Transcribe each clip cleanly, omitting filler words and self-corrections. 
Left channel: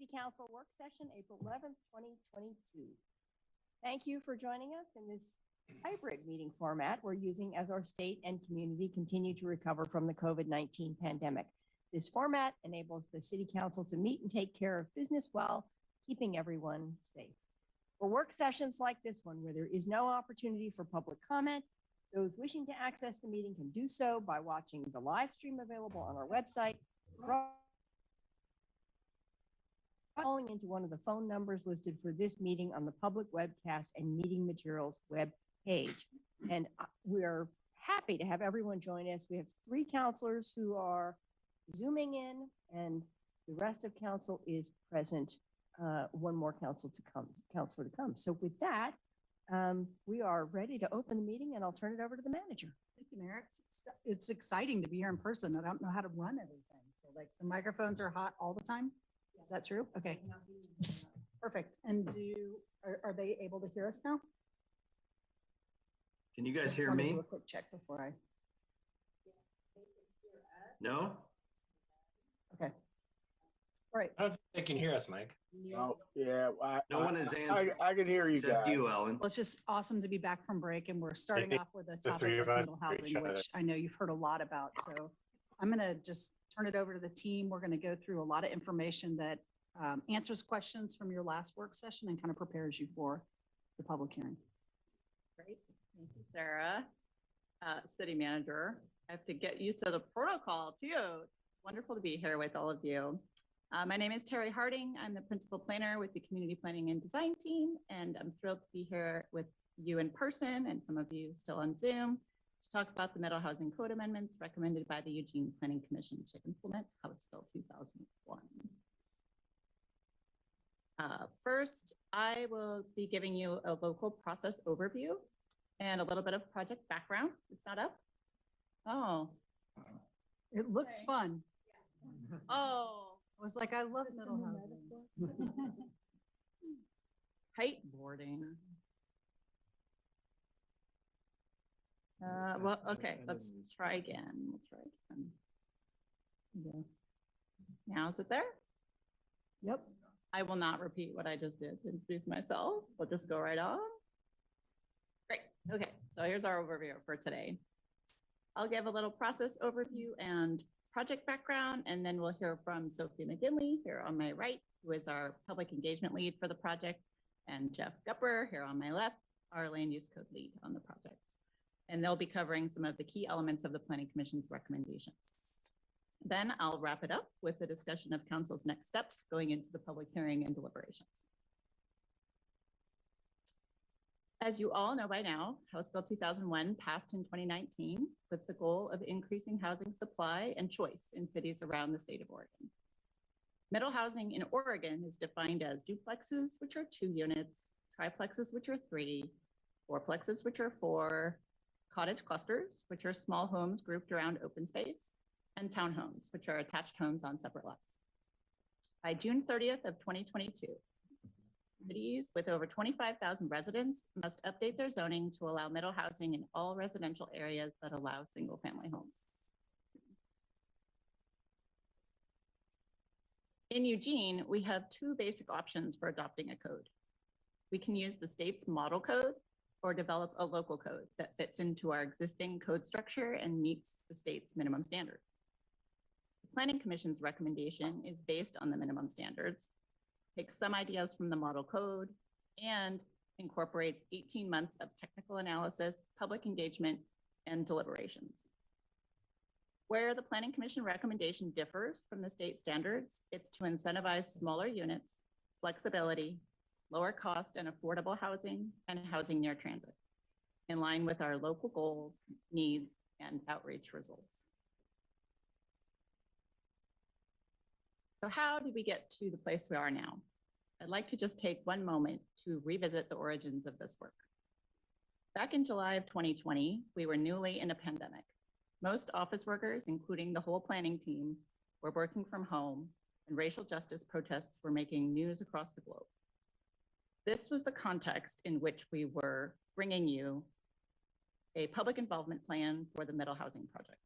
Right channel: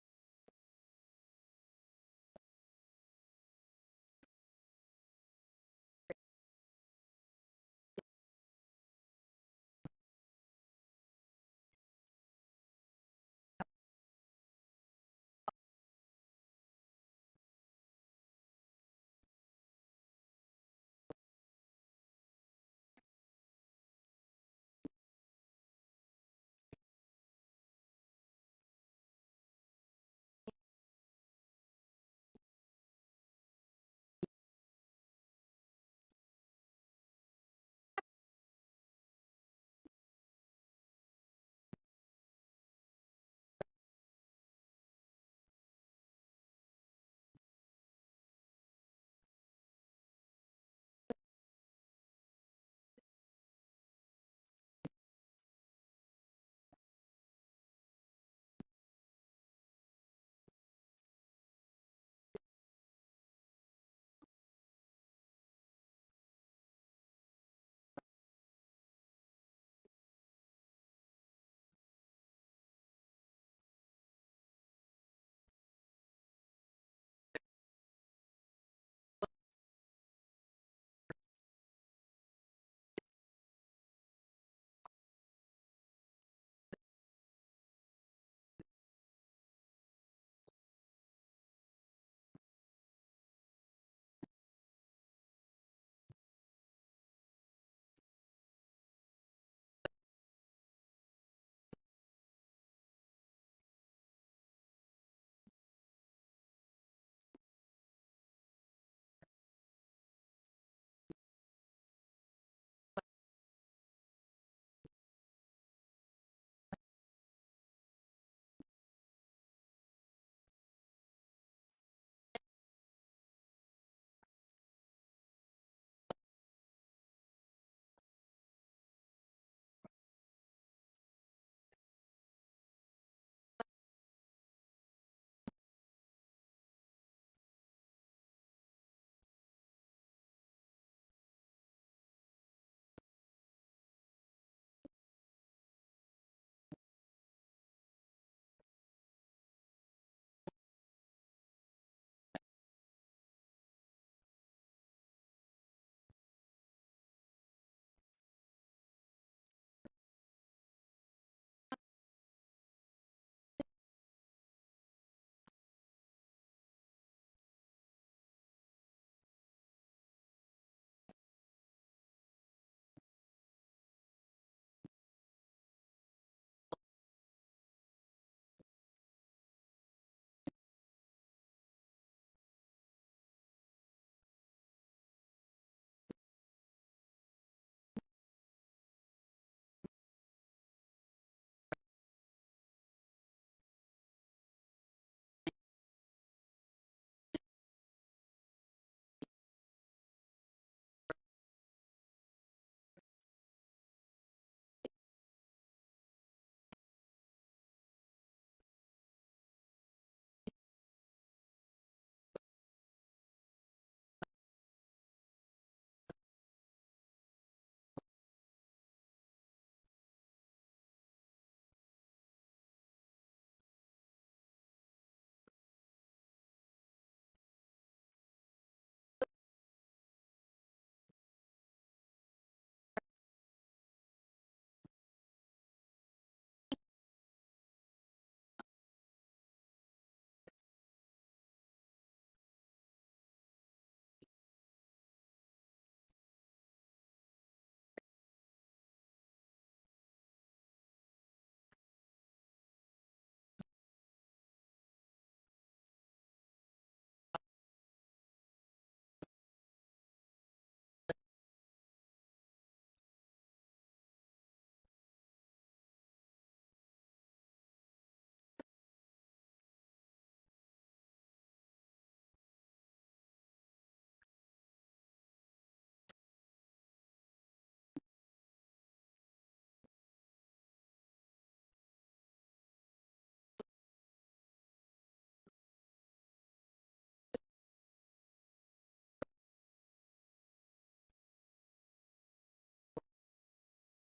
City Council work session, April 11th, 2022. Thank you for joining us in this hybrid meeting format we're using as our state and community continue to recover from the COVID-19 pandemic. This format enables the City Council to meet and take care of business while keeping everyone safe. For work sessions like this one, where there is no opportunity for public comment, those wishing to access the meeting can do so by watching the live stream available on our website, calling into one of the phone numbers listed for this meeting on the public webcast and meeting materials web page. And we're happy to have everyone join us. We have 3 counselors who are Zooming in, and the rest of council is present. One more counselor to come. So with that, we are ready to open the meeting, and I'll turn it over to the manager. Thank you, Mayor. It's exciting to be here in person. I don't know how to run everything. So like the microphones are hot all the time. Is that true? Okay. Perfect. And are they able to hear us now? Can you guys hear me? Do a quick check before I. No? Okay. All right. I don't think they can hear us, Mike. Oh, yeah. No one is answering. I can hear you Except guys. you, Ellen. Well, it's just awesome to be back from break, and we're starting off with a The topic three of of us rental hear each housing, other. which I know you've heard a lot about. So I'm going to just turn it over to the team. We're going to go through a lot of information that answers questions from your last work session and kind of prepares you for the public hearing. Great. Thank you, Sarah. City Manager, I have to get used to the protocol too. It's wonderful to be here with all of you. My name is Terry Harding. I'm the principal planner with the Community Planning and Design team, and I'm thrilled to be here with you in person and some of you still on Zoom to talk about the Middle Housing Code amendments recommended by the Eugene Planning Commission to implement House Bill 2001. First, I will be giving you a local process overview and a little bit of project background. It's not up? Oh. It looks Okay. fun. Oh. I was like, I love middle housing. Kiteboarding. Well, okay, let's try again. We'll try again. Yeah. Now is it there? Yep. I will not repeat what I just did to introduce myself. We'll just go right on. Great. Okay, so here's our overview for today. I'll give a little process overview and project background, and then we'll hear from Sophie McGinley here on my right, who is our public engagement lead for the project, and Jeff Gupper here on my left, our land use code lead on the project. And they'll be covering some of the key elements of the Planning Commission's recommendations. Then I'll wrap it up with a discussion of council's next steps going into the public hearing and deliberations. As you all know by now, House Bill 2001 passed in 2019 with the goal of increasing housing supply and choice in cities around the state of Oregon. Middle housing in Oregon is defined as duplexes, which are 2 units, triplexes, which are 3, fourplexes, which are 4, cottage clusters, which are small homes grouped around open space, and townhomes, which are attached homes on separate lots. By June 30th of 2022, cities with over 25,000 residents must update their zoning to allow middle housing in all residential areas that allow single-family homes. In Eugene, we have 2 basic options for adopting a code. We can use the state's model code or develop a local code that fits into our existing code structure and meets the state's minimum standards. The Planning Commission's recommendation is based on the minimum standards, takes some ideas from the model code, and incorporates 18 months of technical analysis, public engagement, and deliberations. Where the Planning Commission recommendation differs from the state standards, it's to incentivize smaller units, flexibility, lower cost and affordable housing, and housing near transit, in line with our local goals, needs, and outreach results. So how did we get to the place we are now? I'd like to just take one moment to revisit the origins of this work. Back in July of 2020, we were newly in a pandemic. Most office workers, including the whole planning team, were working from home, and racial justice protests were making news across the globe. This was the context in which we were bringing you a public involvement plan for the Middle Housing Project.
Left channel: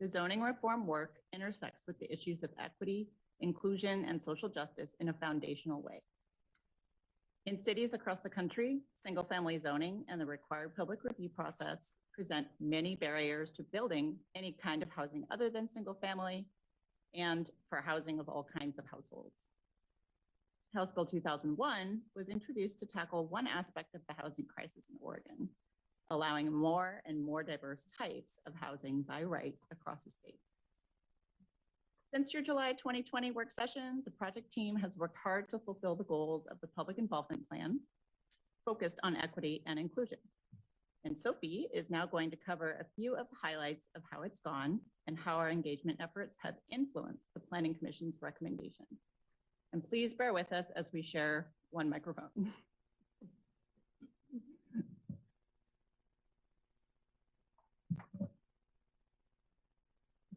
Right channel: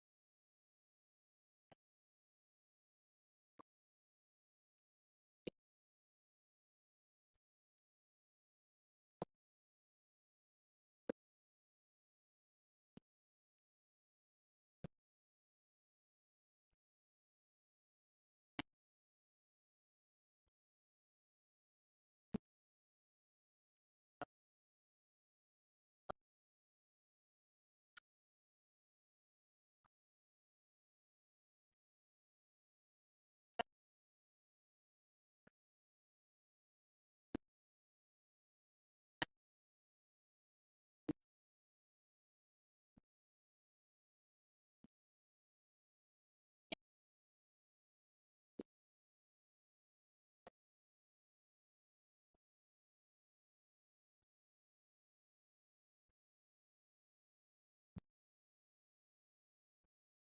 The zoning reform work intersects with the issues of equity, inclusion, and social justice in a foundational way. In cities across the country, single-family zoning and the required public review process present many barriers to building any kind of housing other than single-family and for housing of all kinds of households. House Bill 2001 was introduced to tackle one aspect of the housing crisis in Oregon, allowing more and more diverse types of housing by right across the state. Since your July 2020 work session, the project team has worked hard to fulfill the goals of the public involvement plan focused on equity and inclusion. And Sophie is now going to cover a few of the highlights of how it's gone and how our engagement efforts have influenced the Planning Commission's recommendation. And please bear with us as we share one microphone.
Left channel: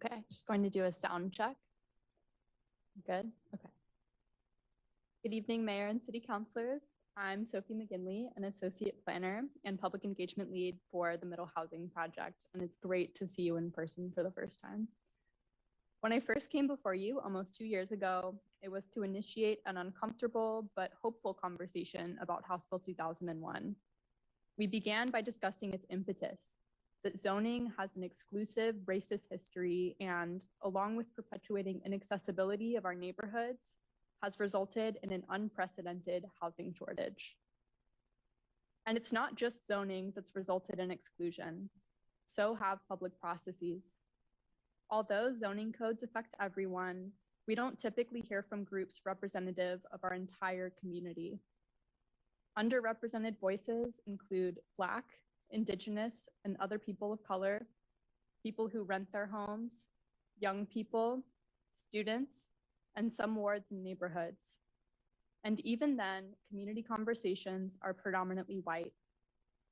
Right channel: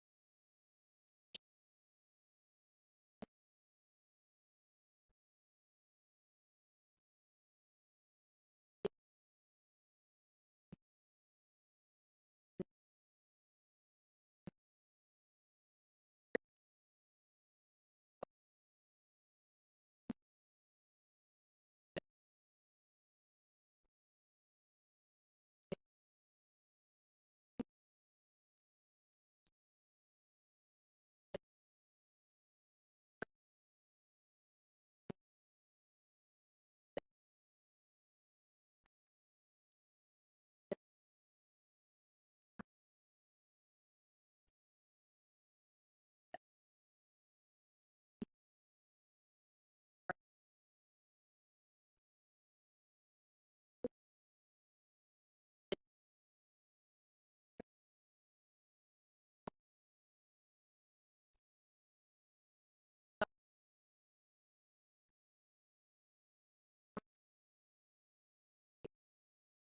Okay, just going to do a sound check. Good, okay. Good evening, Mayor and City Councilors. I'm Sophie McGinley, an Associate Planner and Public Engagement Lead for the Middle Housing Project, and it's great to see you in person for the first time. When I first came before you almost 2 years ago, it was to initiate an uncomfortable but hopeful conversation about House Bill 2001. We began by discussing its impetus, that zoning has an exclusive racist history and, along with perpetuating inaccessibility of our neighborhoods, has resulted in an unprecedented housing shortage. And it's not just zoning that's resulted in exclusion, so have public processes. Although zoning codes affect everyone, we don't typically hear from groups representative of our entire community. Underrepresented voices include Black, Indigenous, and other people of color, people who rent their homes, young people, students, and some wards and neighborhoods. And even then, community conversations are predominantly white,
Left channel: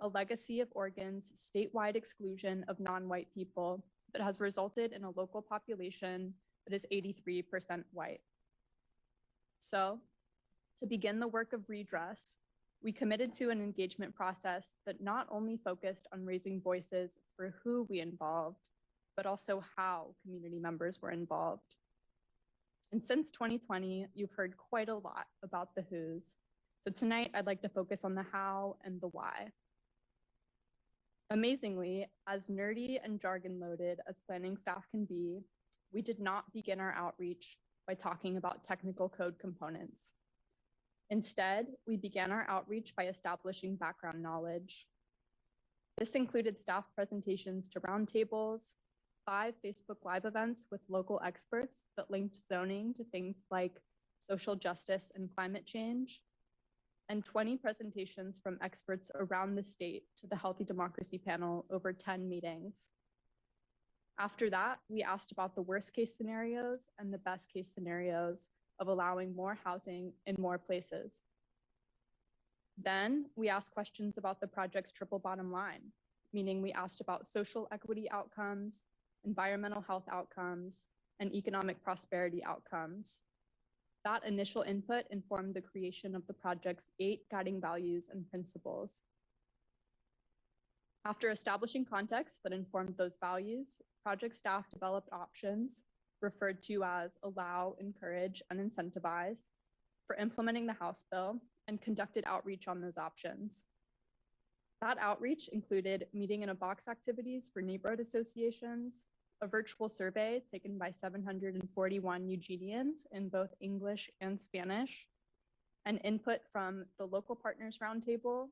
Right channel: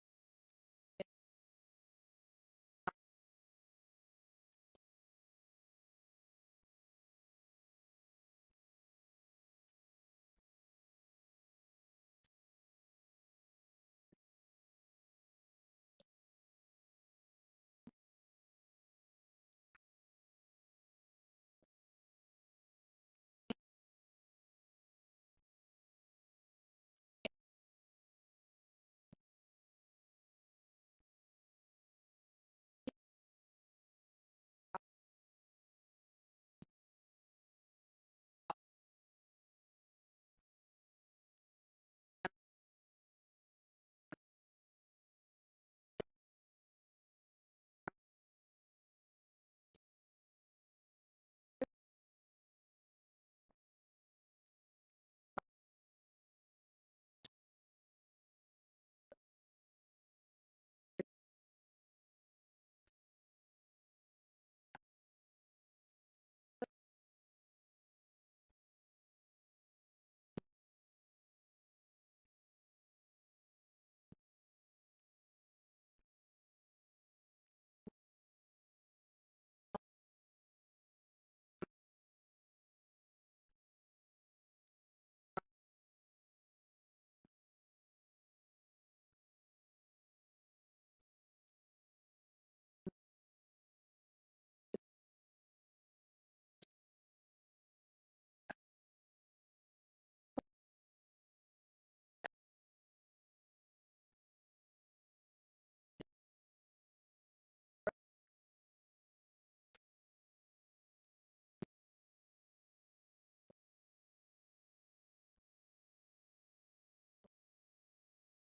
a legacy of Oregon's statewide exclusion of non-white people that has resulted in a local population that is 83% white. So, to begin the work of redress, we committed to an engagement process that not only focused on raising voices for who we involved, but also how community members were involved. And since 2020, you've heard quite a lot about the who's. So tonight, I'd like to focus on the how and the why. Amazingly, as nerdy and jargon-loaded as planning staff can be, we did not begin our outreach by talking about technical code components. Instead, we began our outreach by establishing background knowledge. This included staff presentations to roundtables, 5 Facebook Live events with local experts that linked zoning to things like social justice and climate change, and 20 presentations from experts around the state to the Healthy Democracy panel over 10 meetings. After that, we asked about the worst case scenarios and the best case scenarios of allowing more housing in more places. Then we asked questions about the project's triple bottom line, meaning we asked about social equity outcomes, environmental health outcomes, and economic prosperity outcomes. That initial input informed the creation of the project's 8 guiding values and principles. After establishing context that informed those values, project staff developed options referred to as allow, encourage, and incentivize for implementing the House bill and conducted outreach on those options. That outreach included meeting in a box activities for neighborhood associations, a virtual survey taken by 741 Eugenians in both English and Spanish, and input from the Local Partners Roundtable,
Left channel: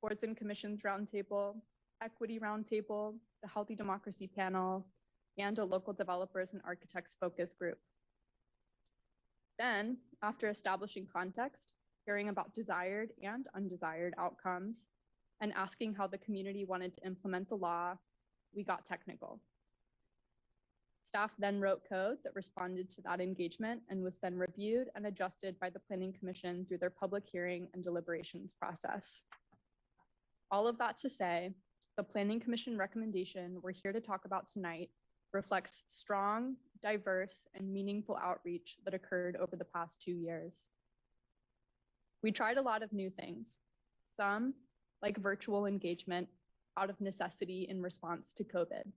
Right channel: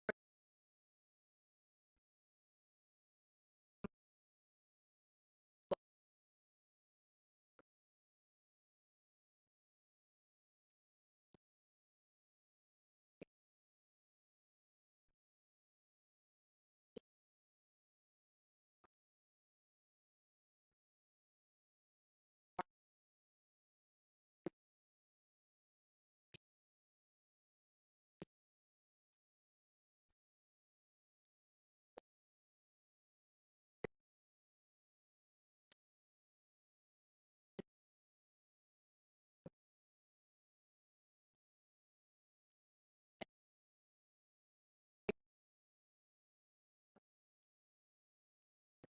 Boards and Commissions Roundtable, Equity Roundtable, the Healthy Democracy Panel, and a local developers and architects focus group. Then, after establishing context, hearing about desired and undesired outcomes, and asking how the community wanted to implement the law, we got technical. Staff then wrote code that responded to that engagement and was then reviewed and adjusted by the Planning Commission through their public hearing and deliberations process. All of that to say, the Planning Commission recommendation we're here to talk about tonight reflects strong, diverse, and meaningful outreach that occurred over the past 2 years. We tried a lot of new things, some like virtual engagement out of necessity in response to COVID.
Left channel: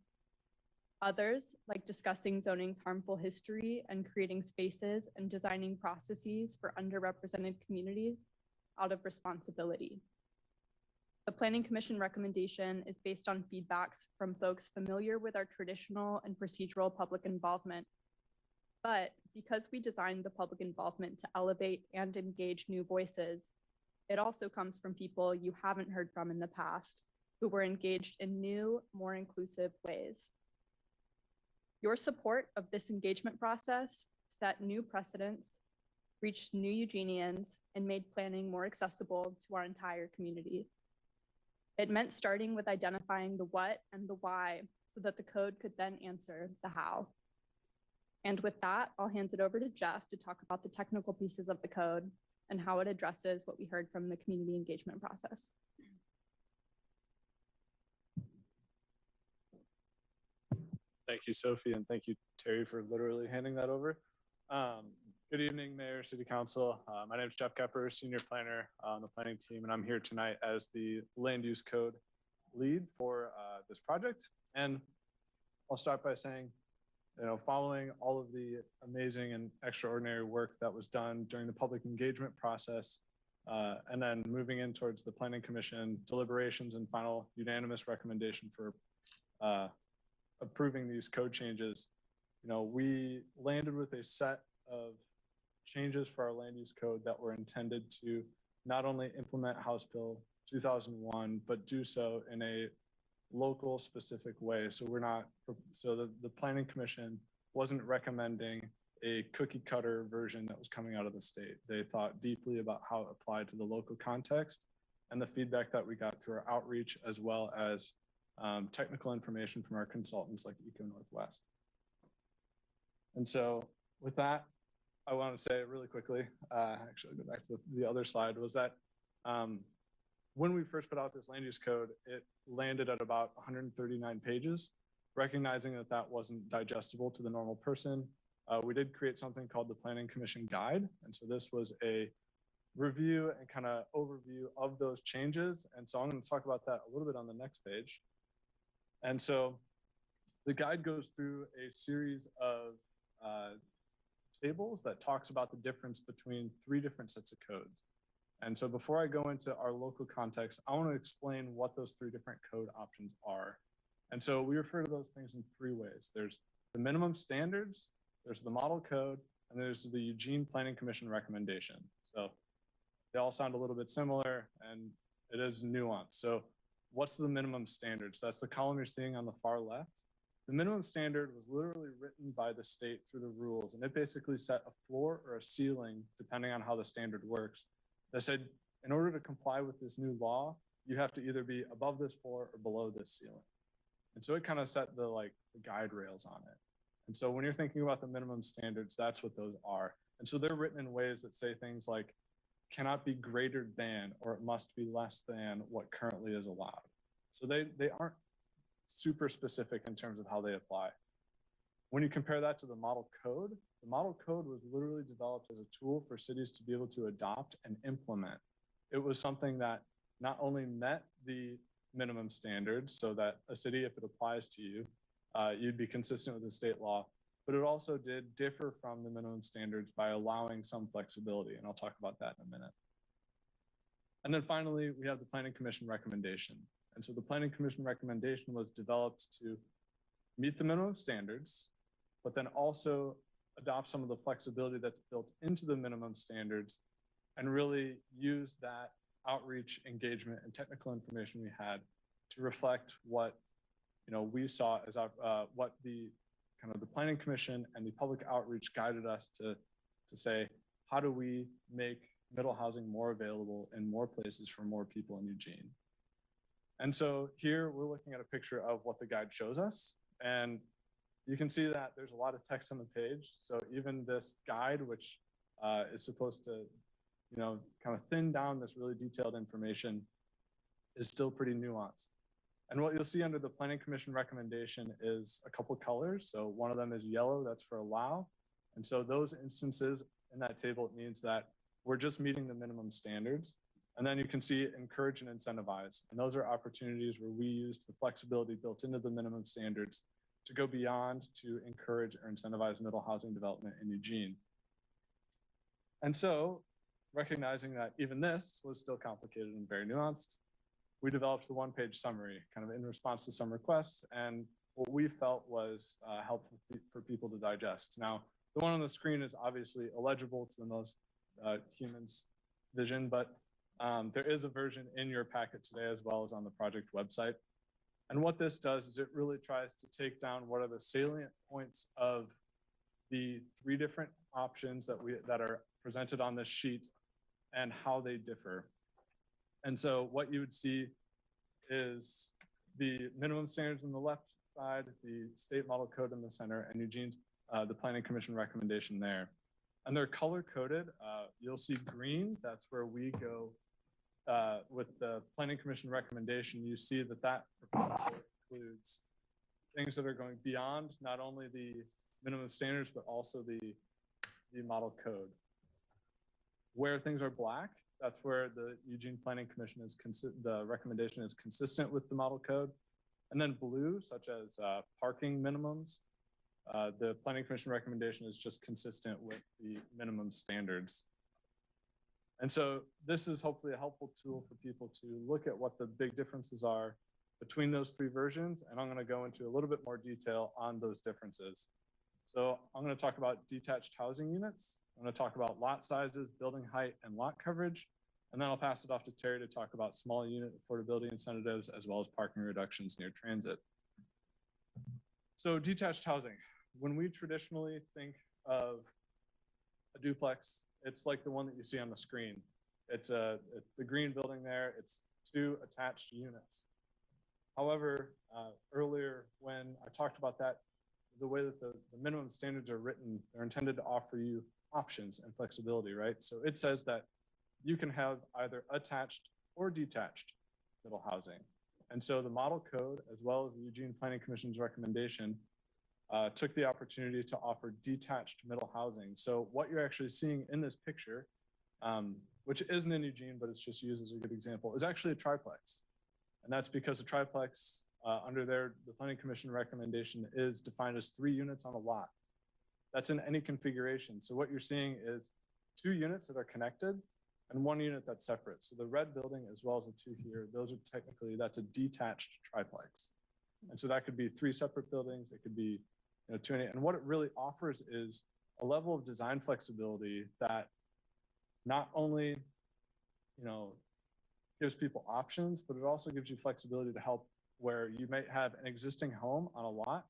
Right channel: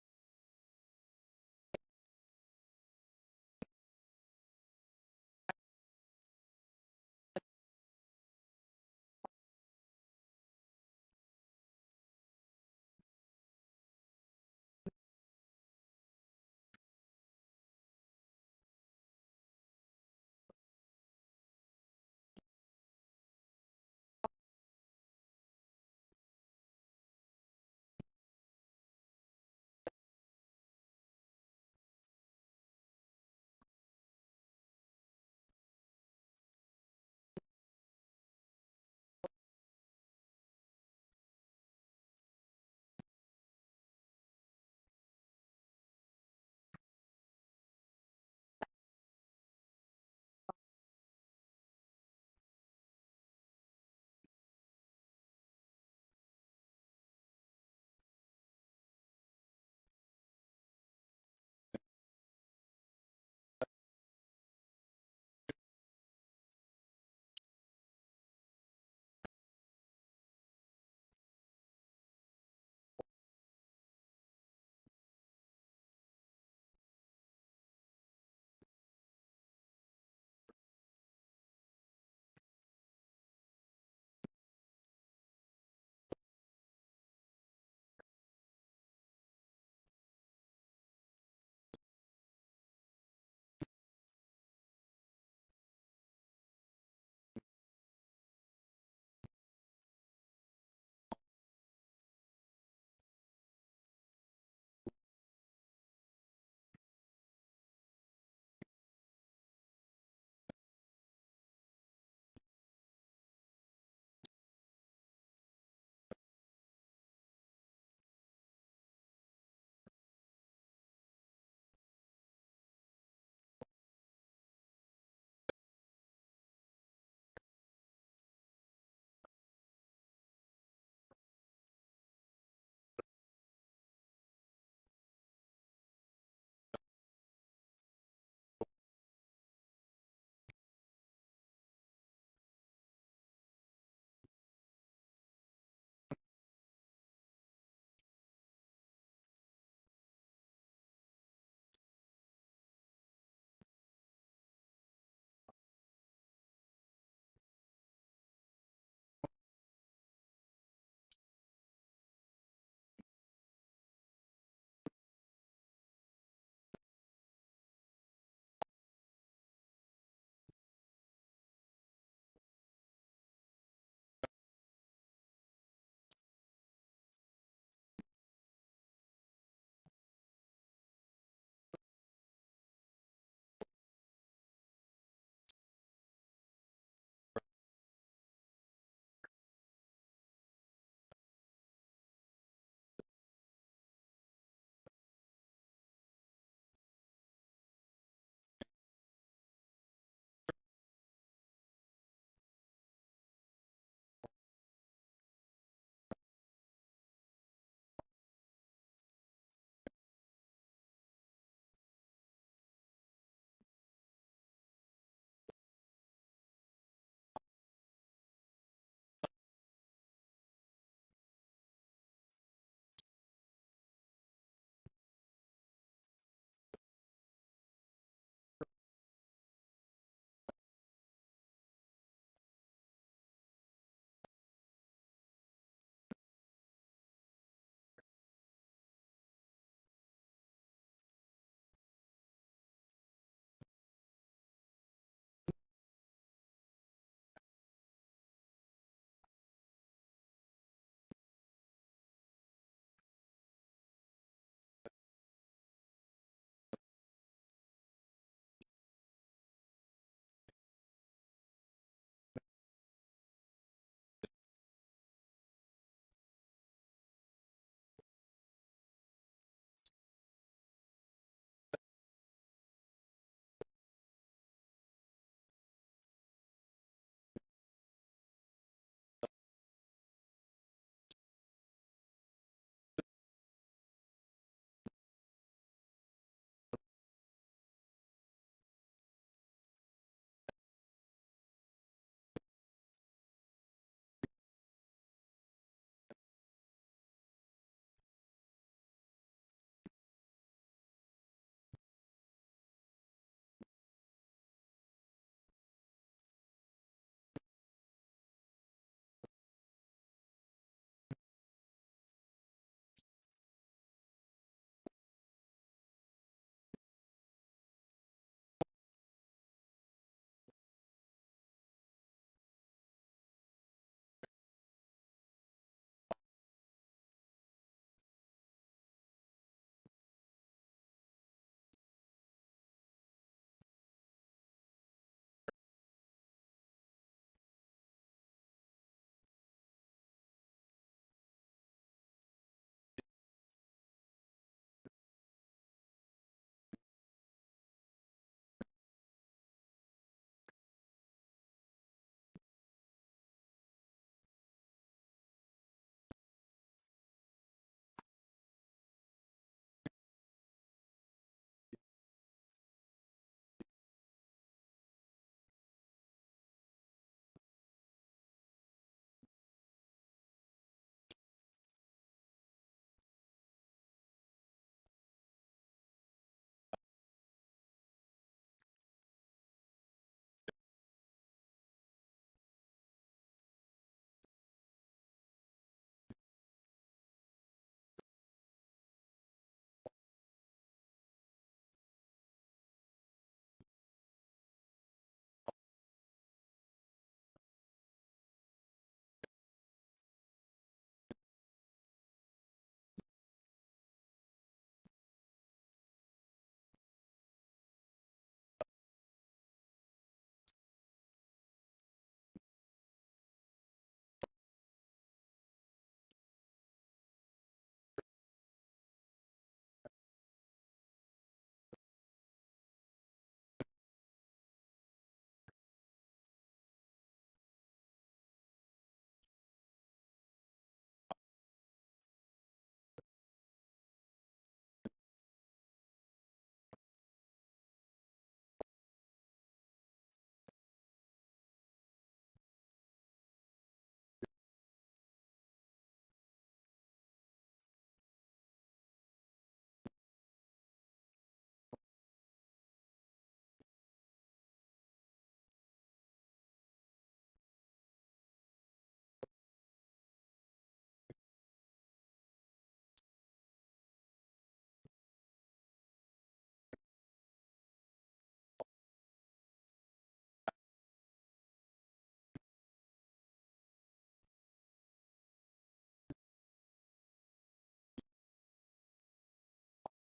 Others, like discussing zoning's harmful history and creating spaces and designing processes for underrepresented communities out of responsibility. The Planning Commission recommendation is based on feedbacks from folks familiar with our traditional and procedural public involvement. But because we designed the public involvement to elevate and engage new voices, it also comes from people you haven't heard from in the past who were engaged in new, more inclusive ways. Your support of this engagement process set new precedents, reached new Eugenians, and made planning more accessible to our entire community. It meant starting with identifying the what and the why so that the code could then answer the how. And with that, I'll hand it over to Jeff to talk about the technical pieces of the code and how it addresses what we heard from the community engagement process. Thank you, Sophie, and thank you, Terry, for literally handing that over. Good evening, Mayor, City Council. My name is Jeff Kepper, Senior Planner on the planning team, and I'm here tonight as the Land Use Code lead for this project. And I'll start by saying, following all of the amazing and extraordinary work that was done during the public engagement process, and then moving in towards the Planning Commission deliberations and final unanimous recommendation for approving these code changes, we landed with a set of changes for our land use code that were intended to not only implement House Bill 2001, but do so in a local specific way. So the Planning Commission wasn't recommending a cookie cutter version that was coming out of the state. They thought deeply about how it applied to the local context and the feedback that we got through our outreach, as well as technical information from our consultants like Eco Northwest. And so with that, I want to say really quickly, actually I'll go back to the other slide, was that when we first put out this land use code, it landed at about 139 pages, recognizing that that wasn't digestible to the normal person. We did create something called the Planning Commission Guide. And so this was a review and kind of overview of those changes. And so I'm going to talk about that a little bit on the next page. And so the guide goes through a series of tables that talks about the difference between 3 different sets of codes. And so before I go into our local context, I want to explain what those 3 different code options are. And so we refer to those things in 3 ways. There's the minimum standards, there's the model code, and there's the Eugene Planning Commission recommendation. So they all sound a little bit similar, and it is nuanced. So what's the minimum standards? That's the column you're seeing on the far left. The minimum standard was literally written by the state through the rules, and it basically set a floor or a ceiling, depending on how the standard works. They said, in order to comply with this new law, you have to either be above this floor or below this ceiling. And so it kind of set the guide rails on it. And so when you're thinking about the minimum standards, that's what those are. And so they're written in ways that say things like, cannot be greater than, or it must be less than what currently is allowed. So they aren't super specific in terms of how they apply. When you compare that to the model code was literally developed as a tool for cities to be able to adopt and implement. It was something that not only met the minimum standards so that a city, if it applies to you, you'd be consistent with the state law, but it also did differ from the minimum standards by allowing some flexibility. And I'll talk about that in a minute. And then finally, we have the Planning Commission recommendation. And so the Planning Commission recommendation was developed to meet the minimum standards, but then also adopt some of the flexibility that's built into the minimum standards and really use that outreach, engagement, and technical information we had to reflect what we saw as what the Planning Commission and the public outreach guided us to say, how do we make middle housing more available in more places for more people in Eugene? And so here we're looking at a picture of what the guide shows us. And you can see that there's a lot of text on the page. So even this guide, which is supposed to, kind of thin down this really detailed information, is still pretty nuanced. And what you'll see under the Planning Commission recommendation is a couple colors. So one of them is yellow, that's for allow. And so those instances in that table, it means that we're just meeting the minimum standards. And then you can see encourage and incentivize. And those are opportunities where we use the flexibility built into the minimum standards to go beyond to encourage or incentivize middle housing development in Eugene. And so, recognizing that even this was still complicated and very nuanced, we developed the one-page summary kind of in response to some requests and what we felt was helpful for people to digest. Now, the one on the screen is obviously illegible to the most humans' vision, but there is a version in your packet today as well as on the project website. And what this does is it really tries to take down what are the salient points of the 3 different options that are presented on this sheet and how they differ. And so what you would see is the minimum standards on the left side, the state model code in the center, and Eugene's, the Planning Commission recommendation there. And they're color coded. You'll see green, that's where we go with the Planning Commission recommendation. You see that proposal includes things that are going beyond not only the minimum standards, but also the model code. Where things are black, that's where the Eugene Planning Commission the recommendation is consistent with the model code. And then blue, such as parking minimums, the Planning Commission recommendation is just consistent with the minimum standards. And so this is hopefully a helpful tool for people to look at what the big differences are between those 3 versions. And I'm going to go into a little bit more detail on those differences. So I'm going to talk about detached housing units. I'm going to talk about lot sizes, building height, and lot coverage. And then I'll pass it off to Terry to talk about small unit affordability incentives as well as parking reductions near transit. So detached housing. When we traditionally think of a duplex, it's like the one that you see on the screen. It's the green building there. It's 2 attached units. However, earlier when I talked about that, the way that the minimum standards are written, they're intended to offer you options and flexibility, right? So it says that you can have either attached or detached middle housing. And so the model code, as well as the Eugene Planning Commission's recommendation, took the opportunity to offer detached middle housing. So what you're actually seeing in this picture, which isn't in Eugene, but it's just used as a good example, is actually a triplex. And that's because a triplex under the Planning Commission recommendation is defined as 3 units on a lot. That's in any configuration. So what you're seeing is 2 units that are connected and 1 unit that's separate. So the red building as well as the 2 here, those are that's a detached triplex. And so that could be 3 separate buildings. It could be 2 and what it really offers is a level of design flexibility that not only gives people options, but it also gives you flexibility to help where you might have an existing home on a lot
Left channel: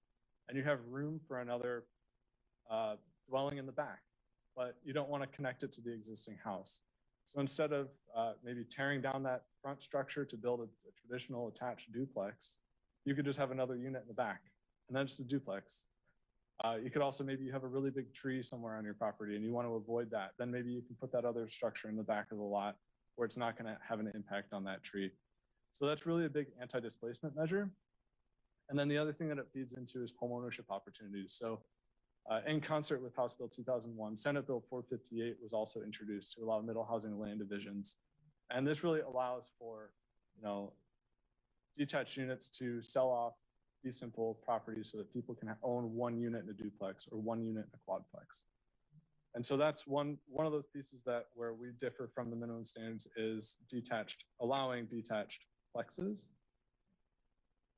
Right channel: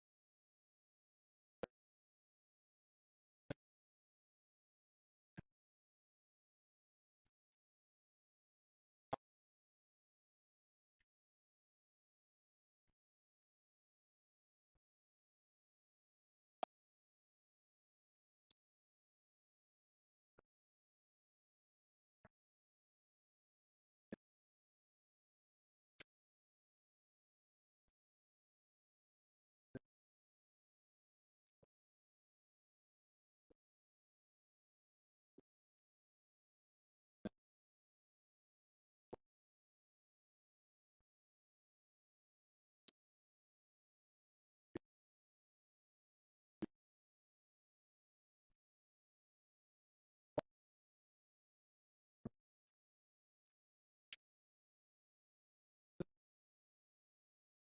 and you have room for another dwelling in the back, but you don't want to connect it to the existing house. So instead of maybe tearing down that front structure to build a traditional attached duplex, you could just have another unit in the back and then just a duplex. You could also, maybe you have a really big tree somewhere on your property and you want to avoid that. Then maybe you can put that other structure in the back of the lot where it's not going to have an impact on that tree. So that's really a big anti-displacement measure. And then the other thing that it feeds into is homeownership opportunities. So in concert with House Bill 2001, Senate Bill 458 was also introduced to allow middle housing land divisions. And this really allows for, detached units to sell off these simple properties so that people can own 1 unit in a duplex or 1 unit in a quadplex. And so that's one of those pieces where we differ from the minimum standards is allowing detached plexes.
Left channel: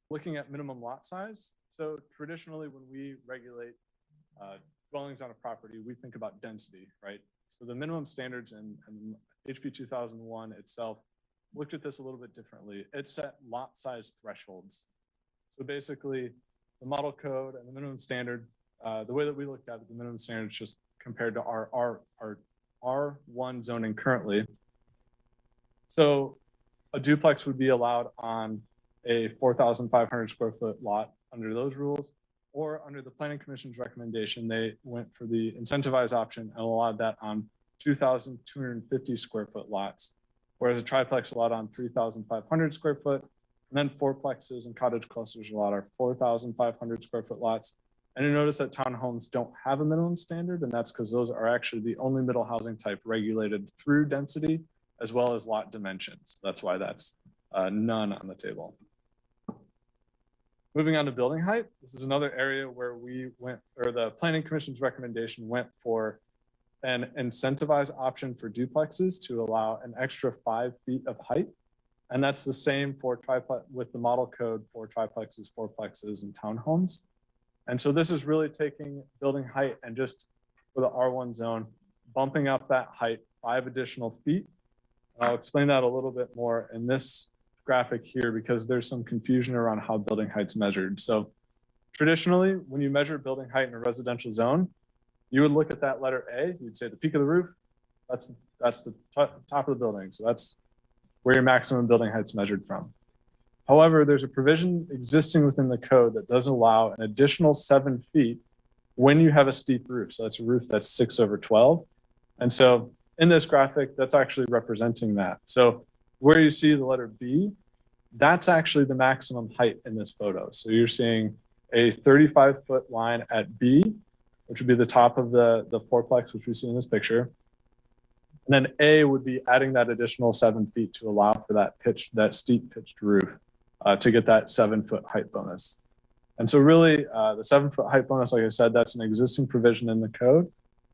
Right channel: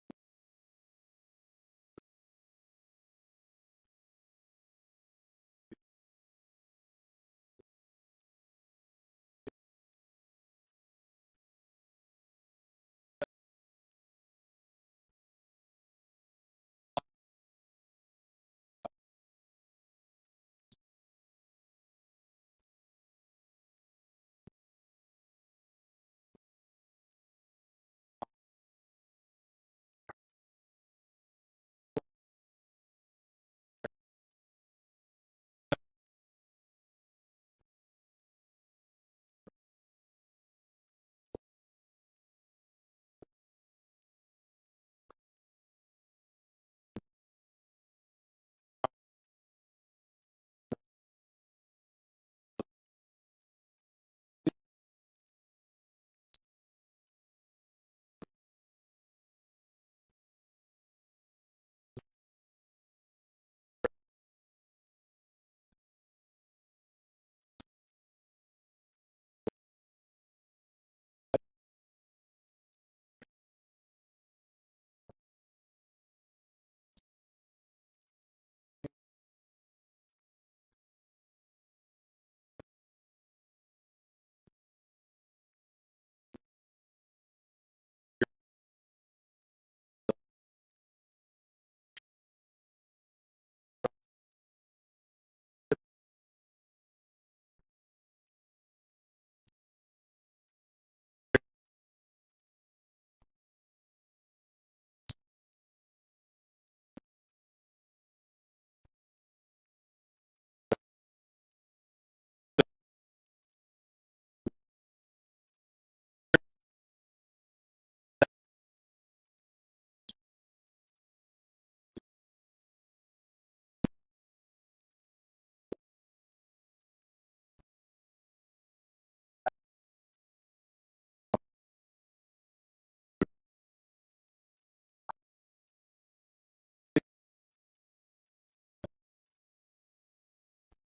Looking at minimum lot size. So traditionally when we regulate dwellings on a property, we think about density, right? So the minimum standards and HB 2001 itself looked at this a little bit differently. It set lot size thresholds. So basically the model code and the minimum standard, the way that we looked at it, the minimum standard is just compared to our R1 zoning currently. So a duplex would be allowed on a 4,500 square foot lot under those rules, or under the Planning Commission's recommendation, they went for the incentivized option and allowed that on 2,250 square foot lots, whereas a triplex allowed on 3,500 square foot, and then fourplexes and cottage clusters allowed are 4,500 square foot lots. And you notice that townhomes don't have a minimum standard, and that's because those are actually the only middle housing type regulated through density as well as lot dimensions. That's why that's none on the table. Moving on to building height, this is another area where we went, or the Planning Commission's recommendation went for an incentivized option for duplexes to allow an extra 5 feet of height. And that's the same for triplex with the model code for triplexes, fourplexes, and townhomes. And so this is really taking building height and just for the R1 zone, bumping up that height 5 additional feet. I'll explain that a little bit more in this graphic here because there's some confusion around how building height's measured. So traditionally, when you measure building height in a residential zone, you would look at that letter A, you'd say the peak of the roof, that's the top of the building. So that's where your maximum building height's measured from. However, there's a provision existing within the code that does allow an additional 7 feet when you have a steep roof. So that's a roof that's 6/12. And so in this graphic, that's actually representing that. So where you see the letter B, that's actually the maximum height in this photo. So you're seeing a 35-foot line at B, which would be the top of the fourplex, which we see in this picture. And then A would be adding that additional 7 feet to allow for that steep pitched roof to get that 7-foot height bonus. And so really the 7-foot height bonus, like I said, that's an existing provision in the code.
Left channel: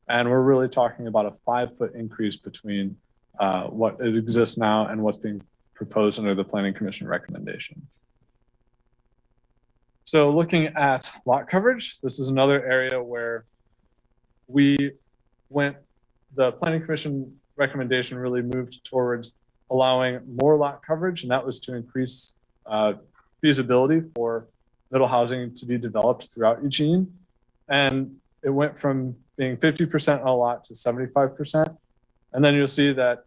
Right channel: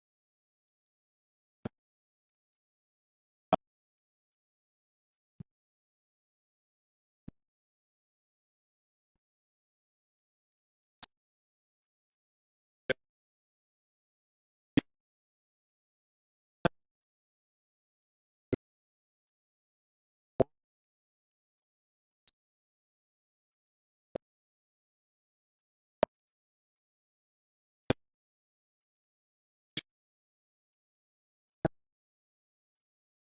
And we're really talking about a 5-foot increase between what exists now and what's being proposed under the Planning Commission recommendation. So looking at lot coverage, this is another area where the Planning Commission recommendation really moved towards allowing more lot coverage, and that was to increase feasibility for middle housing to be developed throughout Eugene. And it went from being 50% on a lot to 75%. And then you'll see that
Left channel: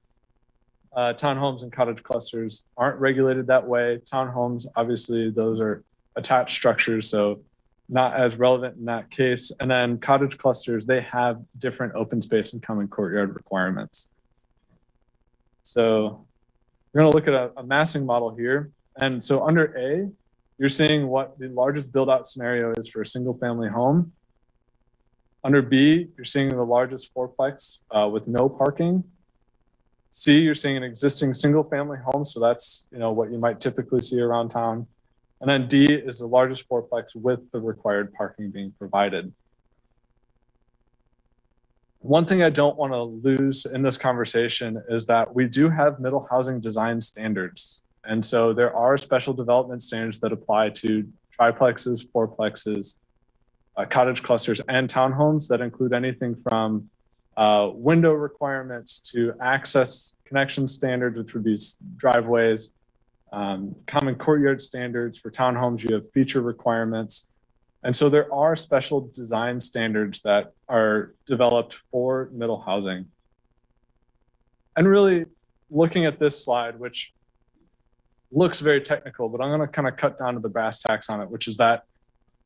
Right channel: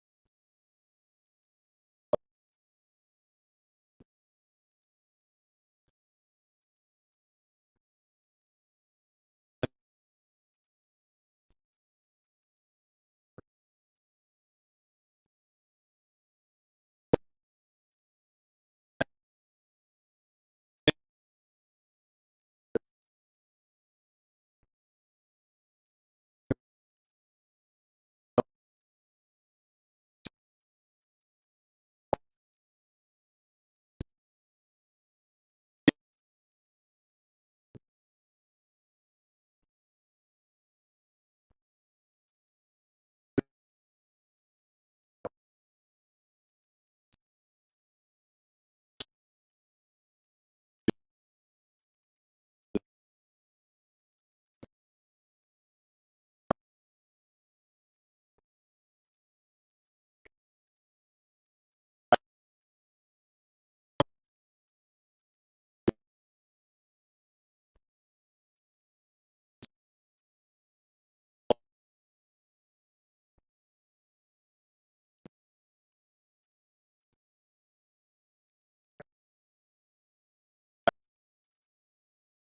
townhomes and cottage clusters aren't regulated that way. Townhomes, obviously, those are attached structures, so not as relevant in that case. And then cottage clusters, they have different open space and common courtyard requirements. So we're going to look at a massing model here. And so under A, you're seeing what the largest build out scenario is for a single family home. Under B, you're seeing the largest fourplex with no parking. C, you're seeing an existing single family home. So that's what you might typically see around town. And then D is the largest fourplex with the required parking being provided. One thing I don't want to lose in this conversation is that we do have middle housing design standards. And so there are special development standards that apply to triplexes, fourplexes, cottage clusters, and townhomes that include anything from window requirements to access connection standards, which would be driveways, common courtyard standards. For townhomes, you have feature requirements. And so there are special design standards that are developed for middle housing. And really looking at this slide, which looks very technical, but I'm going to kind of cut down to the brass tacks on it, which is that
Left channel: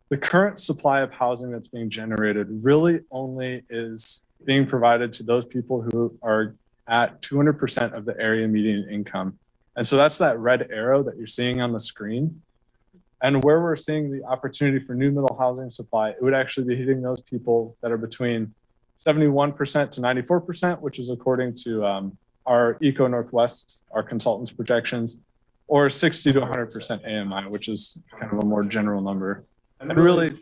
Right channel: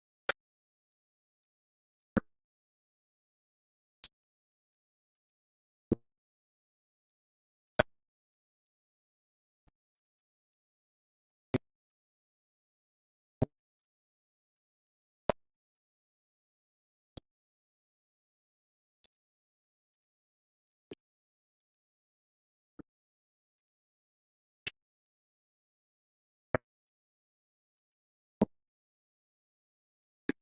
the current supply of housing that's being generated really only is being provided to those people who are at 200% of the area median income. And so that's that red arrow that you're seeing on the screen. And where we're seeing the opportunity for new middle housing supply, it would actually be hitting those people that are between 71% to 94%, which is according to our Eco Northwest, our consultants' projections, or 60 to 100% AMI, which is kind of a more general number. And really,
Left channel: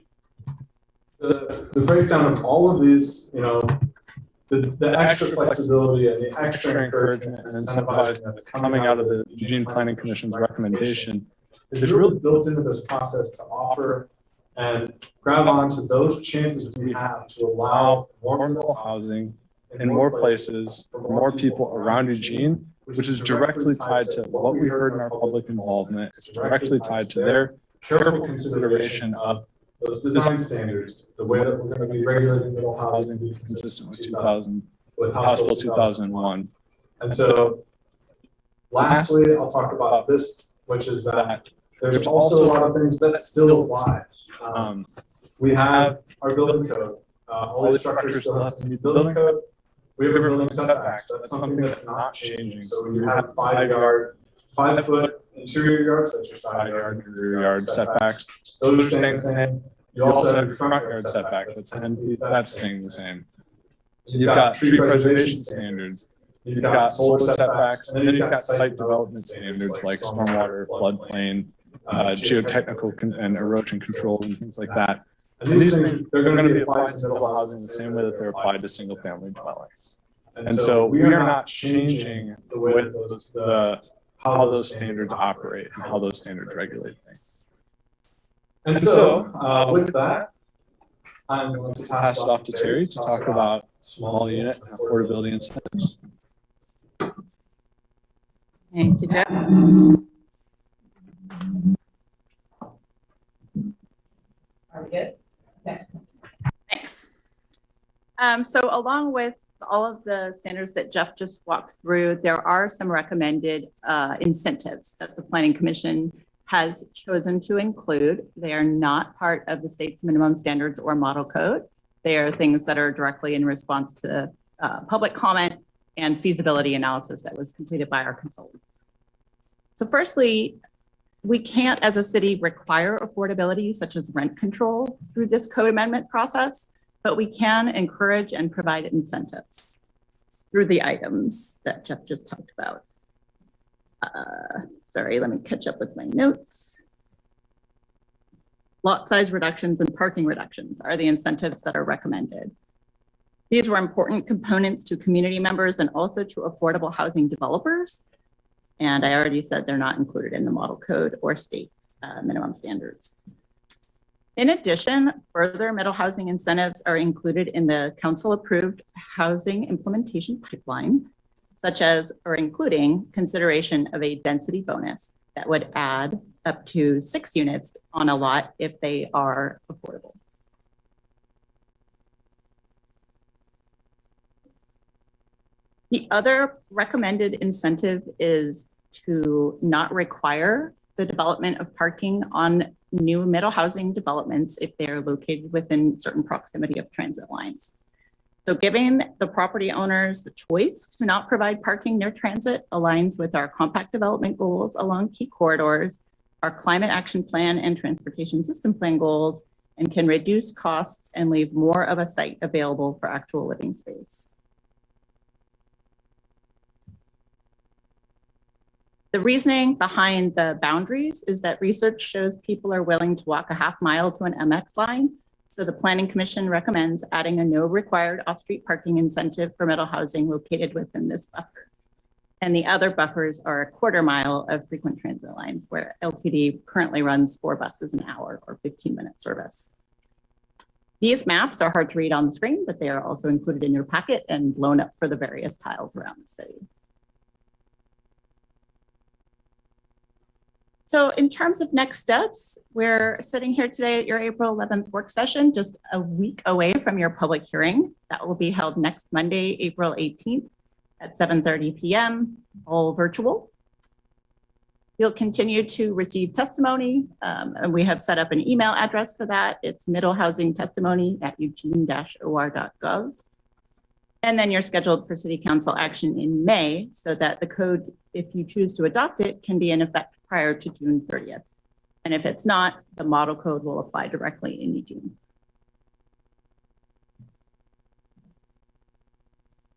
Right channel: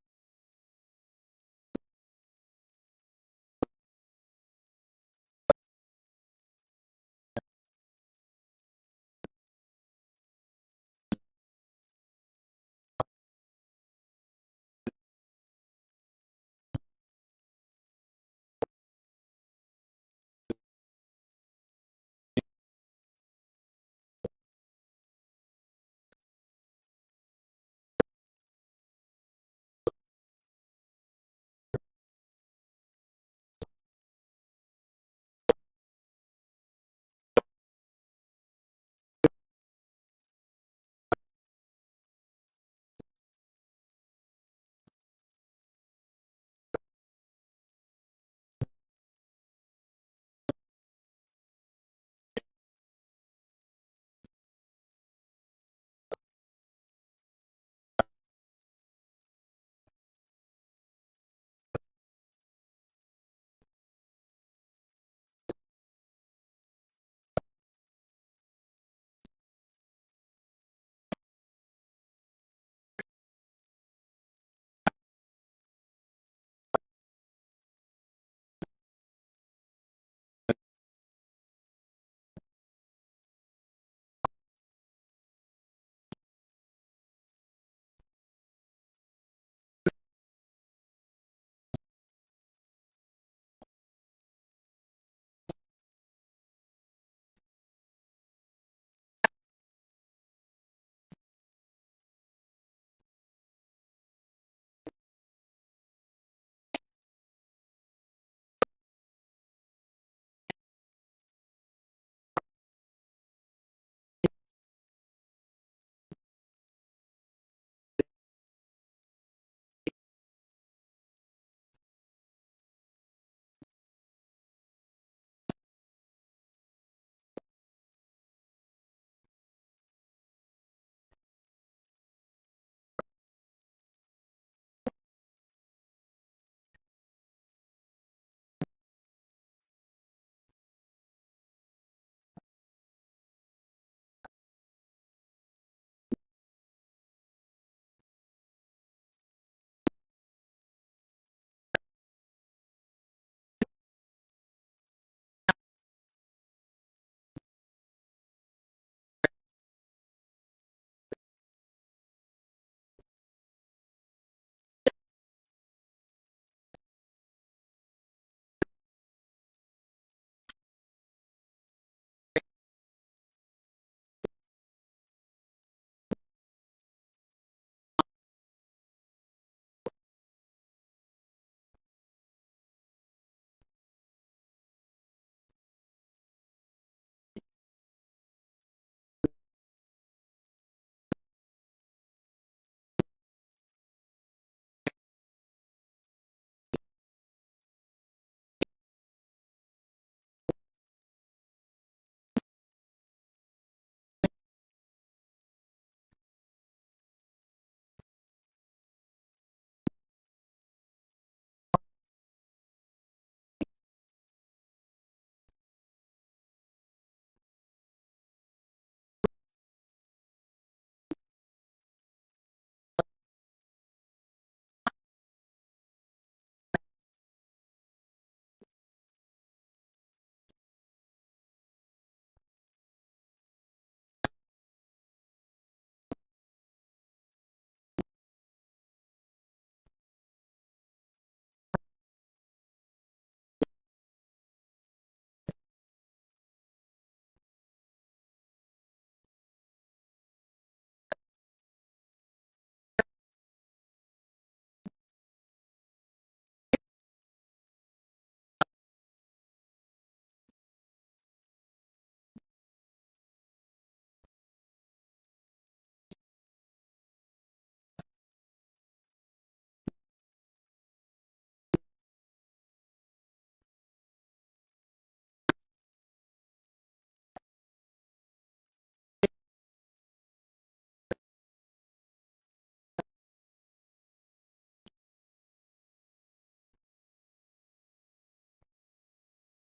the breakdown of all of these, the extra flexibility and the extra encouragement and incentivizing that's coming out of the Eugene Planning Commission's recommendation is really built into this process to offer and grab onto those chances we have to allow more middle housing in more places for more people around Eugene, which is directly tied to what we heard in our public involvement. It's directly tied to their careful consideration of those design standards, the way that we're going to be regulating middle housing to be consistent with House Bill 2001. And so lastly, I'll talk about this, which is that there's also a lot of things that still apply. We have our building code. All these structures still have to meet building code. We have a building setbacks. That's something that's not changing. So you have 5-foot interior yards, that's your side yard, rear yard setbacks. Those are staying the same. You also have your front yard setback, that's 10 feet, that's staying the same. You've got tree preservation standards. You've got solar setbacks, and then you've got site development standards like stormwater, floodplain, geotechnical and erosion control and things like that. And these things, they're going to be applied to middle housing the same way that they're applied to single family dwellings. And so we are not changing the way how those standards operate and how those standards regulate things. And so with that, I'm going to pass it off to Terry to talk about small unit and affordability incentives. Thank you, Jeff. Are we good? Okay. Thanks. So along with all of the standards that Jeff just walked through, there are some recommended incentives that the Planning Commission has chosen to include. They are not part of the state's minimum standards or model code. They are things that are directly in response to public comment and feasibility analysis that was completed by our consultants. So firstly, we can't as a city require affordability such as rent control through this code amendment process, but we can encourage and provide incentives through the items that Jeff just talked about. Sorry, let me catch up with my notes. Lot size reductions and parking reductions are the incentives that are recommended. These were important components to community members and also to affordable housing developers. And I already said they're not included in the model code or state minimum standards. In addition, further middle housing incentives are included in the council-approved housing implementation pipeline, such as or including consideration of a density bonus that would add up to 6 units on a lot if they are affordable. The other recommended incentive is to not require the development of parking on new middle housing developments if they are located within certain proximity of transit lines. So giving the property owners the choice to not provide parking near transit aligns with our compact development goals along key corridors, our climate action plan and transportation system plan goals, and can reduce costs and leave more of a site available for actual living space. The reasoning behind the boundaries is that research shows people are willing to walk a half mile to an MX line. So the Planning Commission recommends adding a no required off-street parking incentive for middle housing located within this buffer. And the other buffers are a quarter mile of frequent transit lines where LTD currently runs 4 buses an hour or 15-minute service. These maps are hard to read on the screen, but they are also included in your packet and blown up for the various tiles around the city. So in terms of next steps, we're sitting here today at your April 11th work session, just a week away from your public hearing. That will be held next Monday, April 18th at 7:30 p.m., all virtual. You'll continue to receive testimony, and we have set up an email address for that. It's middlehousingtestimony@eugene-or.gov. And then you're scheduled for City Council action in May so that the code, if you choose to adopt it, can be in effect prior to June 30th. And if it's not, the model code will apply directly in Eugene.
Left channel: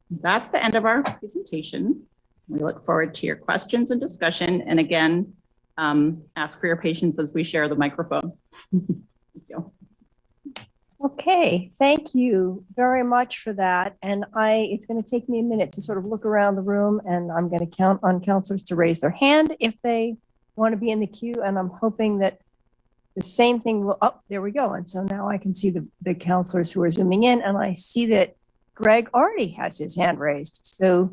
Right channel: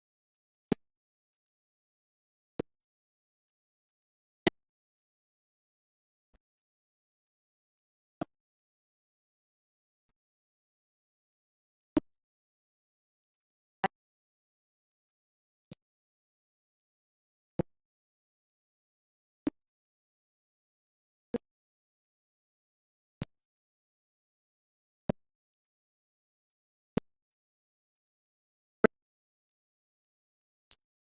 That's the end of our presentation. We look forward to your questions and discussion. And again, ask for your patience as we share the microphone. Thank you. Okay, thank you very much for that. And it's going to take me a minute to sort of look around the room, and I'm going to count on counselors to raise their hand if they want to be in the queue. And I'm hoping that the same thing will, oh, there we go. And so now I can see the counselors who are zooming in, and I see that Greg already has his hand raised. So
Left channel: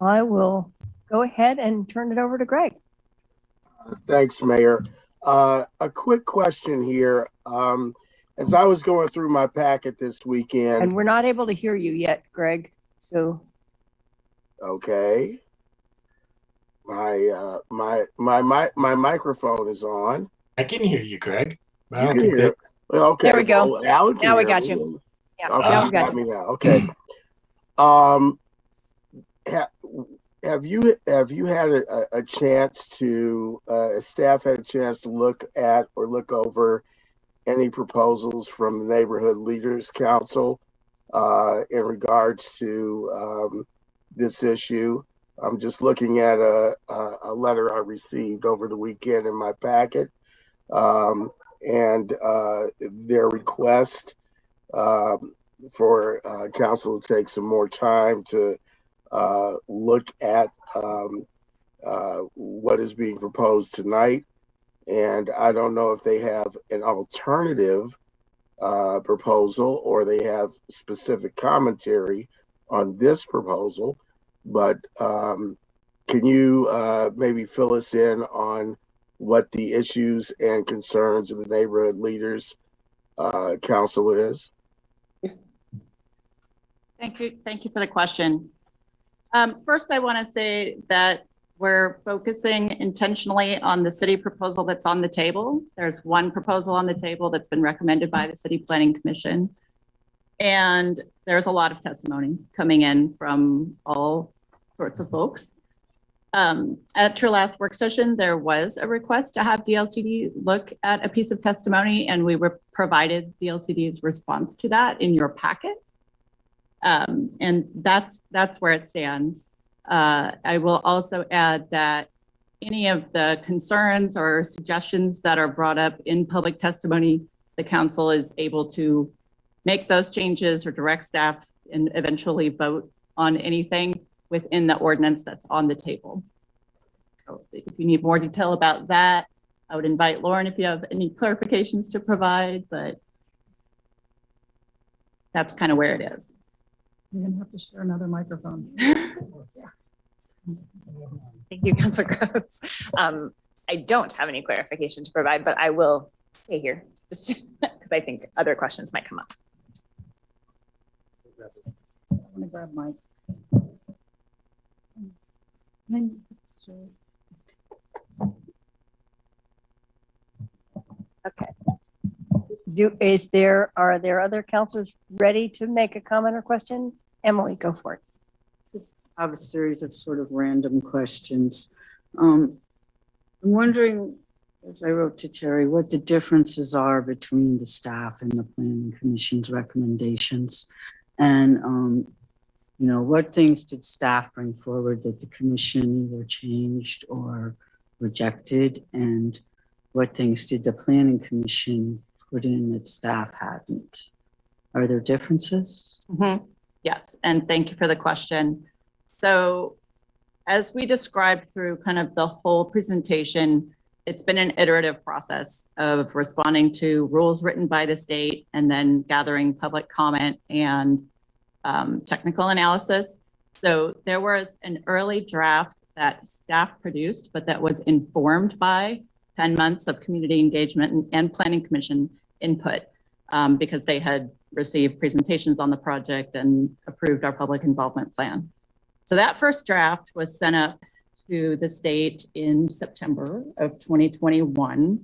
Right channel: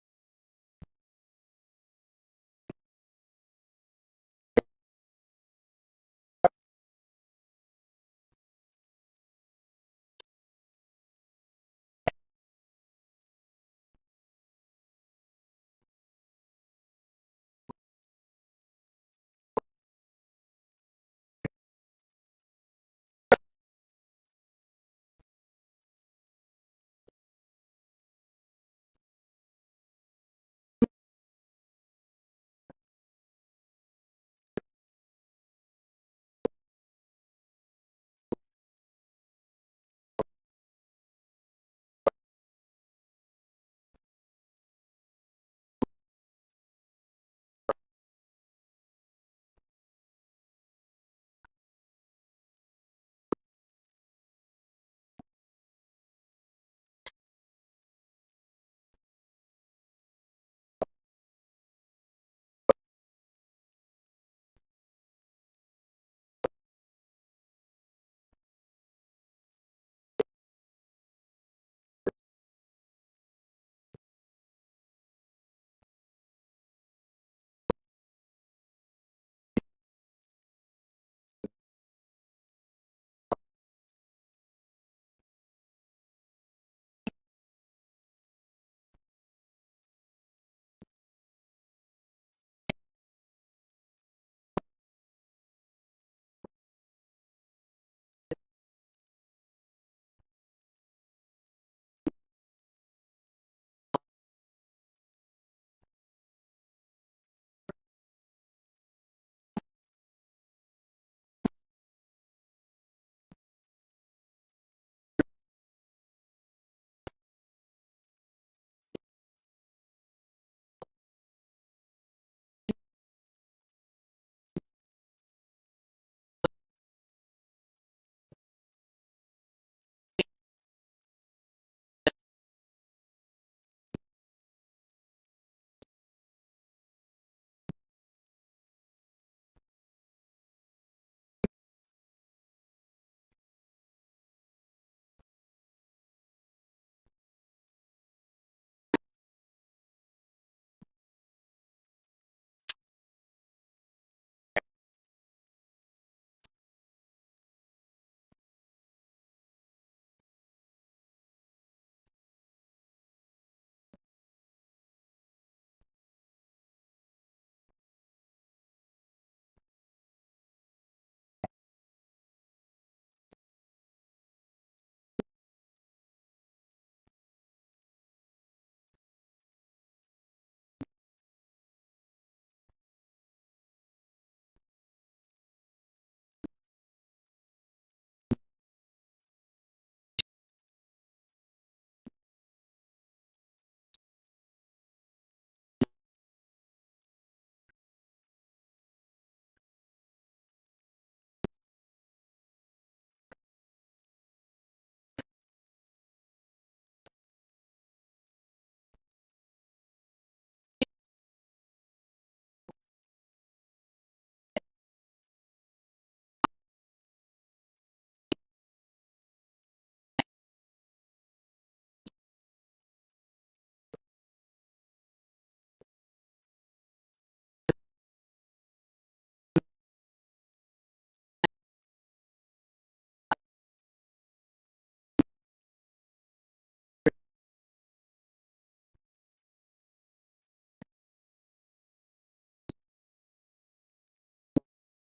I will go ahead and turn it over to Greg. Thanks, Mayor. A quick question here. As I was going through my packet this weekend. And we're not able to hear you yet, Greg. So. Okay. My microphone is on. I can hear you, Greg. You can hear it. Okay. There we go. Well, Alan can now we hear got me. you. Yeah, Okay, now we got got you. me now. Okay. Have you had a chance to staff had a chance to look at or look over any proposals from the Neighborhood Leaders Council in regards to this issue? I'm just looking at a letter I received over the weekend in my packet. and their request for council to take some more time to look at what is being proposed tonight. And I don't know if they have an alternative proposal or they have specific commentary on this proposal, but can you maybe fill us in on what the issues and concerns of the neighborhood leaders council is? Thank you for the question. First, I want to say that we're focusing intentionally on the city proposal that's on the table. There's one proposal on the table that's been recommended by the City Planning Commission. And there's a lot of testimony coming in from all sorts of folks. At your last work session, there was a request to have DLCD look at a piece of testimony, and we were provided DLCD's response to that in your packet. And that's where it stands. I will also add that any of the concerns or suggestions that are brought up in public testimony, the council is able to make those changes or direct staff and eventually vote on anything within the ordinance that's on the table. So if you need more detail about that, I would invite Lauren if you have any clarifications to provide, but that's kind of where it is. You're gonna have to share another microphone. Thank you, Councilor Groves. I don't have any clarification to provide, but I will stay here just because I think other questions might come up. I'm gonna grab Mike. Okay. Are there other counselors ready to make a comment or question? Emily, go for it. Just have a series of sort of random questions. I'm wondering, as I wrote to Terry, what the differences are between the staff and the Planning Commission's recommendations. And, you know, what things did staff bring forward that the commission either changed or rejected? And what things did the Planning Commission put in that staff hadn't? Are there differences? Mm-hmm. Yes, and thank you for the question. So as we described through kind of the whole presentation, it's been an iterative process of responding to rules written by the state and then gathering public comment and technical analysis. So there was an early draft that staff produced, but that was informed by 10 months of community engagement and Planning Commission input because they had received presentations on the project and approved our public involvement plan. So that first draft was sent up to the state in September of 2021.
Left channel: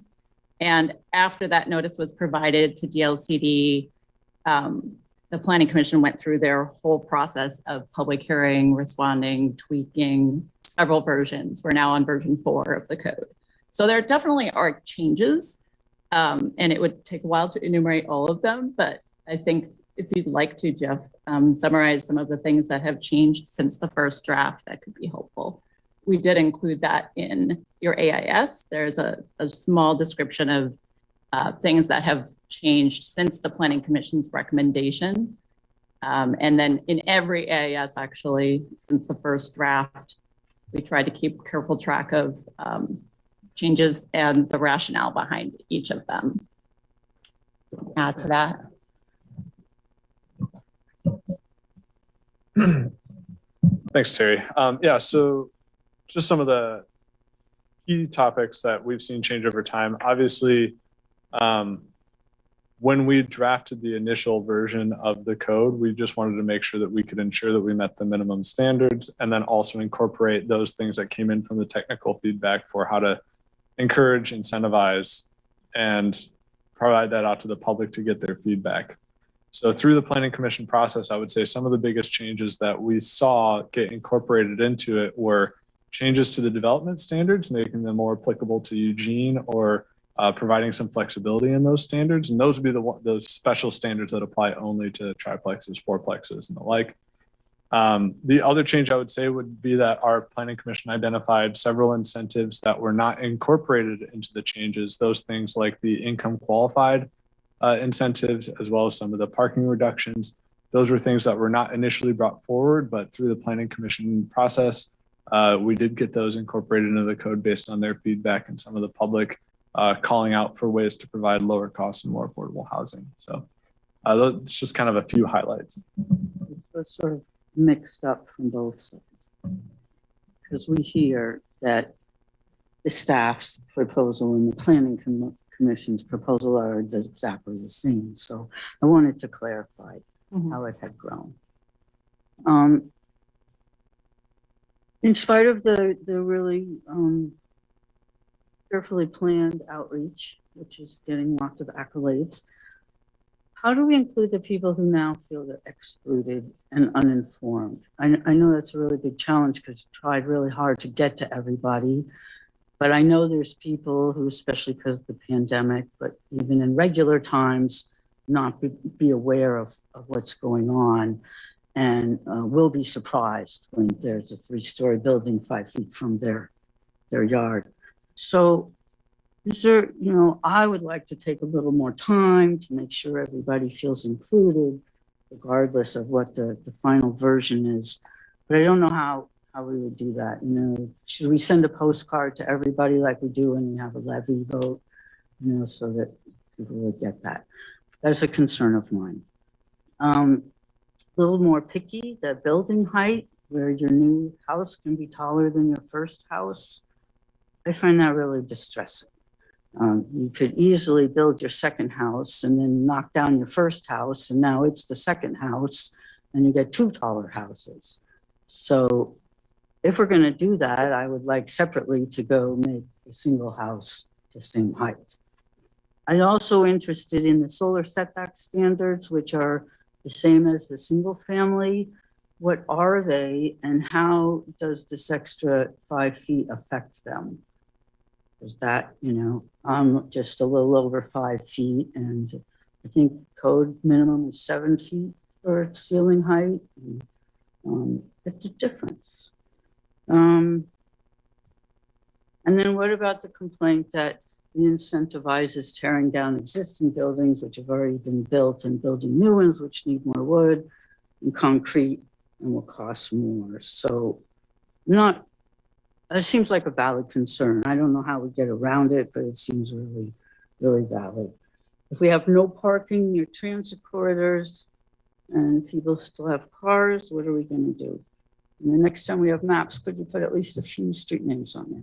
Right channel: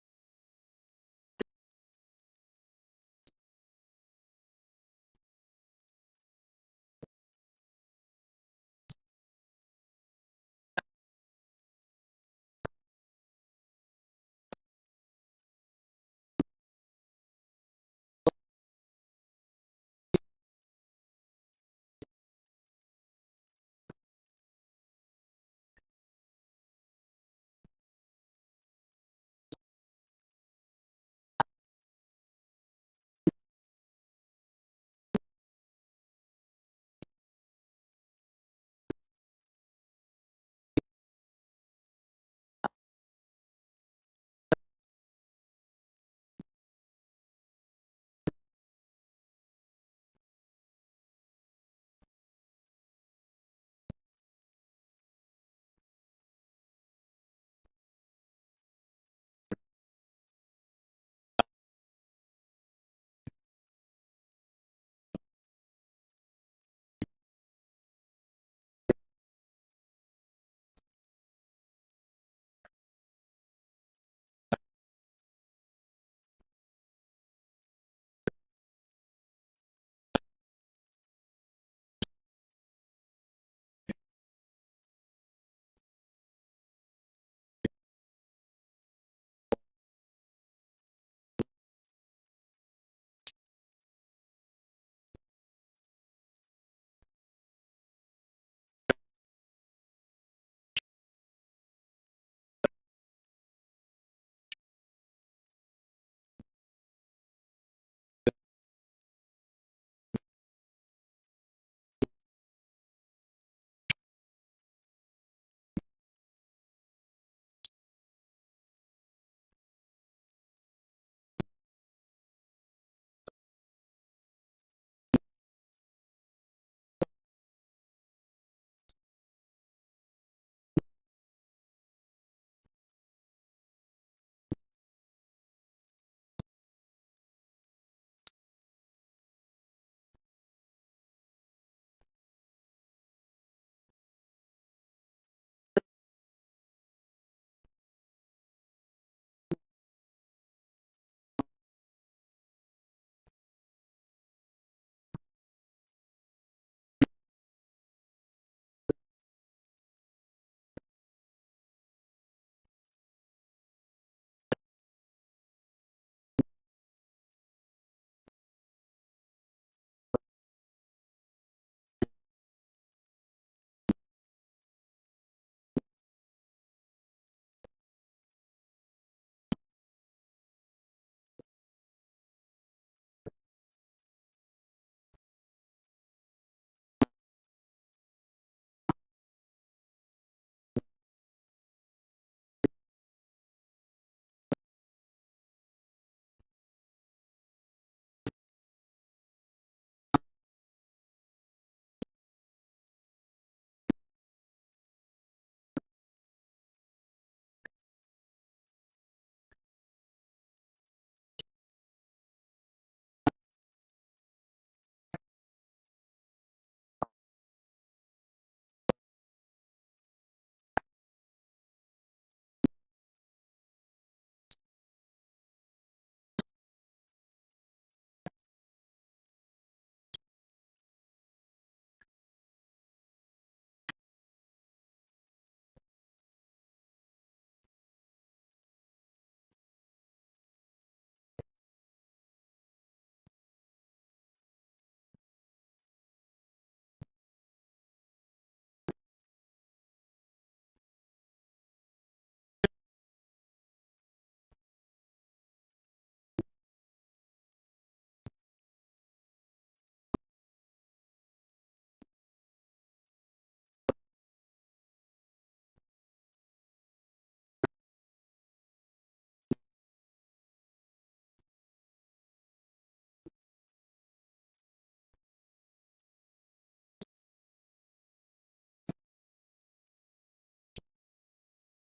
And after that notice was provided to DLCD, the Planning Commission went through their whole process of public hearing, responding, tweaking several versions. We're now on version 4 of the code. So there definitely are changes, and it would take a while to enumerate all of them, but I think if you'd like to, Jeff, summarize some of the things that have changed since the first draft, that could be helpful. We did include that in your AIS. There's a small description of things that have changed since the Planning Commission's recommendation. And then in every AIS, actually, since the first draft, we tried to keep careful track of changes and the rationale behind each of them. Add to that. Thanks, Terry. Yeah, so just some of the key topics that we've seen change over time. Obviously, when we drafted the initial version of the code, we just wanted to make sure that we could ensure that we met the minimum standards and then also incorporate those things that came in from the technical feedback for how to encourage, incentivize, and provide that out to the public to get their feedback. So through the Planning Commission process, I would say some of the biggest changes that we saw get incorporated into it were changes to the development standards, making them more applicable to Eugene or providing some flexibility in those standards. And those would be those special standards that apply only to triplexes, fourplexes, and the like. The other change I would say would be that our planning commission identified several incentives that were not incorporated into the changes. Those things like the income qualified incentives, as well as some of the parking reductions. Those were things that were not initially brought forward, but through the planning commission process, we did get those incorporated into the code based on their feedback and some of the public calling out for ways to provide lower cost and more affordable housing. So it's just kind of a few highlights. It's sort of mixed up from both sides. Because we hear that the staff's proposal and the planning commission's proposal are exactly the same. So I wanted to clarify how it had grown. In spite of the really carefully planned outreach, which is getting lots of accolades, how do we include the people who now feel they're excluded and uninformed? I know that's a really big challenge because we tried really hard to get to everybody, but I know there's people who, especially because of the pandemic, but even in regular times, not be aware of what's going on and will be surprised when there's a 3-story building 5 feet from their yard. So is there, I would like to take a little more time to make sure everybody feels included, regardless of what the final version is. But I don't know how we would do that. Should we send a postcard to everybody like we do when we have a levy vote, so that people would get that? That's a concern of mine. A little more picky, the building height, where your new house can be taller than your first house. I find that really distressing. You could easily build your second house and then knock down your first house, and now it's the second house, and you get 2 taller houses. So if we're going to do that, I would like separately to go make a single house the same height. I'm also interested in the solar setback standards, which are the same as the single family. What are they, and how does this extra 5 feet affect them? Is that, I'm just a little over 5 feet, and I think code minimum is 7 feet for ceiling height. It's a difference. And then what about the complaint that it incentivizes tearing down existing buildings which have already been built and building new ones which need more wood and concrete and will cost more? So it seems like a valid concern. I don't know how we get around it, but it seems really, really valid. If we have no parking near transit corridors and people still have cars, what are we going to do? And the next time we have maps, could you put at least a few street names on there?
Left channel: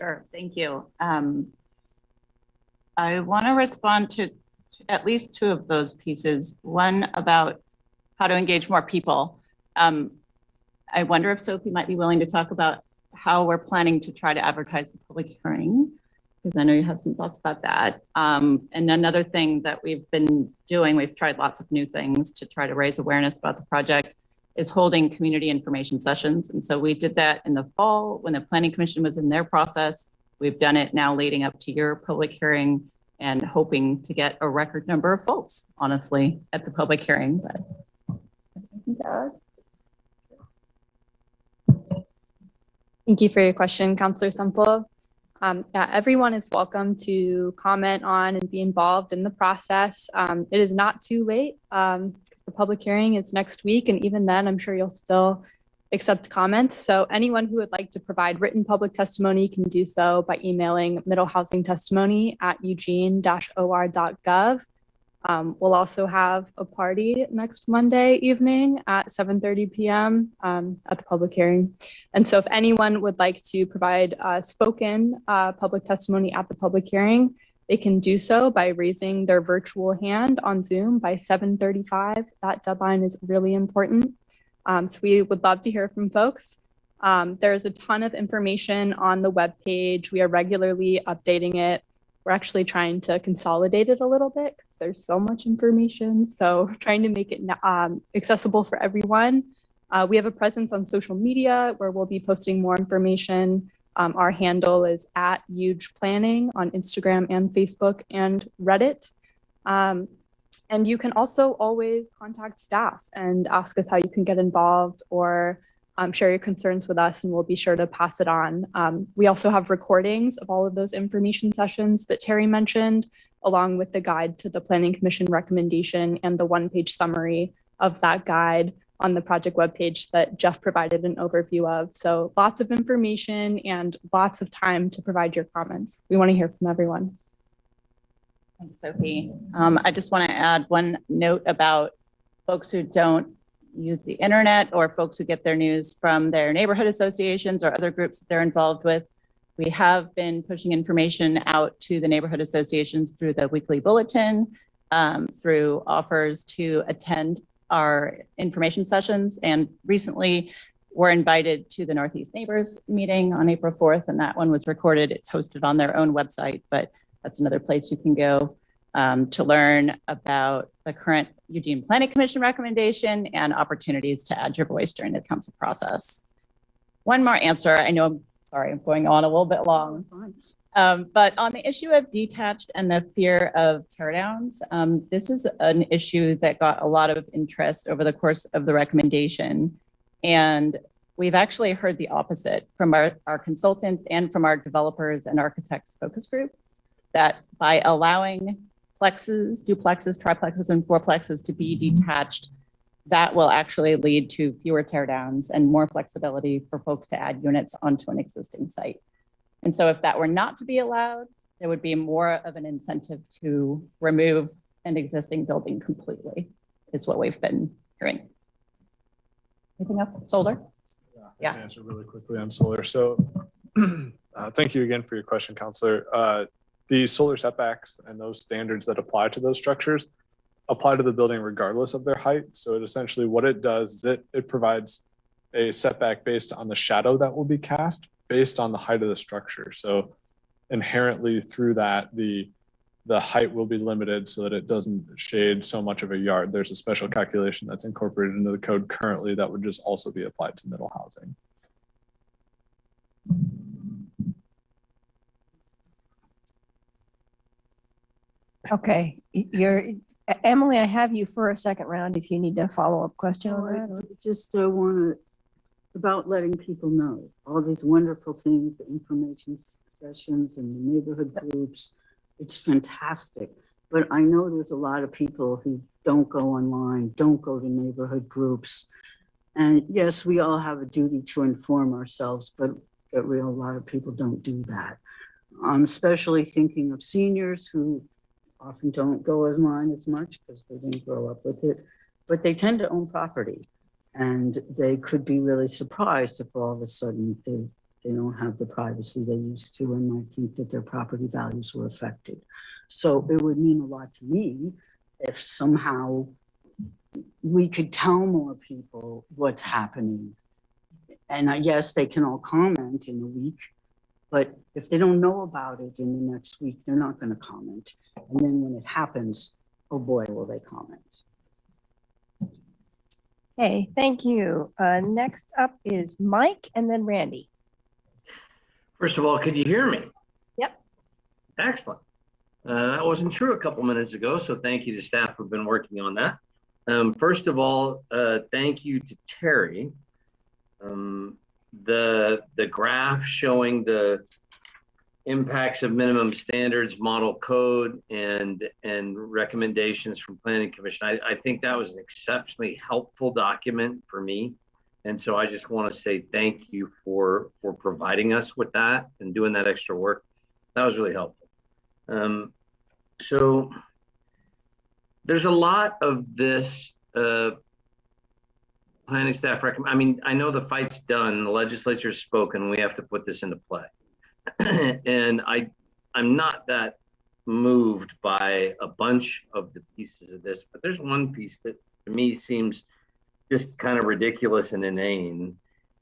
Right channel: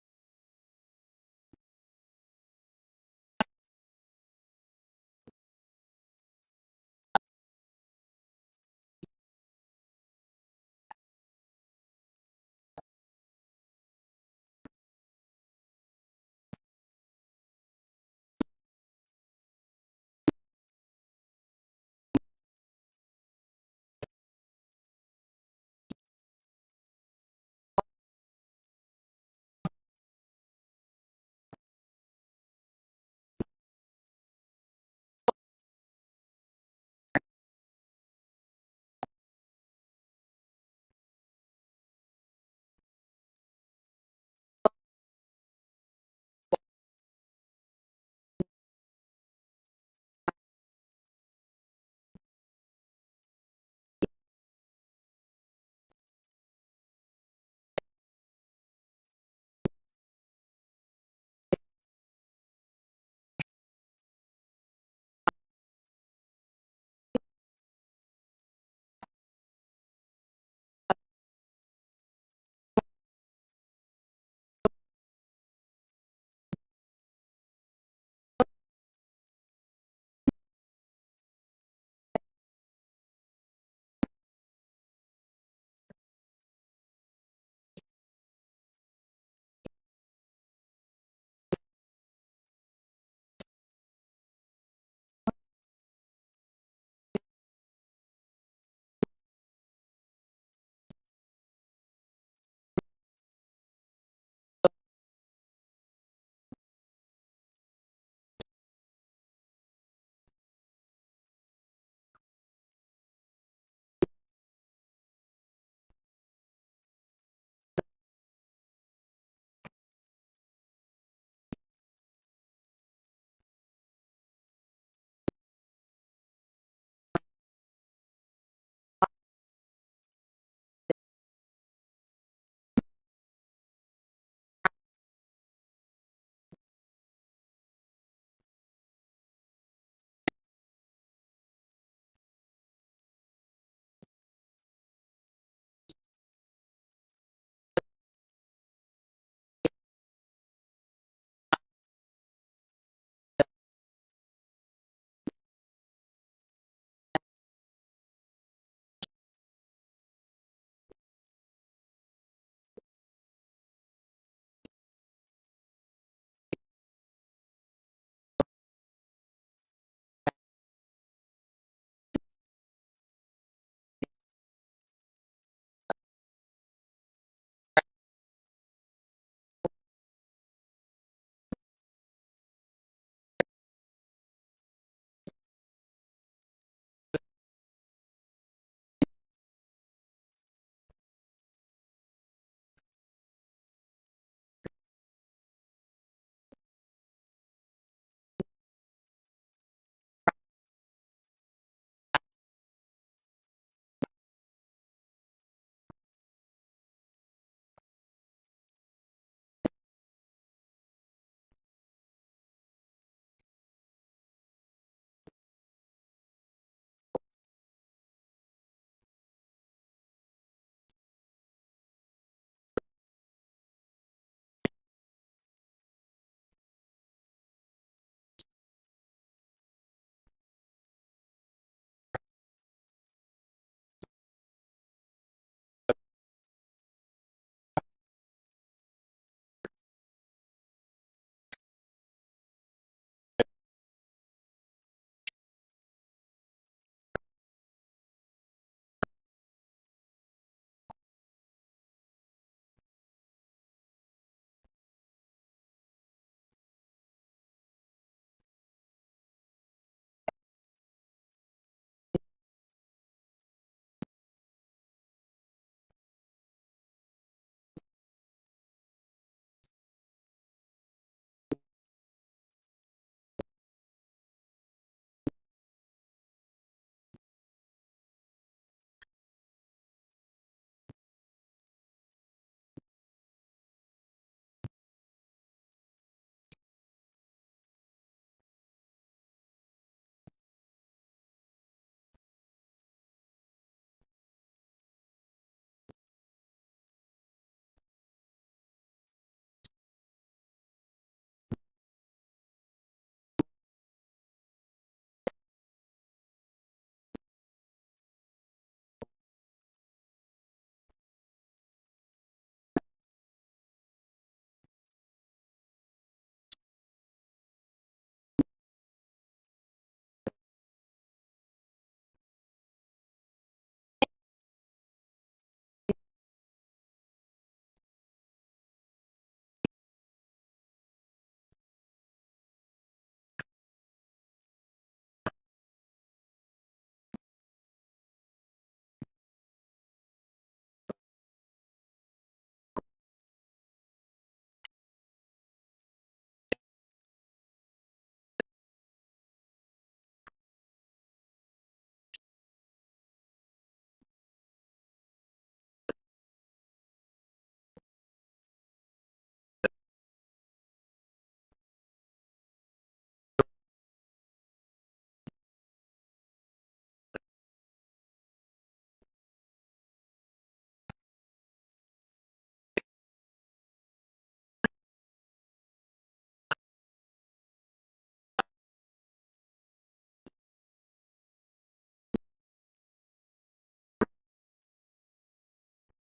Sure, thank you. I want to respond to at least 2 of those pieces. One about how to engage more people. I wonder if Sophie might be willing to talk about how we're planning to try to advertise the public hearing, because I know you have some thoughts about that. And another thing that we've been doing, we've tried lots of new things to try to raise awareness about the project, is holding community information sessions. And so we did that in the fall when the Planning Commission was in their process. We've done it now leading up to your public hearing and hoping to get a record number of folks, honestly, at the public hearing. But Thank you for your question, Councilor Semple. Yeah, everyone is welcome to comment on and be involved in the process. It is not too late because the public hearing is next week, and even then, I'm sure you'll still accept comments. So anyone who would like to provide written public testimony can do so by emailing middlehousingtestimony@eugene-or.gov. We'll also have a party next Monday evening at 7:30 p.m. At the public hearing. And so if anyone would like to provide spoken public testimony at the public hearing, they can do so by raising their virtual hand on Zoom by 7:35. That deadline is really important. So we would love to hear from folks. There's a ton of information on the webpage. We are regularly updating it. We're actually trying to consolidate it a little bit because there's so much information. So trying to make it accessible for everyone. We have a presence on social media where we'll be posting more information. Our handle is @HugePlanning on Instagram and Facebook and Reddit. And you can also always contact staff and ask us how you can get involved, or share your concerns with us, and we'll be sure to pass it on. We also have recordings of all of those information sessions that Terry mentioned, along with the guide to the Planning Commission recommendation and the one-page summary of that guide on the project webpage that Jeff provided an overview of. So lots of information and lots of time to provide your comments. We want to hear from everyone. Thanks, Sophie. I just want to add one note about folks who don't use the internet, or folks who get their news from their neighborhood associations or other groups that they're involved with. We have been pushing information out to the neighborhood associations through the weekly bulletin, through offers to attend our information sessions. And recently we're invited to the Northeast Neighbors meeting on April 4th, and that one was recorded. It's hosted on their own website, but that's another place you can go to learn about the current Eugene Planning Commission recommendation and opportunities to add your voice during the council process. One more answer. I know, I'm sorry, I'm going on a little bit long. But on the issue of detached and the fear of teardowns, this is an issue that got a lot of interest over the course of the recommendation. And we've actually heard the opposite from our consultants and from our developers and architects focus group, that by allowing plexes, duplexes, triplexes, and fourplexes to be detached, that will actually lead to fewer teardowns and more flexibility for folks to add units onto an existing site. And so if that were not to be allowed, there would be more of an incentive to remove an existing building completely, is what we've been hearing. Anything else? Solar? Yeah. I can answer really quickly on solar. So thank you again for your question, Counselor. The solar setbacks and those standards that apply to those structures apply to the building regardless of their height. So it essentially, what it does is it provides a setback based on the shadow that will be cast based on the height of the structure. So inherently through that, the height will be limited so that it doesn't shade so much of a yard. There's a special calculation that's incorporated into the code currently that would just also be applied to middle housing. Okay, Emily, I have you for a second round if you need a follow-up question on that. I just want to, about letting people know all these wonderful things, the information sessions and the neighborhood groups. It's fantastic. But I know there's a lot of people who don't go online, don't go to neighborhood groups. And yes, we all have a duty to inform ourselves, but a lot of people don't do that. I'm especially thinking of seniors who often don't go online as much because they didn't grow up with it, but they tend to own property. And they could be really surprised if all of a sudden they don't have the privacy they used to, and might think that their property values were affected. So it would mean a lot to me if somehow we could tell more people what's happening. And I guess they can all comment in a week, but if they don't know about it in the next week, they're not going to comment. And then when it happens, oh boy, will they comment. Okay, thank you. Next up is Mike and then Randy. First of all, could you hear me? Yep. Excellent. That wasn't true a couple minutes ago, so thank you to staff who've been working on that. First of all, thank you to Terry. The graph showing the impacts of minimum standards, model code, and recommendations from Planning Commission. I think that was an exceptionally helpful document for me. And so I just want to say thank you for providing us with that and doing that extra work. That was really helpful. So there's a lot of this planning staff recommend. I mean, I know the fight's done, the legislature's spoken, we have to put this into play. And I'm not that moved by a bunch of the pieces of this, but there's one piece that to me seems just kind of ridiculous and inane,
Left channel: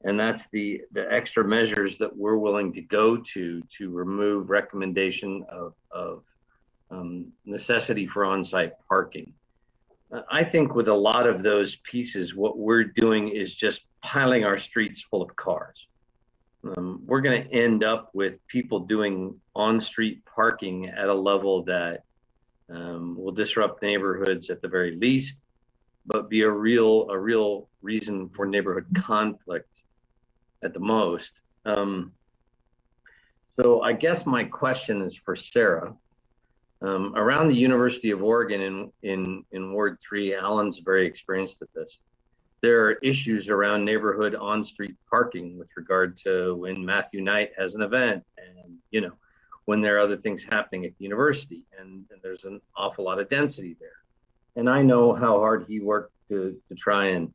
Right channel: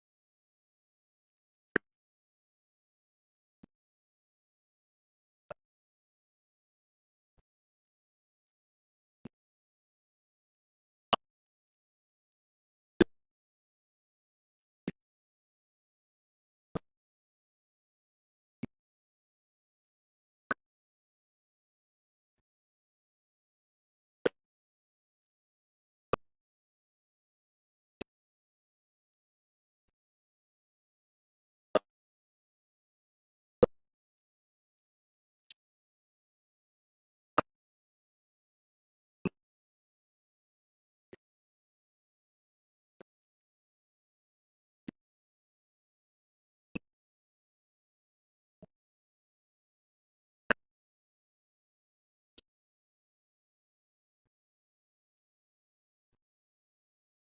and that's the extra measures that we're willing to go to remove recommendation of necessity for on-site parking. I think with a lot of those pieces, what we're doing is just piling our streets full of cars. We're going to end up with people doing on-street parking at a level that will disrupt neighborhoods at the very least, but be a real reason for neighborhood conflict at the most. So I guess my question is for Sarah. Around the University of Oregon in Ward 3, Alan's very experienced at this. There are issues around neighborhood on-street parking with regard to when Matthew Knight has an event and, you know, when there are other things happening at the university, and there's an awful lot of density there. And I know how hard he worked to try and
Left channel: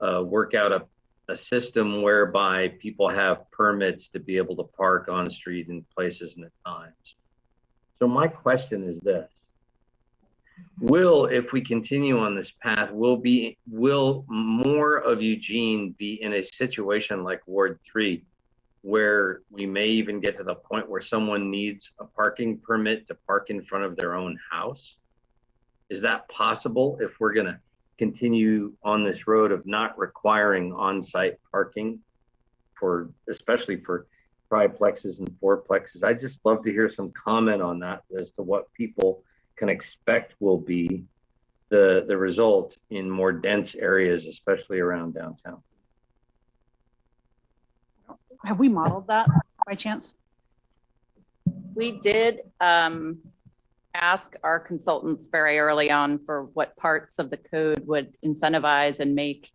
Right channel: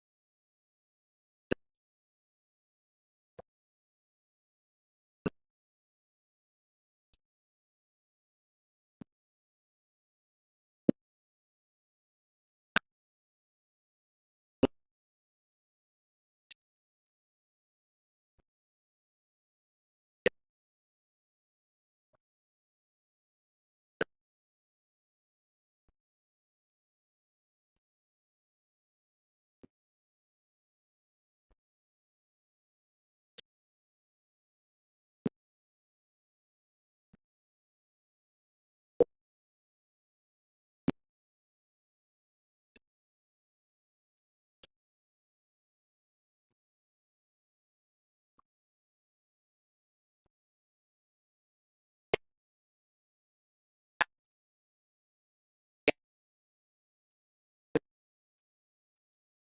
work out a system whereby people have permits to be able to park on the street in places and at times. So my question is this: if we continue on this path, will more of Eugene be in a situation like Ward 3, where we may even get to the point where someone needs a parking permit to park in front of their own house? Is that possible if we're going to continue on this road of not requiring on-site parking especially for triplexes and fourplexes? I'd just love to hear some comment on that as to what people can expect will be the result in more dense areas, especially around downtown. Have we modeled that by chance? We did ask our consultants very early on for what parts of the code would incentivize and make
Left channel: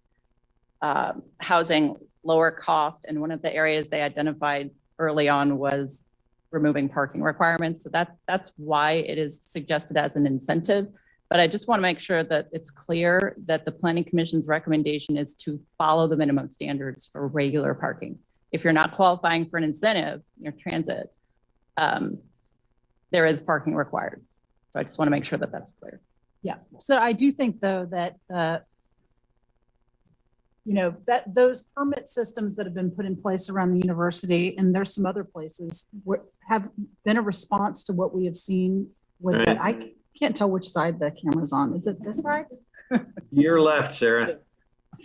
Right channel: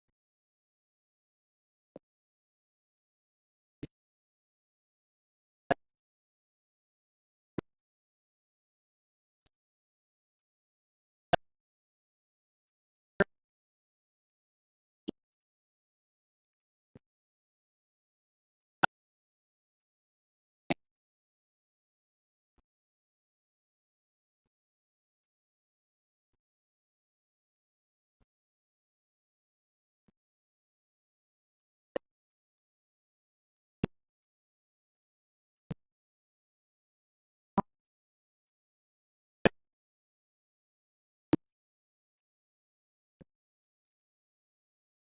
housing lower cost. And one of the areas they identified early on was removing parking requirements. So that's why it is suggested as an incentive. But I just want to make sure that it's clear that the Planning Commission's recommendation is to follow the minimum standards for regular parking. If you're not qualifying for an incentive, your transit, there is parking required. So I just want to make sure that that's clear. Yeah. So I do think though that, you know, that those permit systems that have been put in place around the university, and there's some other places, have been a response to what we have seen with Right. I can't tell which side the camera's on. Is it this side? Your left, Sarah.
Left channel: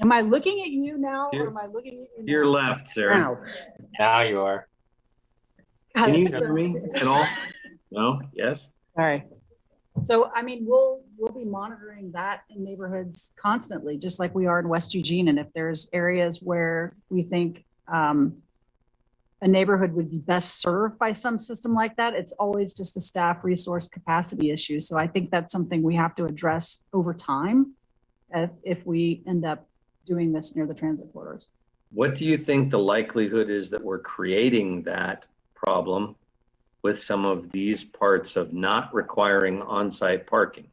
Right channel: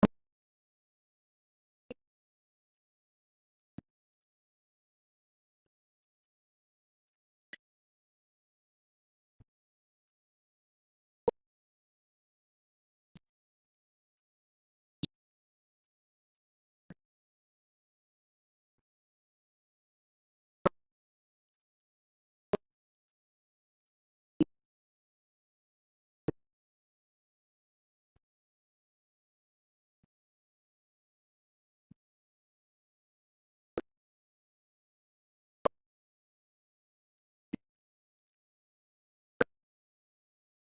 Am I looking at you now or am I looking at you now? Your left, Sarah. Now, Now you are. God, Can you it's so- hear me at all? No? Yes? All right. So, I mean, we'll be monitoring that in neighborhoods constantly, just like we are in West Eugene. And if there's areas where we think a neighborhood would be best served by some system like that, it's always just a staff resource capacity issue. So I think that's something we have to address over time if we end up doing this near the transit corridors. What do you think the likelihood is that we're creating that problem with some of these parts of not requiring on-site parking?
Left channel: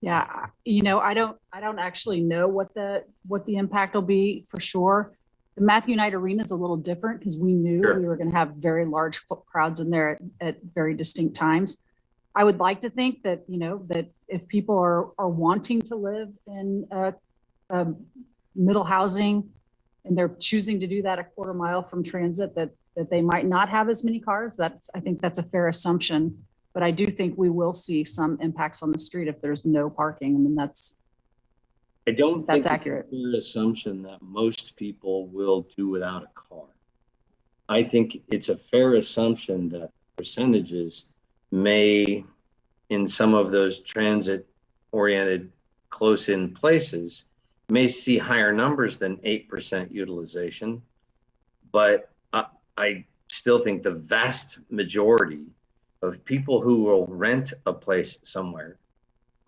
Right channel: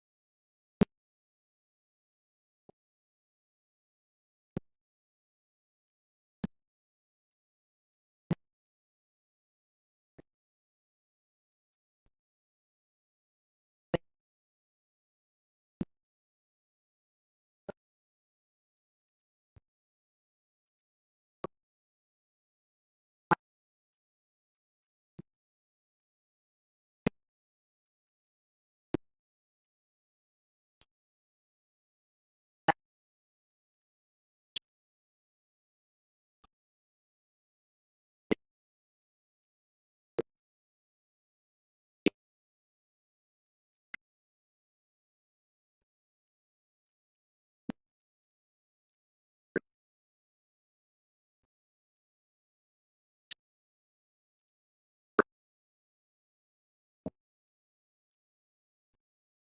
Yeah, you know, I don't actually know what the impact will be for sure. The Matthew Knight Arena is a little different because we knew Sure. we were going to have very large crowds in there at very distinct times. I would like to think that, you know, that if people are wanting to live in middle housing and they're choosing to do that a quarter mile from transit, that they might not have as many cars. I think that's a fair assumption, but I do think we will see some impacts on the street if there's no parking. I mean, I don't think That's accurate. it's a fair assumption that most people will do without a car. I think it's a fair assumption that percentages may, in some of those transit-oriented close-in places, may see higher numbers than 8% utilization, but I still think the vast majority of people who will rent a place somewhere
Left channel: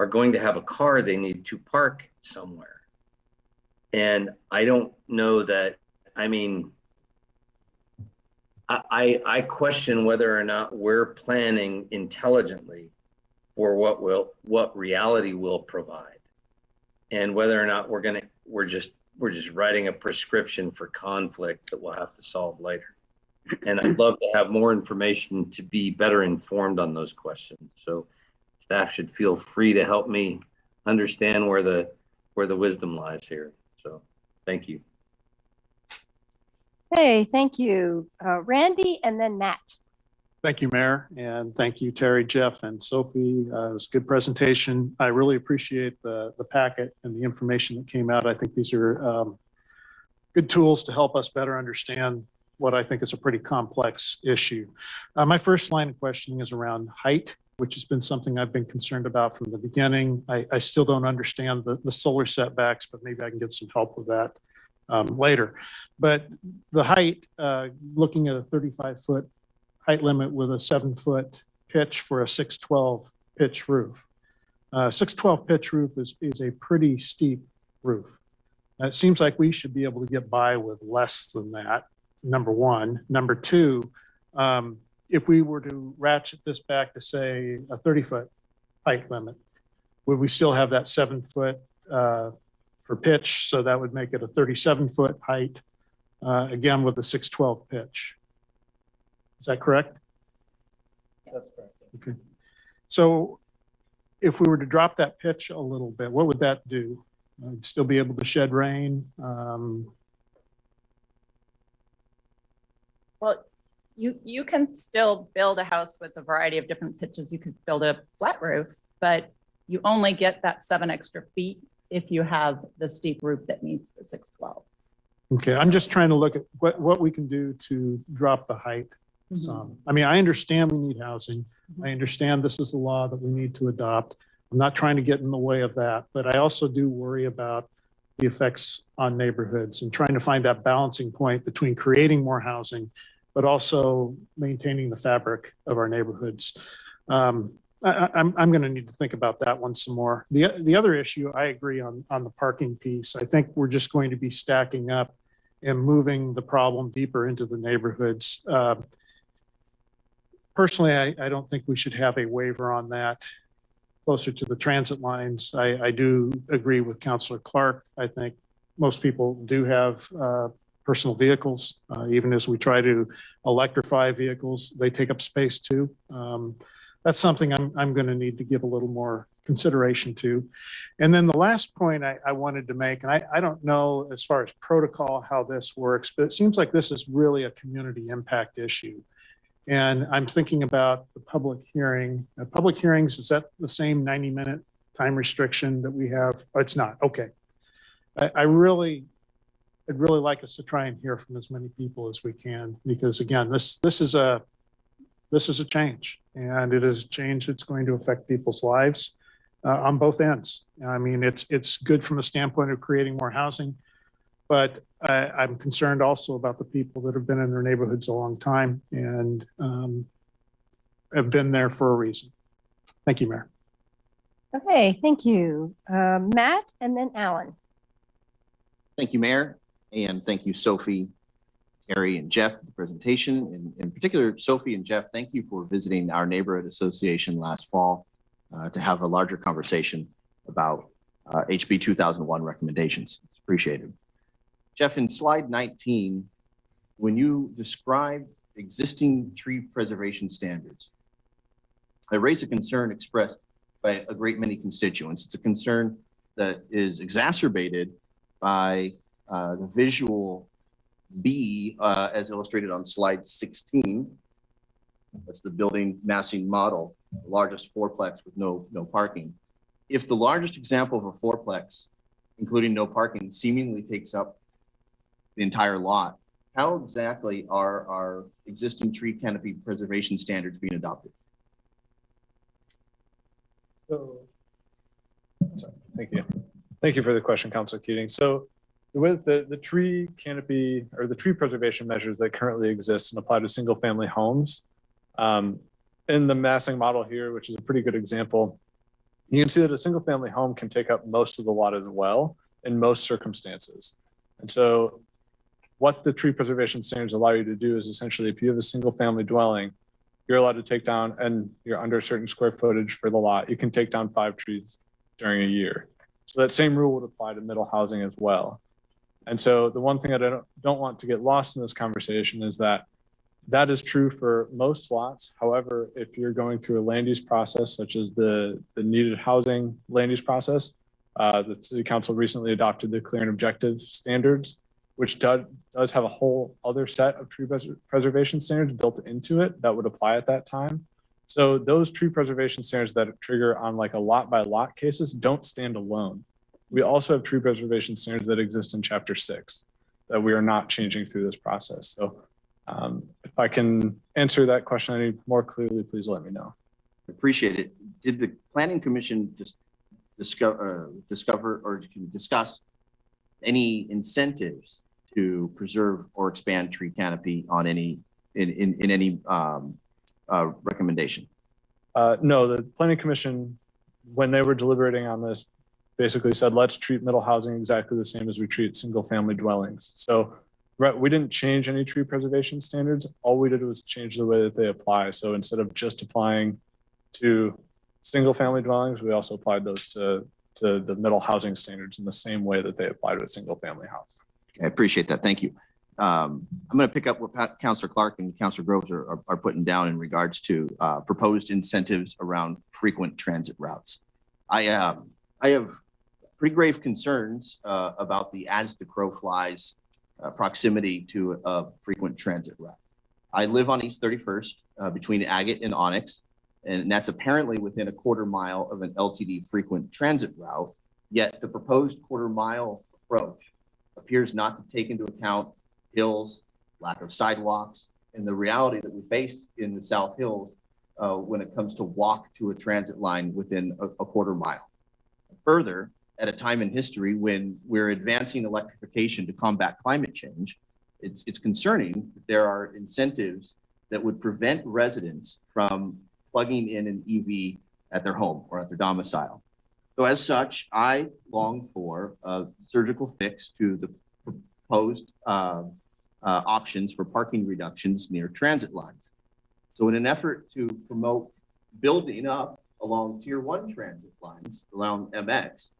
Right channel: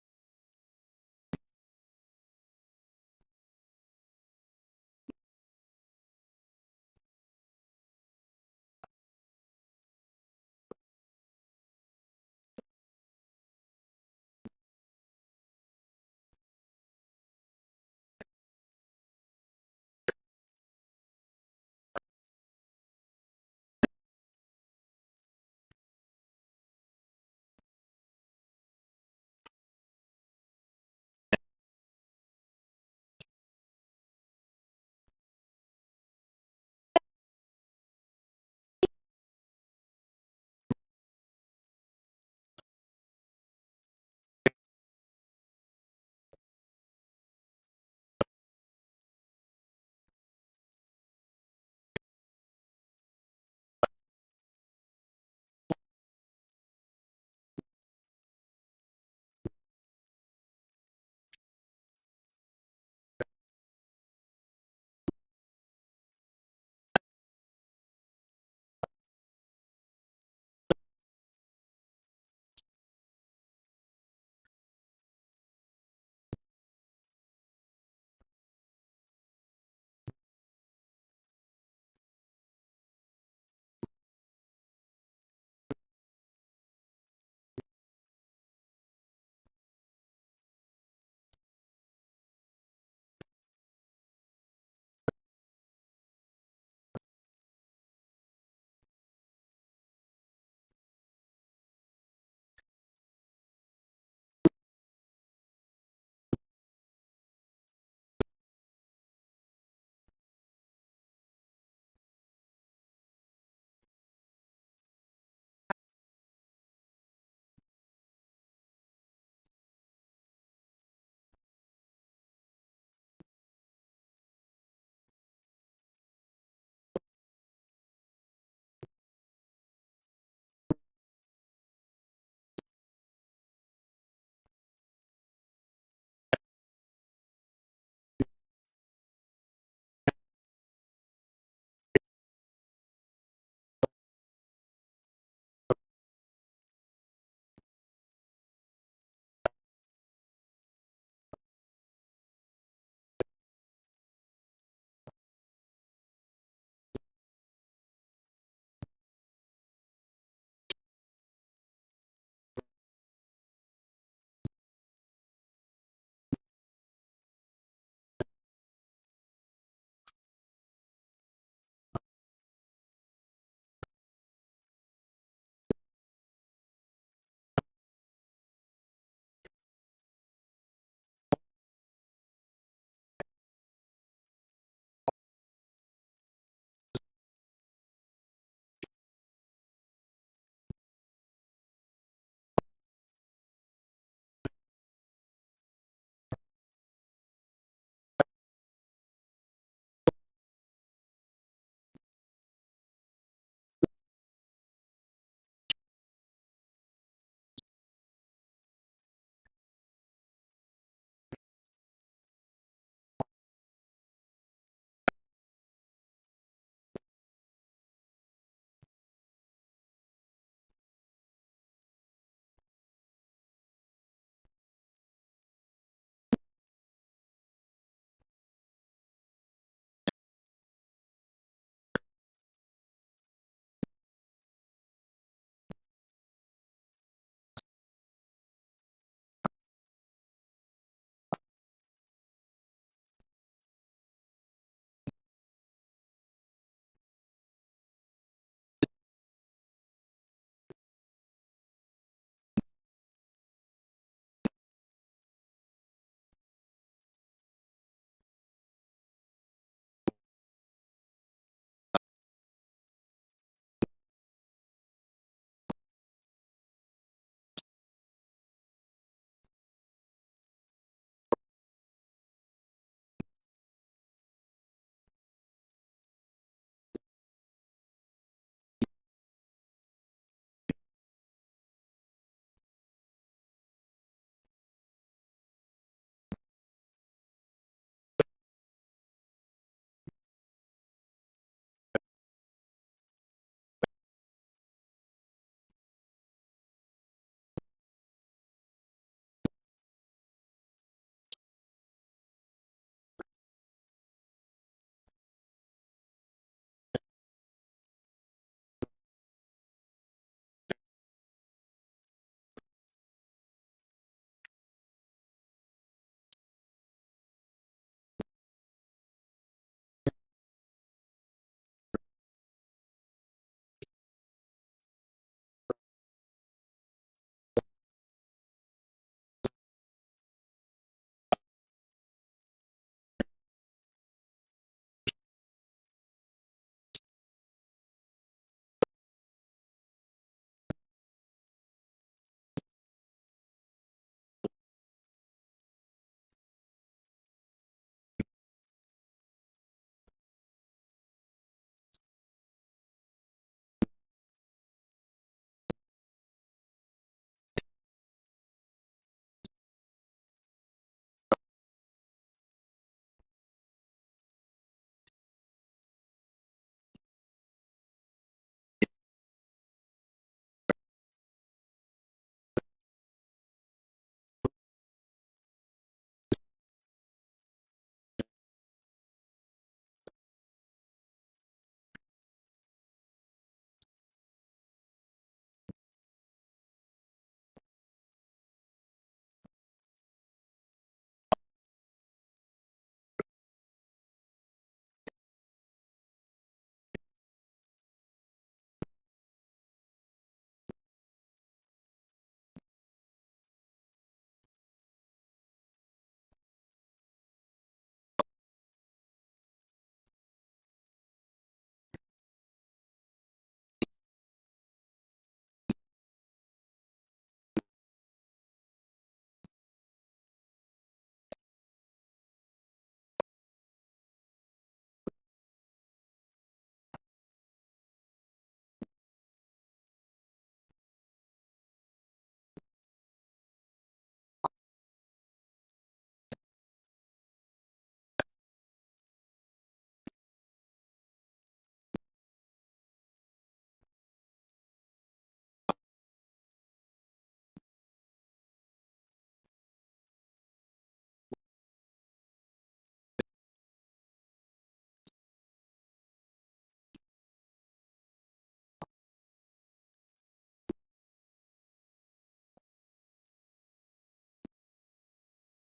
are going to have a car they need to park somewhere. And I don't know that, I mean, I question whether or not we're planning intelligently for what reality will provide, and whether or not we're just writing a prescription for conflict that we'll have to solve later. And I'd love to have more information to be better informed on those questions. So staff should feel free to help me understand where the wisdom lies here. So thank you. Hey, thank you. Randy and then Matt. Thank you, Mayor, and thank you, Terry, Jeff, and Sophie. It was a good presentation. I really appreciate the packet and the information that came out. I think these are good tools to help us better understand what I think is a pretty complex issue. My first line of questioning is around height, which has been something I've been concerned about from the beginning. I still don't understand the solar setbacks, but maybe I can get some help with that later. But the height, looking at a 35-foot height limit with a 7-foot pitch for a 612 pitch roof. 612 pitch roof is a pretty steep roof. It seems like we should be able to get by with less than that, number one. Number two, if we were to ratchet this back to say a 30-foot height limit, would we still have that 7-foot for pitch? So that would make it a 37-foot height, again with a 612 pitch. Is that correct? That's correct. Okay. So if we were to drop that pitch a little bit, what would that do? I'd still be able to shed rain. Well, you can still build a house with a variety of different pitches. You could build a flat roof, but you only get that 7 extra feet if you have the steep roof that meets the 612. Okay, I'm just trying to look at what we can do to drop the height some. I mean, I understand we need housing. I understand this is the law that we need to adopt. I'm not trying to get in the way of that, but I also do worry about the effects on neighborhoods and trying to find that balancing point between creating more housing, but also maintaining the fabric of our neighborhoods. I'm going to need to think about that one some more. The other issue, I agree on the parking piece. I think we're just going to be stacking up and moving the problem deeper into the neighborhoods. Personally, I don't think we should have a waiver on that closer to the transit lines. I do agree with Councilor Clark. I think most people do have personal vehicles, even as we try to electrify vehicles, they take up space too. That's something I'm going to need to give a little more consideration to. And then the last point I wanted to make, and I don't know as far as protocol how this works, but it seems like this is really a community impact issue. And I'm thinking about the public hearing. Public hearings, is that the same 90-minute time restriction that we have? Oh, it's not. Okay. I'd really like us to try and hear from as many people as we can, because again, this is a change, and it is a change that's going to affect people's lives on both ends. I mean, it's good from a standpoint of creating more housing, but I'm concerned also about the people that have been in their neighborhoods a long time and have been there for a reason. Thank you, Mayor. Okay, thank you. Matt and then Alan. Thank you, Mayor, and thank you, Sophie, Terry, and Jeff for the presentation. And in particular, Sophie and Jeff, thank you for visiting our neighborhood association last fall to have a larger conversation about HB 2001 recommendations. It's appreciated. Jeff, in slide 19, when you describe existing tree preservation standards, I raise a concern expressed by a great many constituents. It's a concern that is exacerbated by the visual B as illustrated on slide 16. That's the building massing model, the largest fourplex with no parking. If the largest example of a fourplex, including no parking, seemingly takes up the entire lot, how exactly are our existing tree canopy preservation standards being adopted? So, sorry, thank you. Thank you for the question, Councilor Keating. So with the tree canopy or the tree preservation measures that currently exist and apply to single family homes, in the massing model here, which is a pretty good example, you can see that a single family home can take up most of the lot as well in most circumstances. And so what the tree preservation standards allow you to do is essentially, if you have a single family dwelling, you're allowed to take down, and you're under a certain square footage for the lot, you can take down 5 trees during a year. So that same rule would apply to middle housing as well. And so the one thing that I don't want to get lost in this conversation is that that is true for most lots. However, if you're going through a land use process, such as the needed housing land use process, the City Council recently adopted the clear and objective standards, which does have a whole other set of tree preservation standards built into it that would apply at that time. So those tree preservation standards that trigger on like a lot by lot cases don't stand alone. We also have tree preservation standards that exist in Chapter 6 that we are not changing through this process. So If I can answer that question any more clearly, please let me know. Appreciate it. Did the planning commission just discover or discuss any incentives to preserve or expand tree canopy on any in any recommendation? No, the planning commission, when they were deliberating on this, basically said, let's treat middle housing exactly the same as we treat single family dwellings. So we didn't change any tree preservation standards. All we did was change the way that they apply. So instead of just applying to single family dwellings, we also applied those to the middle housing standards in the same way that they apply to a single family house. I appreciate that. Thank you. I'm going to pick up what Councilor Clark and Councilor Groves are putting down in regards to proposed incentives around frequent transit routes. I have pretty grave concerns about the as the crow flies proximity to a frequent transit route. I live on East 31st between Agate and Onyx, and that's apparently within a quarter mile of an LTD frequent transit route, yet the proposed quarter mile approach appears not to take into account hills, lack of sidewalks, and the reality that we face in the South Hills when it comes to walk to a transit line within a quarter mile. Further, at a time in history when we're advancing electrification to combat climate change, it's concerning that there are incentives that would prevent residents from plugging in an EV at their home or at their domicile. So as such, I long for a surgical fix to the proposed options for parking reductions near transit lines. So in an effort to promote building up along Tier 1 transit lines around MX,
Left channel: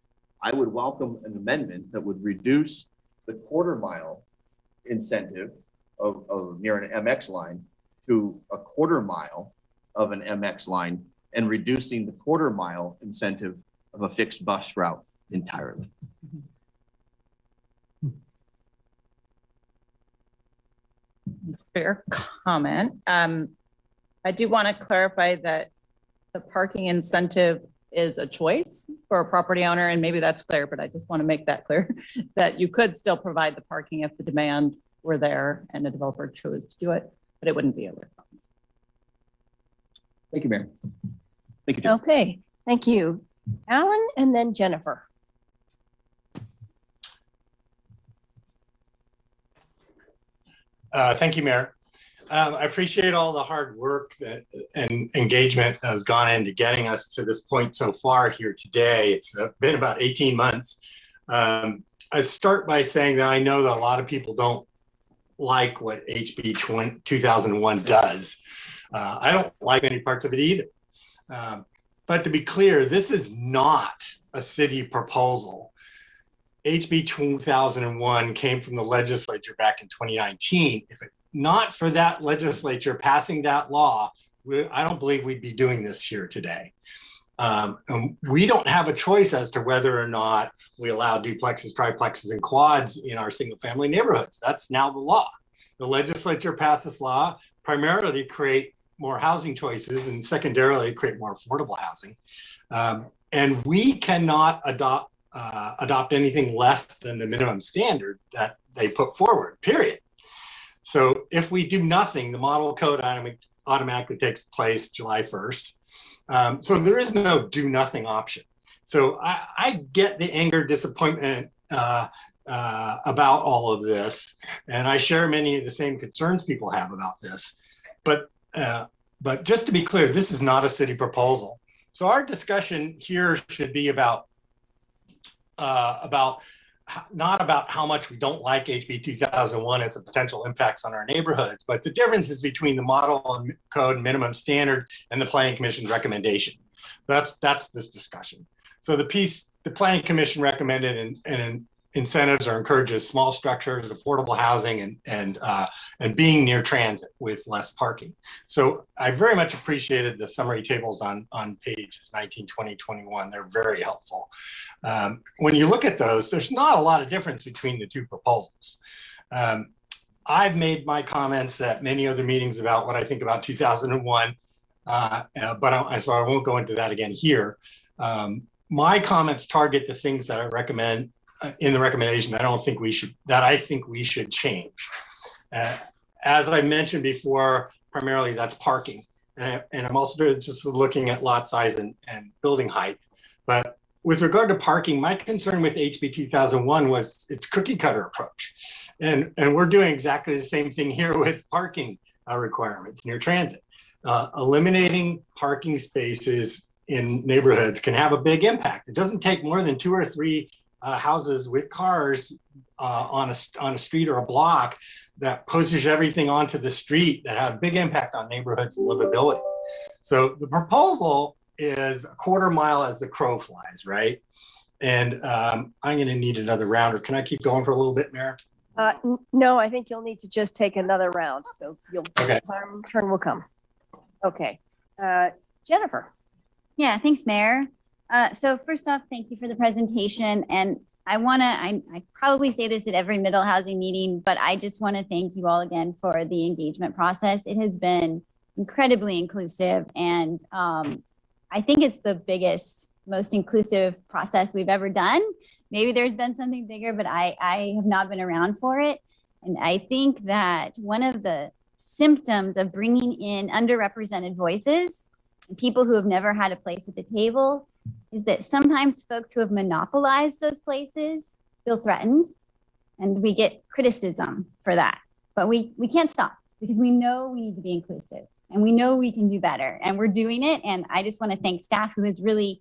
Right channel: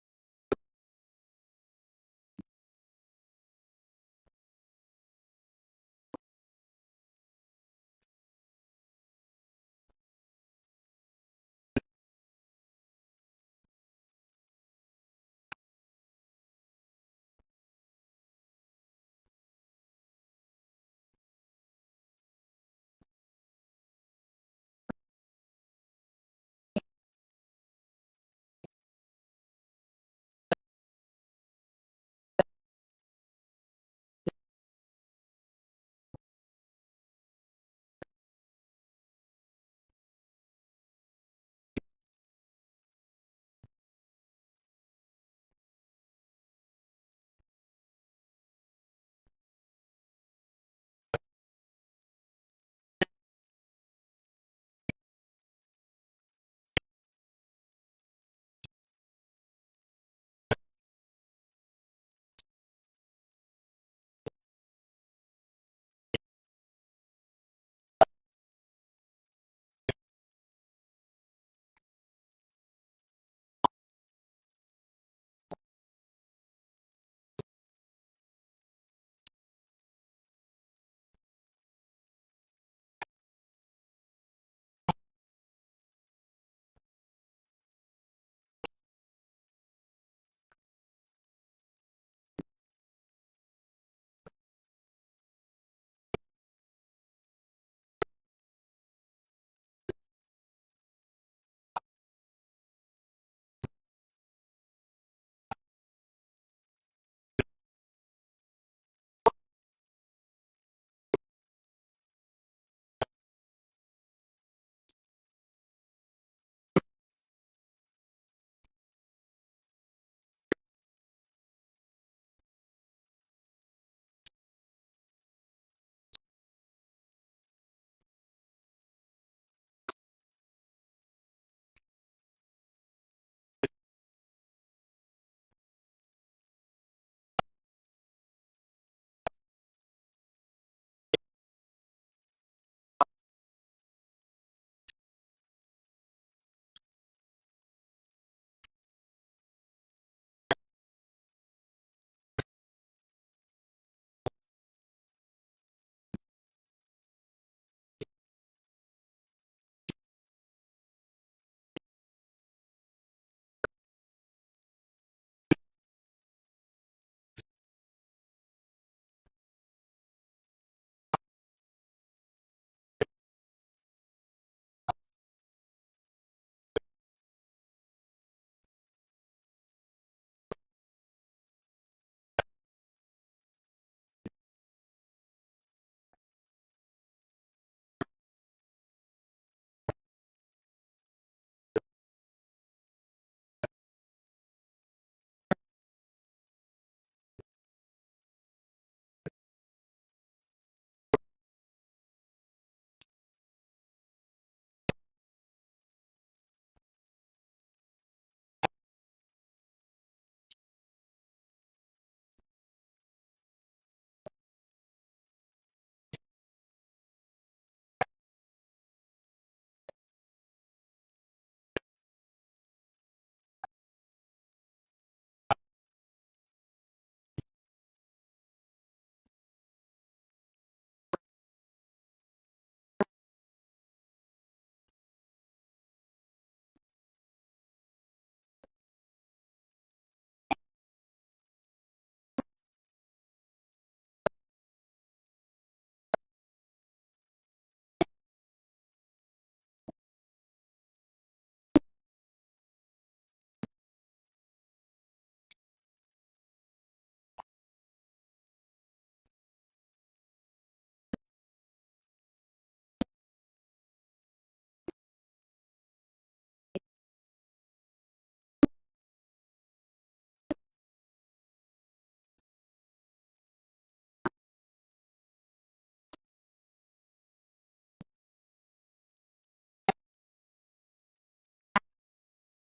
I would welcome an amendment that would reduce the quarter mile incentive of near an MX line to a quarter mile of an MX line and reducing the quarter mile incentive of a fixed bus route entirely. It's a fair comment. I do want to clarify that the parking incentive is a choice for a property owner, and maybe that's clear, but I just want to make that clear that you could still provide the parking if the demand were there and the developer chose to do it, but it wouldn't be a requirement. Thank you, Mayor. Thank you, Jeff. Okay, thank you. Alan and then Jennifer. Thank you, Mayor. I appreciate all the hard work and engagement has gone into getting us to this point so far here today. It's been about 18 months. I start by saying that I know that a lot of people don't like what HB 2001 does. I don't like any parts of it either. But to be clear, this is not a city proposal. HB 2001 came from the legislature back in 2019. If it not for that legislature passing that law, I don't believe we'd be doing this here today. We don't have a choice as to whether or not we allow duplexes, triplexes, and quads in our single family neighborhoods. That's now the law. The legislature passed this law primarily to create more housing choices and secondarily create more affordable housing. And we cannot adopt anything less than the minimum standard that they put forward, period. So if we do nothing, the model code automatically takes place July 1st. So there is no do nothing option. So I get the anger, disappointment about all of this. And I share many of the same concerns people have about this. But just to be clear, this is not a city proposal. So our discussion here should be about not about how much we don't like HB 2001 and its potential impacts on our neighborhoods, but the differences between the model code minimum standard and the Planning Commission's recommendation. That's this discussion. So the Planning Commission recommended and incentives or encourages small structures, affordable housing, and being near transit with less parking. So I very much appreciated the summary tables on pages 19, 20, 21. They're very helpful. When you look at those, there's not a lot of difference between the two proposals. I've made my comments at many other meetings about what I think about 2001, so I won't go into that again here. My comments target the things that I recommend in the recommendation that I think we should change. as I mentioned before, primarily that's parking. And I'm also just looking at lot size and building height. But with regard to parking, my concern with HB 2001 was its cookie cutter approach. And we're doing exactly the same thing here with parking requirements near transit. Eliminating parking spaces in neighborhoods can have a big impact. It doesn't take more than 2 or 3 houses with cars on a street or a block that pushes everything onto the street that have a big impact on neighborhoods and livability. So the proposal is a 1/4 mile as the crow flies, right? And I'm gonna need another round, or can I keep going for a little bit, Mayor? No, I think you'll need to just take another round. So Okay. turn will come. Okay. Jennifer. Yeah, thanks, Mayor. So first off, thank you for the presentation. And I probably say this at every middle housing meeting, but I just want to thank you all again for the engagement process. It has been incredibly inclusive. And I think it's the biggest, most inclusive process we've ever done. Maybe there's been something bigger, but I have not been around for it. And I think that one of the symptoms of bringing in underrepresented voices, people who have never had a place at the table, is that sometimes folks who have monopolized those places feel threatened, and we get criticism for that. But we can't stop, because we know we need to be inclusive, and we know we can do better, and we're doing it. And I just want to thank staff who has really,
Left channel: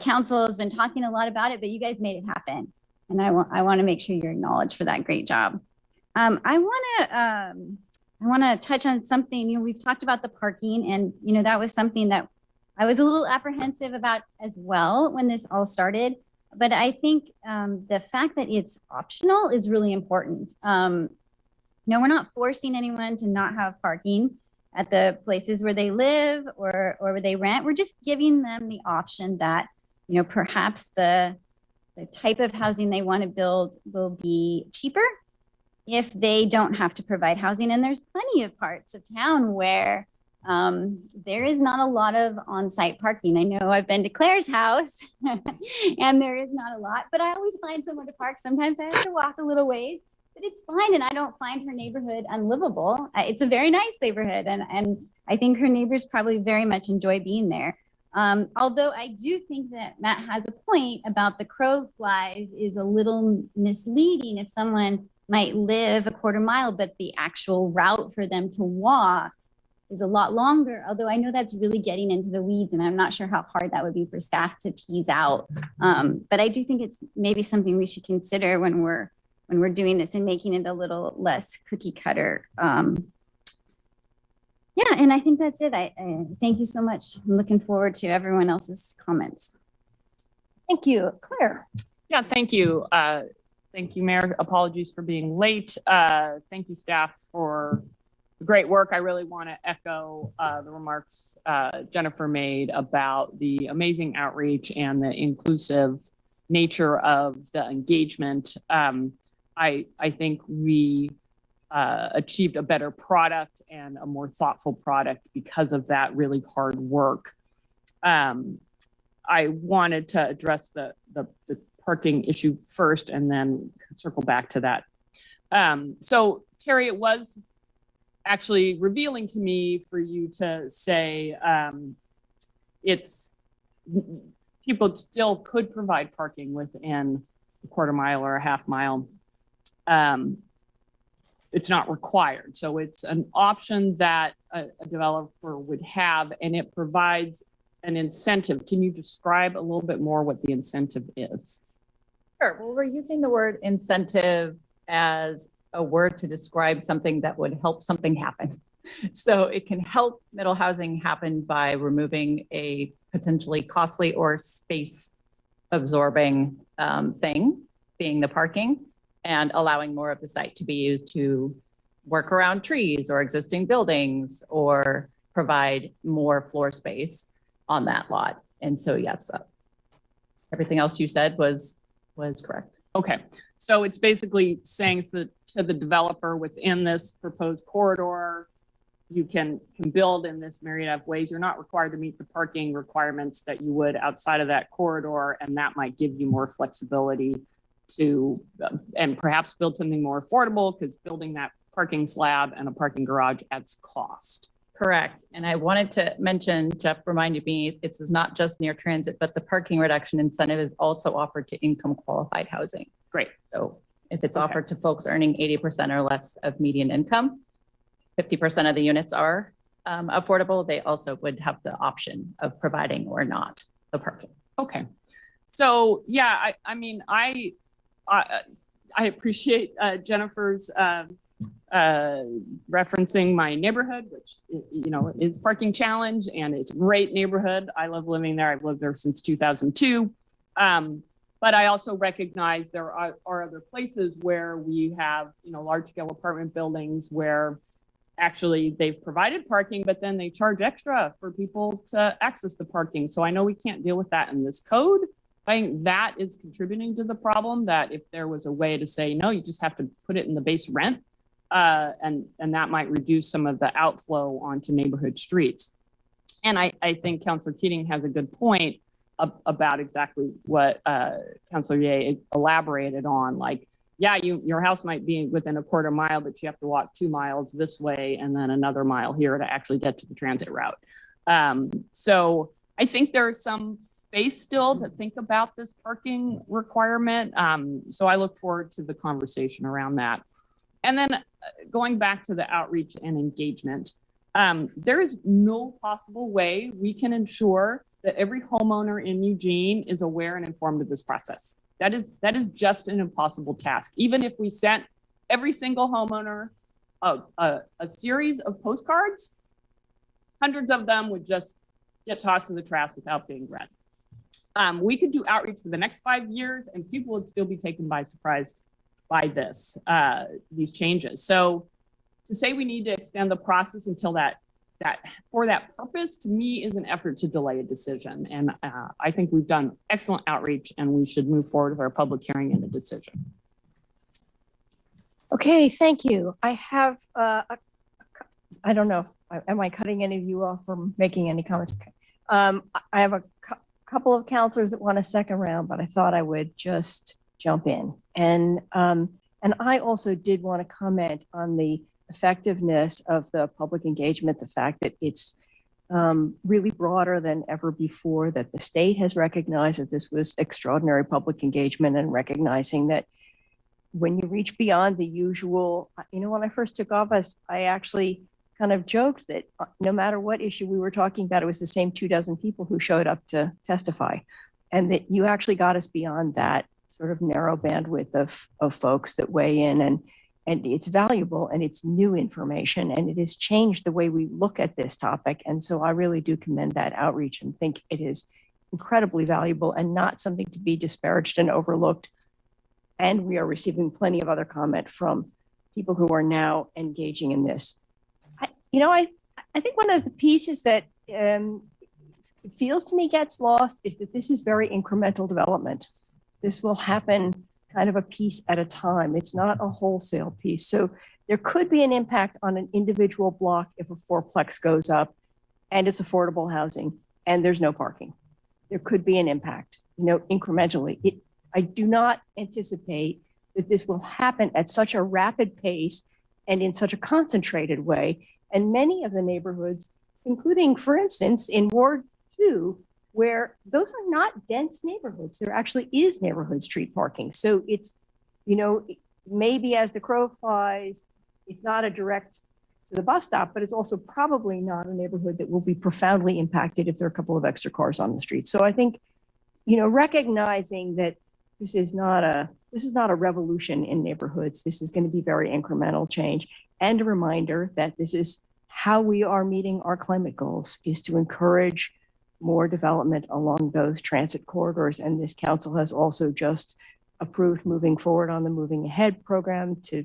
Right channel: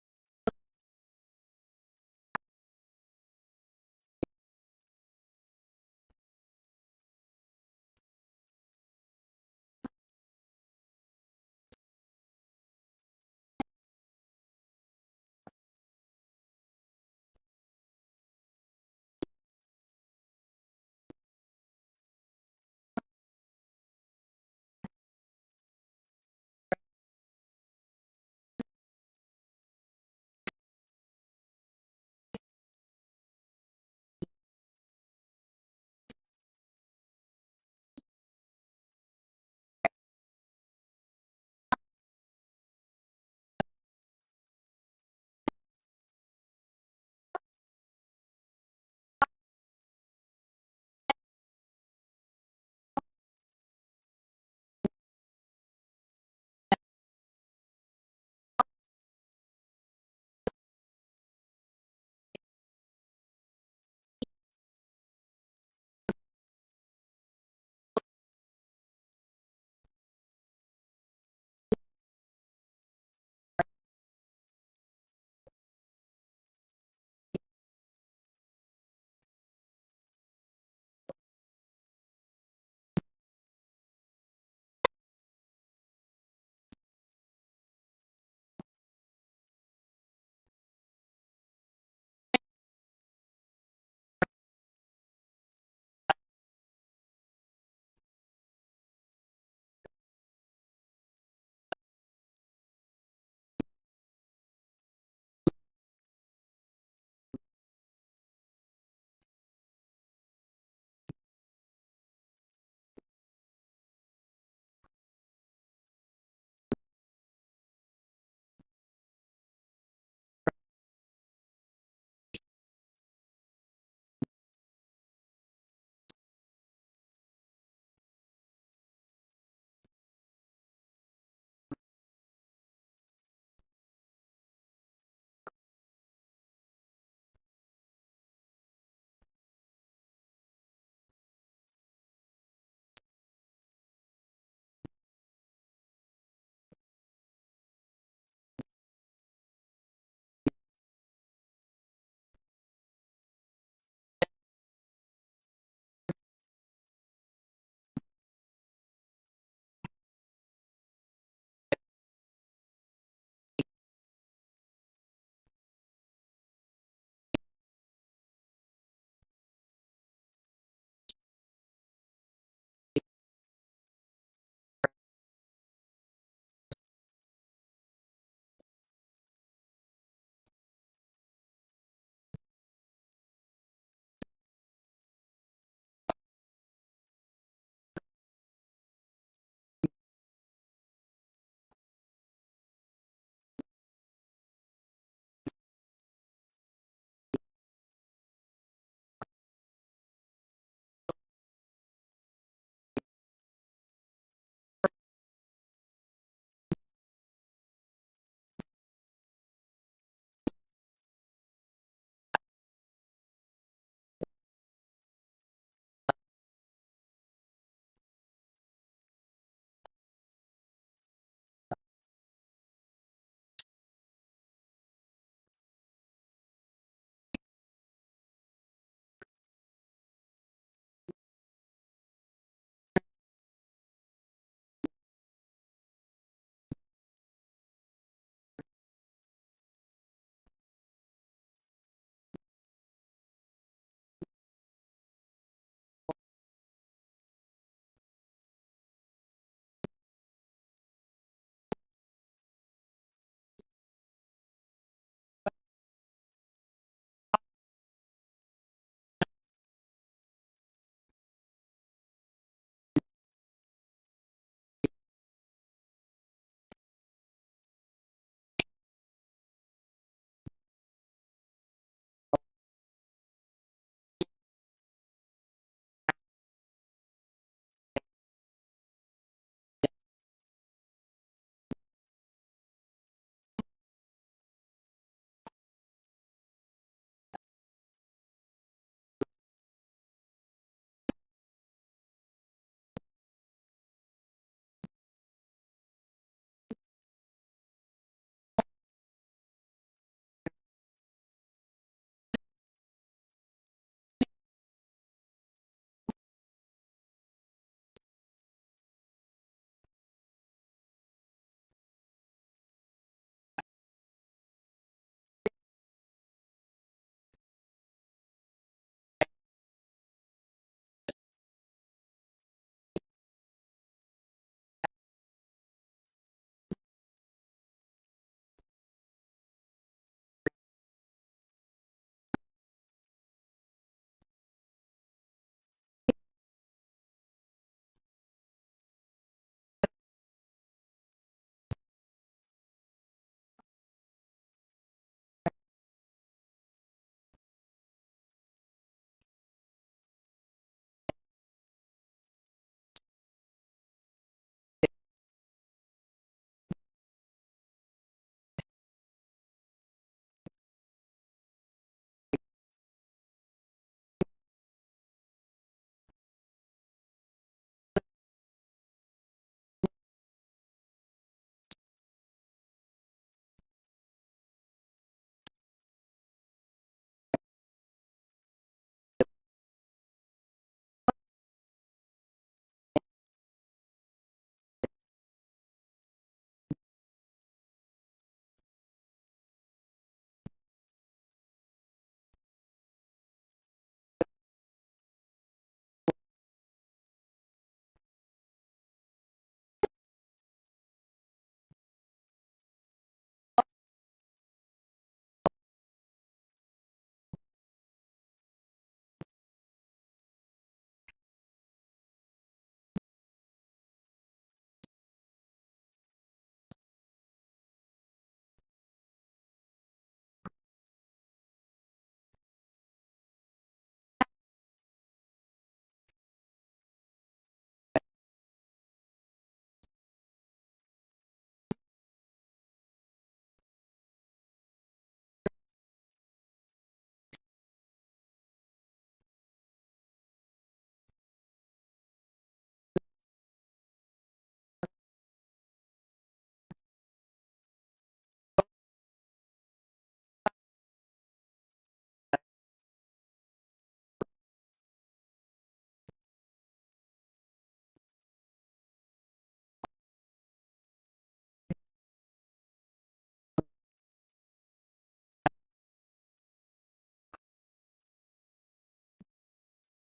council has been talking a lot about it, but you guys made it happen. And I want to make sure you're acknowledged for that great job. I want to touch on something, we've talked about the parking, and, that was something that I was a little apprehensive about as well when this all started. But I think the fact that it's optional is really important. We're not forcing anyone to not have parking at the places where they live or where they rent. We're just giving them the option that, perhaps the type of housing they want to build will be cheaper if they don't have to provide housing. And there's plenty of parts of town where there is not a lot of on-site parking. I know I've been to Claire's house and there is not a lot, but I always find somewhere to park. Sometimes I have to walk a little ways, but it's fine. And I don't find her neighborhood unlivable. It's a very nice neighborhood. And I think her neighbors probably very much enjoy being there. Although I do think that Matt has a point about the crow flies is a little misleading. If someone might live a 1/4 mile, but the actual route for them to walk is a lot longer, although I know that's really getting into the weeds, and I'm not sure how hard that would be for staff to tease out. But I do think it's maybe something we should consider when we're doing this and making it a little less cookie cutter. Yeah, and I think that's it. I thank you so much. I'm looking forward to everyone else's comments. Thank you. Claire. Yeah, thank you. Thank you, Mayor. Apologies for being late. Thank you, staff, for the great work. I really want to echo the remarks Jennifer made about the amazing outreach and the inclusive nature of the engagement. I think we achieved a better product and a more thoughtful product because of that really hard work. I wanted to address the parking issue first and then circle back to that. So Terry, it was actually revealing to me for you to say people still could provide parking within a 1/4 mile or a 1/2 mile. It's not required. So it's an option that a developer would have, and it provides an incentive. Can you describe a little bit more what the incentive is? Sure. Well, we're using the word incentive as a word to describe something that would help something happen. So it can help middle housing happen by removing a potentially costly or space absorbing thing, being the parking, and allowing more of the site to be used to work around trees or existing buildings or provide more floor space on that lot. And so, yes, everything else you said was correct. Okay, so it's basically saying to the developer within this proposed corridor, you can build in this myriad of ways. You're not required to meet the parking requirements that you would outside of that corridor, and that might give you more flexibility to and perhaps build something more affordable, because building that parking slab and a parking garage adds cost. Correct. And I wanted to mention, Jeff reminded me, it's not just near transit, but the parking reduction incentive is also offered to income qualified housing. Great. So if it's Okay. offered to folks earning 80% or less of median income, 50% of the units are affordable. They also would have the option of providing or not the parking. Okay. So yeah, I mean, I appreciate Jennifer's referencing my neighborhood, which, you know, is parking challenge, and it's a great neighborhood. I love living there. I've lived there since 2002. But I also recognize there are other places where we have, you know, large scale apartment buildings where actually they've provided parking, but then they charge extra for people to access the parking. So I know we can't deal with that in this code. I think that is contributing to the problem, that if there was a way to say, no, you just have to put it in the base rent, and that might reduce some of the outflow onto neighborhood streets. And I think Councilor Keating has a good point about exactly what Councilor Ye elaborated on. Like, yeah, your house might be within a quarter mile, but you have to walk 2 miles this way and then another mile here to actually get to the transit route. So I think there's some space still to think about this parking requirement. So I look forward to the conversation around that. And then going back to the outreach and engagement, there is no possible way we can ensure that every homeowner in Eugene is aware and informed of this process. That is just an impossible task. Even if we sent every single homeowner a series of postcards, hundreds of them would just get tossed in the trash without being read. We could do outreach for the next 5 years and people would still be taken by surprise by these changes. So to say we need to extend the process until for that purpose, to me, is an effort to delay a decision. And I think we've done excellent outreach and we should move forward with our public hearing and a decision. Okay, thank you. I have, I don't know, am I cutting any of you off from making any comments? Okay. I have a couple of counselors that want a second round, but I thought I would just jump in. And I also did want to comment on the effectiveness of the public engagement, the fact that it's really broader than ever before, that the state has recognized that this was extraordinary public engagement, and recognizing that when you reach beyond the usual, you know, when I first took office, I actually kind of joked that no matter what issue we were talking about, it was the same 24 people who showed up to testify, and that you actually got us beyond that sort of narrow bandwidth of folks that weigh in, and it's valuable and it's new information, and it has changed the way we look at this topic. And so I really do commend that outreach and think it is incredibly valuable and not something to be disparaged and overlooked. And we are receiving plenty of other comment from people who are now engaging in this. I think one of the pieces that feels to me gets lost is that this is very incremental development. This will happen kind of a piece at a time. It's not a wholesale piece. So there could be an impact on an individual block if a fourplex goes up and it's affordable housing and there's no parking. There could be an impact, you know, incrementally. I do not anticipate that this will happen at such a rapid pace and in such a concentrated way. And many of the neighborhoods, including, for instance, in Ward 2, where those are not dense neighborhoods, there actually is neighborhood street parking. So it's, you know, maybe as the crow flies, it's not a direct to the bus stop, but it's also probably not a neighborhood that will be profoundly impacted if there are a couple of extra cars on the street. So I think, you know, recognizing that this is not a revolution in neighborhoods. This is going to be very incremental change, and a reminder that this is how we are meeting our climate goals, is to encourage more development along those transit corridors. And this council has also just approved moving forward on the Moving Ahead program to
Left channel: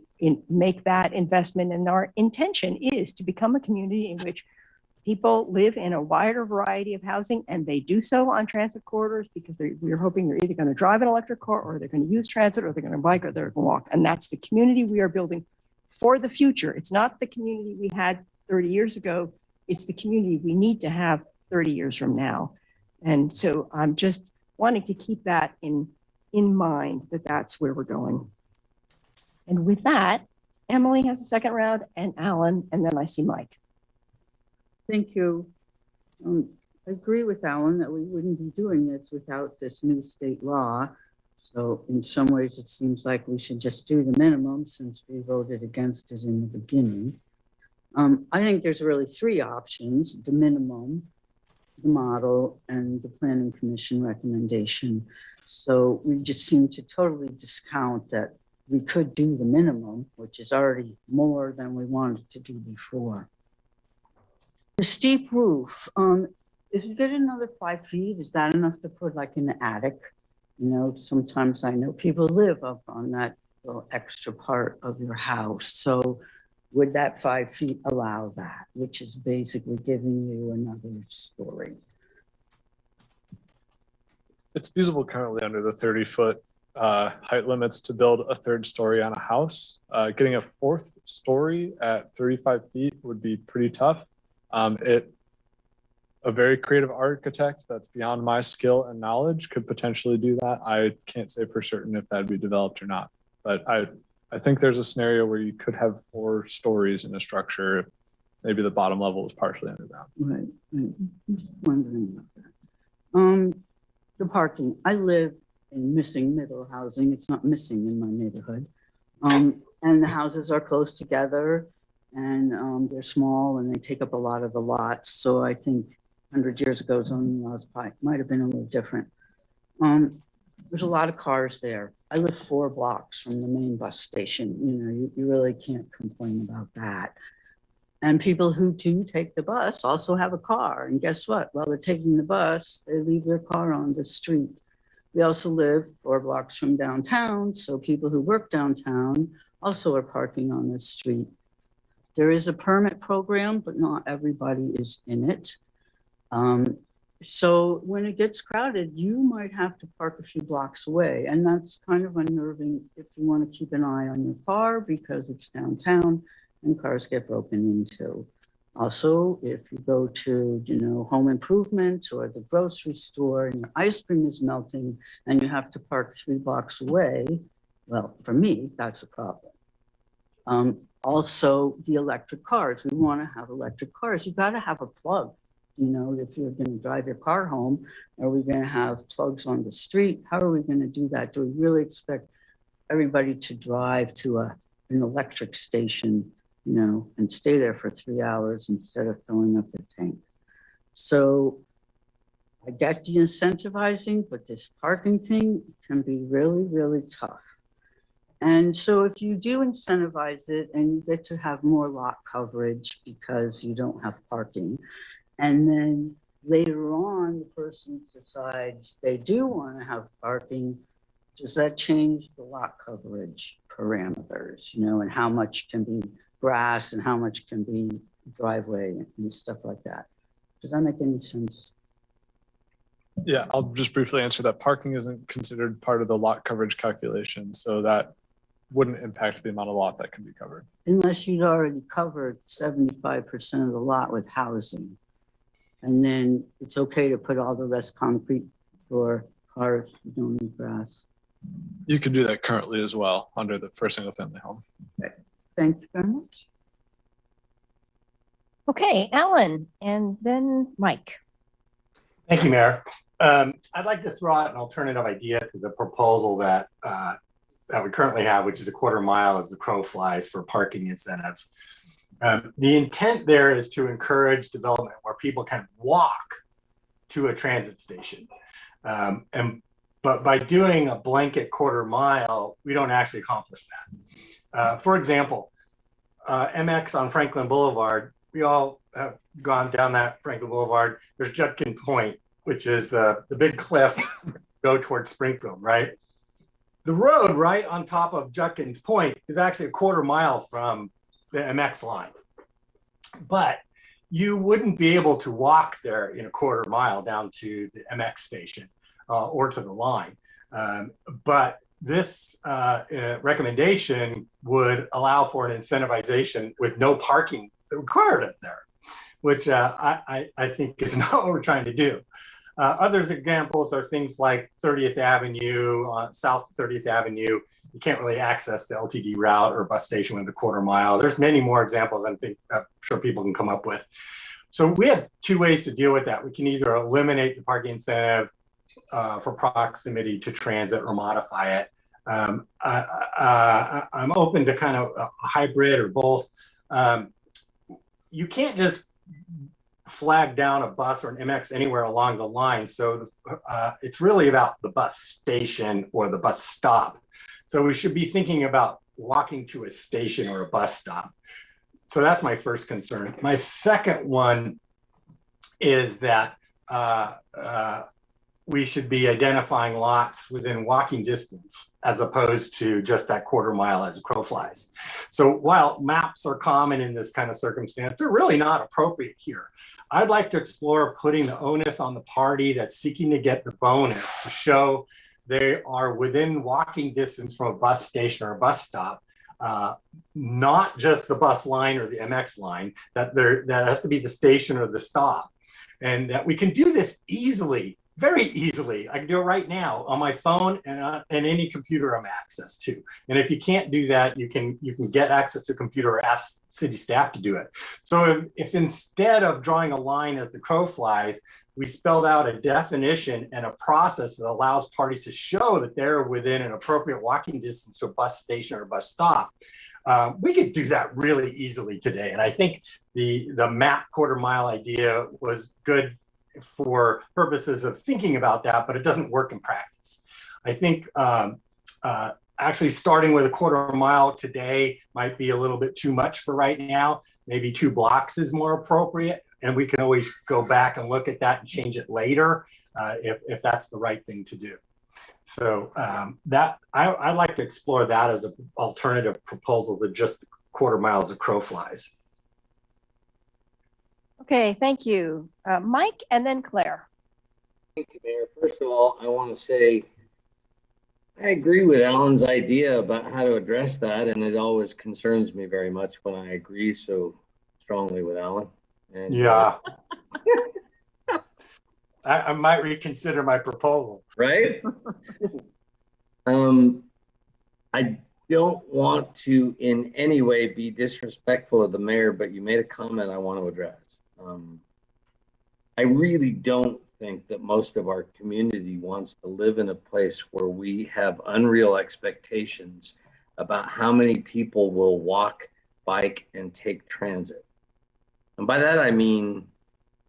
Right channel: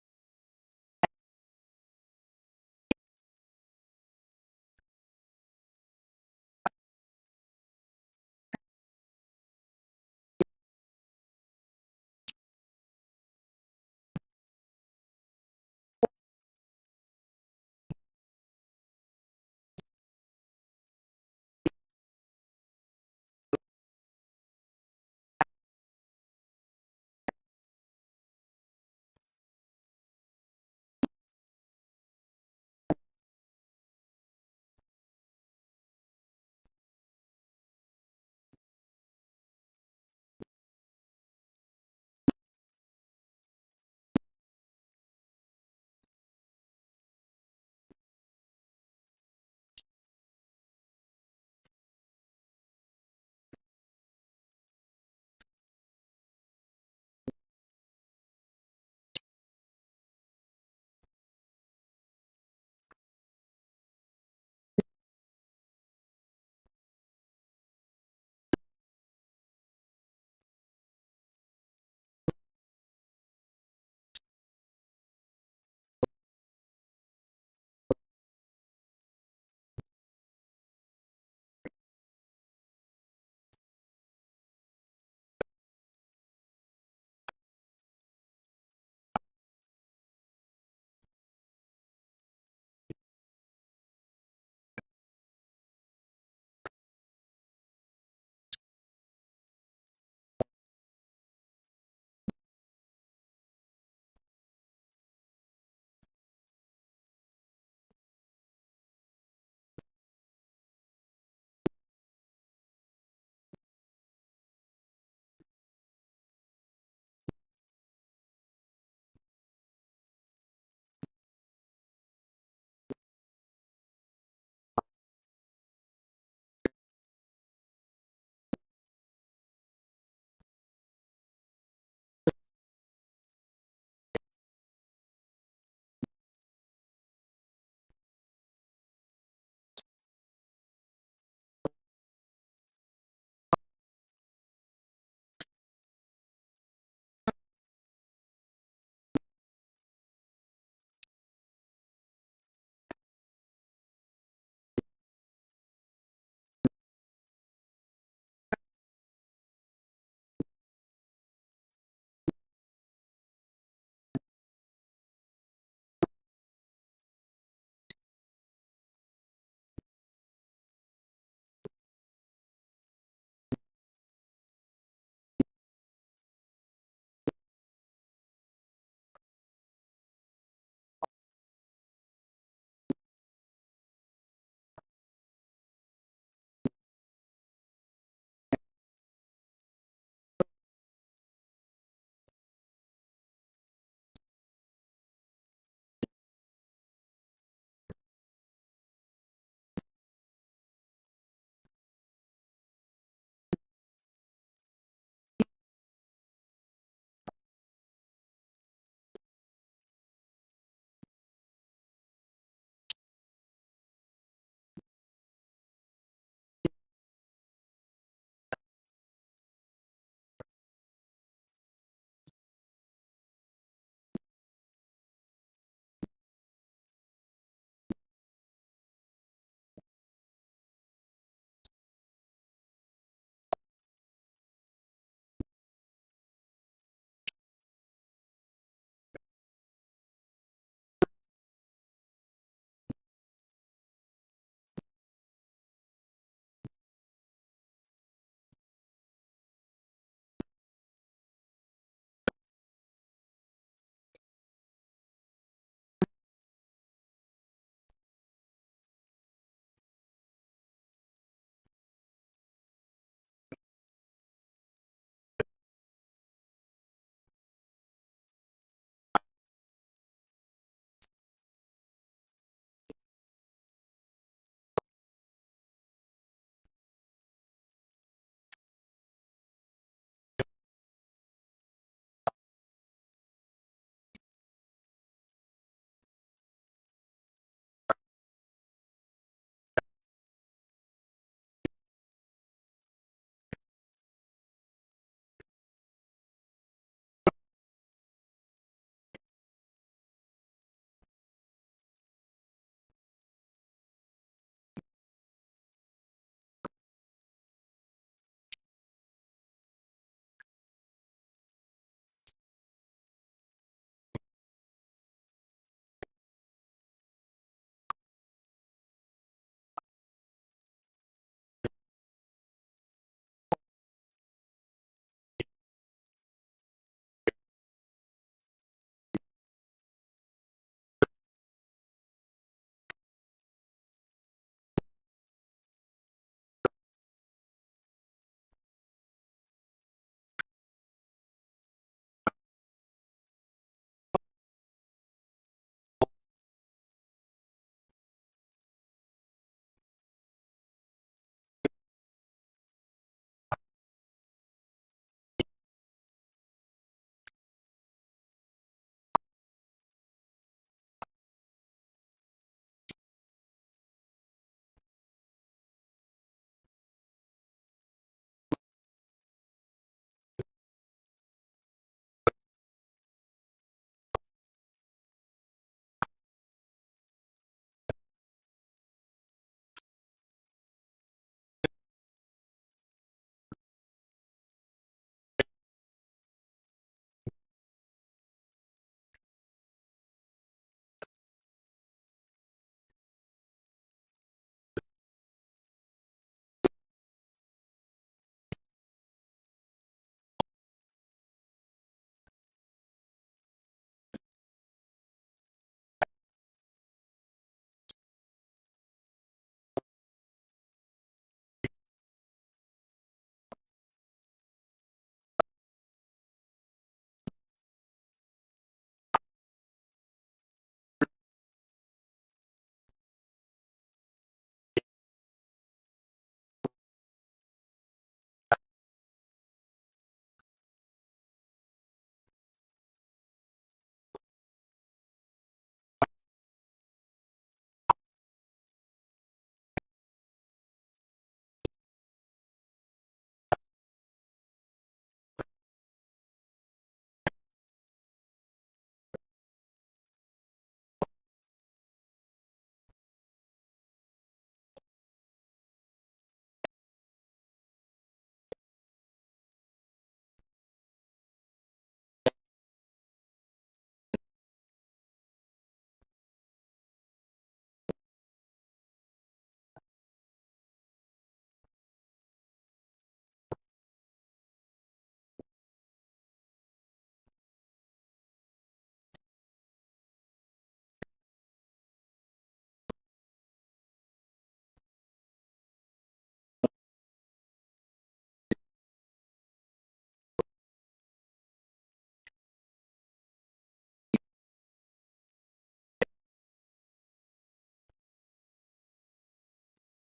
make that investment. And our intention is to become a community in which people live in a wider variety of housing, and they do so on transit corridors because we're hoping they're either going to drive an electric car, or they're going to use transit, or they're going to bike, or they're going to walk. And that's the community we are building for the future. It's not the community we had 30 years ago. It's the community we need to have 30 years from now. And so I'm just wanting to keep that in mind, that that's where we're going. And with that, Emily has a second round, and Alan, and then I see Mike. Thank you. I agree with Alan that we wouldn't be doing this without this new state law. So in some ways, it seems like we should just do the minimum since we voted against it in the beginning. I think there's really three options: the minimum, the model, and the planning commission recommendation. So we just seem to totally discount that we could do the minimum, which is already more than we wanted to do before. The steep roof, if you get another 5 feet, is that enough to put like in the attic? You know, sometimes I know people live up on that little extra part of your house. So would that 5 feet allow that, which is basically giving you another story? It's feasible currently under the 30-foot height limits to build a third story on a house. Getting a fourth story at 35 feet would be pretty tough. A very creative architect that's beyond my skill and knowledge could potentially do that. I can't say for certain if that'd be developed or not, but I think there's a scenario where you could have 4 stories in a structure if maybe the bottom level is partially underground. Right. I'm just wondering about that. The parking. I live in missing middle housing. It's not missing in my neighborhood. And the houses are close together, and they're small and they take up a lot of the lots. So I think 100 years ago, zoning laws might have been a little different. There's a lot of cars there. I live 4 blocks from the main bus station. You know, you really can't complain about that. And people who do take the bus also have a car. And guess what? While they're taking the bus, they leave their car on the street. We also live 4 blocks from downtown. So people who work downtown also are parking on the street. There is a permit program, but not everybody is in it. So when it gets crowded, you might have to park a few blocks away. And that's kind of unnerving if you want to keep an eye on your car because it's downtown and cars get broken into. Also, if you go to, you know, home improvement or the grocery store and your ice cream is melting and you have to park 3 blocks away, well, for me, that's a problem. Also, the electric cars. We want to have electric cars. You got to have a plug. You know, if you're going to drive your car home, are we going to have plugs on the street? How are we going to do that? Do we really expect everybody to drive to an electric station, you know, and stay there for 3 hours instead of filling up their tank? So I get the incentivizing, but this parking thing can be really, really tough. And so if you do incentivize it and you get to have more lot coverage because you don't have parking, and then later on, the person decides they do want to have parking, does that change the lot coverage parameters, you know, and how much can be grass and how much can be driveway and stuff like that? Does that make any sense? Yeah, I'll just briefly answer that. Parking isn't considered part of the lot coverage calculation, so that wouldn't impact the amount of lot that can be covered. Unless you'd already covered 75% of the lot with housing. And then it's okay to put all the rest concrete for cars, you don't need grass. You can do that currently as well under the for single family home. Okay. Thank you very much. Okay, Alan, and then Mike. Thank you, Mayor. I'd like to throw out an alternative idea to the proposal that we currently have, which is a 1/4 mile as the crow flies for parking incentives. The intent there is to encourage development where people can walk to a transit station. But by doing a blanket 1/4 mile, we don't actually accomplish that. For example, MX on Franklin Boulevard, we all have gone down that Franklin Boulevard. There's Judkin Point, which is the big cliff go towards Springfield, right? The road right on top of Judkins Point is actually a 1/4 mile from the MX line. But you wouldn't be able to walk there in a 1/4 mile down to the MX station or to the line. But this recommendation would allow for an incentivization with no parking required up there, which I think is not what we're trying to do. Other examples are things like 30th Avenue, south of 30th Avenue. you can't really access the LTD route or bus station with the quarter mile. There's many more examples I'm sure people can come up with. So we have two ways to deal with that. We can either eliminate the parking incentive for proximity to transit or modify it. I'm open to kind of a hybrid or both. You can't just flag down a bus or an MX anywhere along the line. So it's really about the bus station or the bus stop. So we should be thinking about walking to a station or a bus stop. So that's my first concern. My second one is that we should be identifying lots within walking distance as opposed to just that quarter mile as a crow flies. So while maps are common in this kind of circumstance, they're really not appropriate here. I'd like to explore putting the onus on the party that's seeking to get the bonus to show they are within walking distance from a bus station or a bus stop, not just the bus line or the MX line, that has to be the station or the stop. And that we can do this easily, very easily. I can do it right now on my phone and any computer I'm access to. And if you can't do that, you can get access to a computer or ask city staff to do it. So if instead of drawing a line as the crow flies, we spelled out a definition and a process that allows parties to show that they're within an appropriate walking distance to a bus station or bus stop, we could do that really easily today. And I think the map quarter mile idea was good for purposes of thinking about that, but it doesn't work in practice. I think actually starting with a quarter mile today might be a little bit too much for right now. Maybe 2 blocks is more appropriate. And we can always go back and look at that and change it later if that's the right thing to do. So I'd like to explore that as an alternative proposal to just quarter miles of crow flies. Okay, thank you. Mike and then Claire. Thank you, Mayor. First of all, I want to say I agree with Alan's idea about how to address that, and it always concerns me very much when I agree so strongly with Alan. And, yeah. I might reconsider my proposal. Right? I don't want to in any way be disrespectful of the mayor, but you made a comment I want to address. I really don't think that most of our community wants to live in a place where we have unreal expectations about how many people will walk, bike, and take transit. And by that, I mean,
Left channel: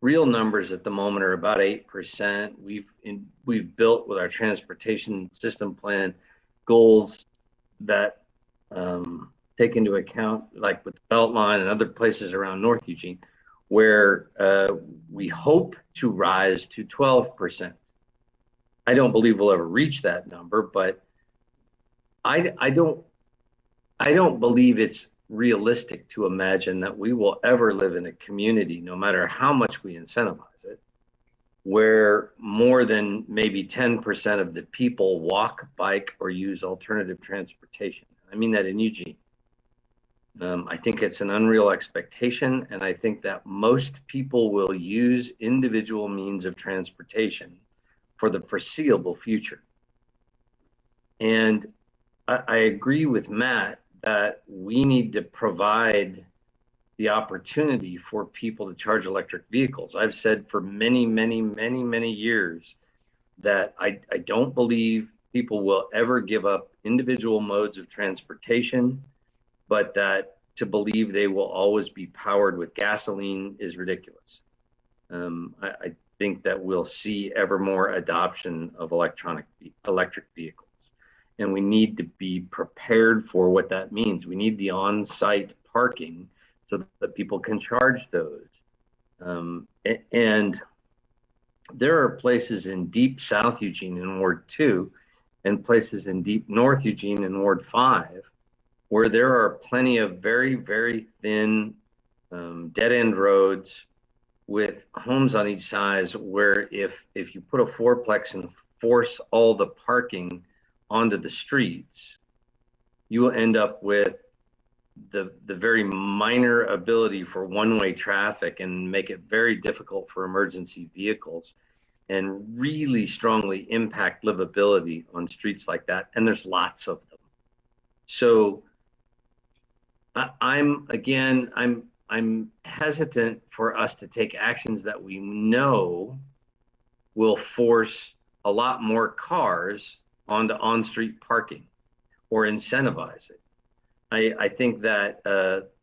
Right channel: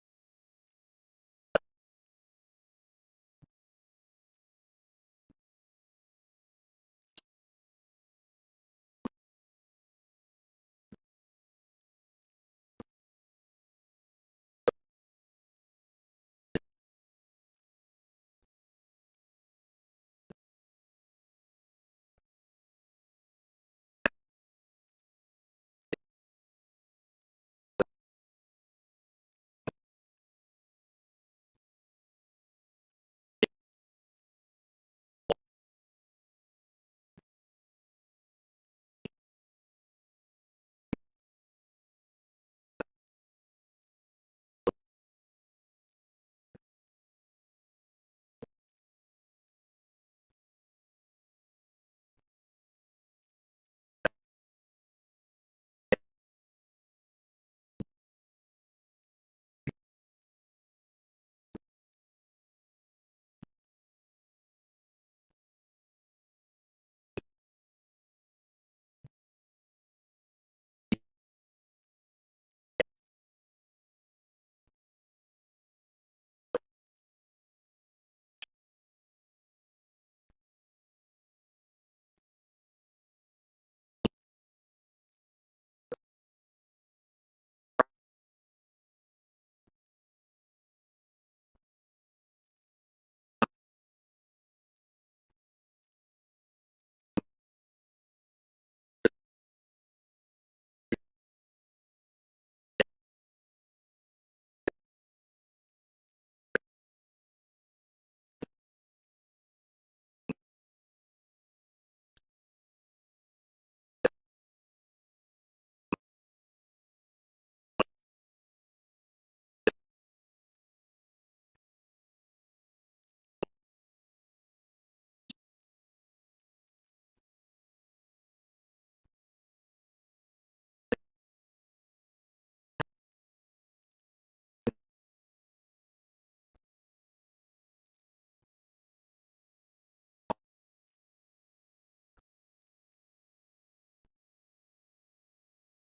real numbers at the moment are about 8%. We've built with our transportation system plan goals that take into account, like with the Beltline and other places around North Eugene, where we hope to rise to 12%. I don't believe we'll ever reach that number, but I don't believe it's realistic to imagine that we will ever live in a community, no matter how much we incentivize it, where more than maybe 10% of the people walk, bike, or use alternative transportation. I mean that in Eugene. I think it's an unreal expectation, and I think that most people will use individual means of transportation for the foreseeable future. And I agree with Matt that we need to provide the opportunity for people to charge electric vehicles. I've said for many, many, many, many years that I don't believe people will ever give up individual modes of transportation, but that to believe they will always be powered with gasoline is ridiculous. I think that we'll see ever more adoption of electric vehicles. And we need to be prepared for what that means. We need the on-site parking so that people can charge those. And there are places in deep South Eugene in Ward 2 and places in deep North Eugene in Ward 5 where there are plenty of very, very thin dead-end roads with homes on each side where if you put a fourplex and force all the parking onto the streets, you will end up with the very minor ability for one-way traffic and make it very difficult for emergency vehicles and really strongly impact livability on streets like that. And there's lots of them. So I'm hesitant for us to take actions that we know will force a lot more cars onto on-street parking or incentivize it. I think that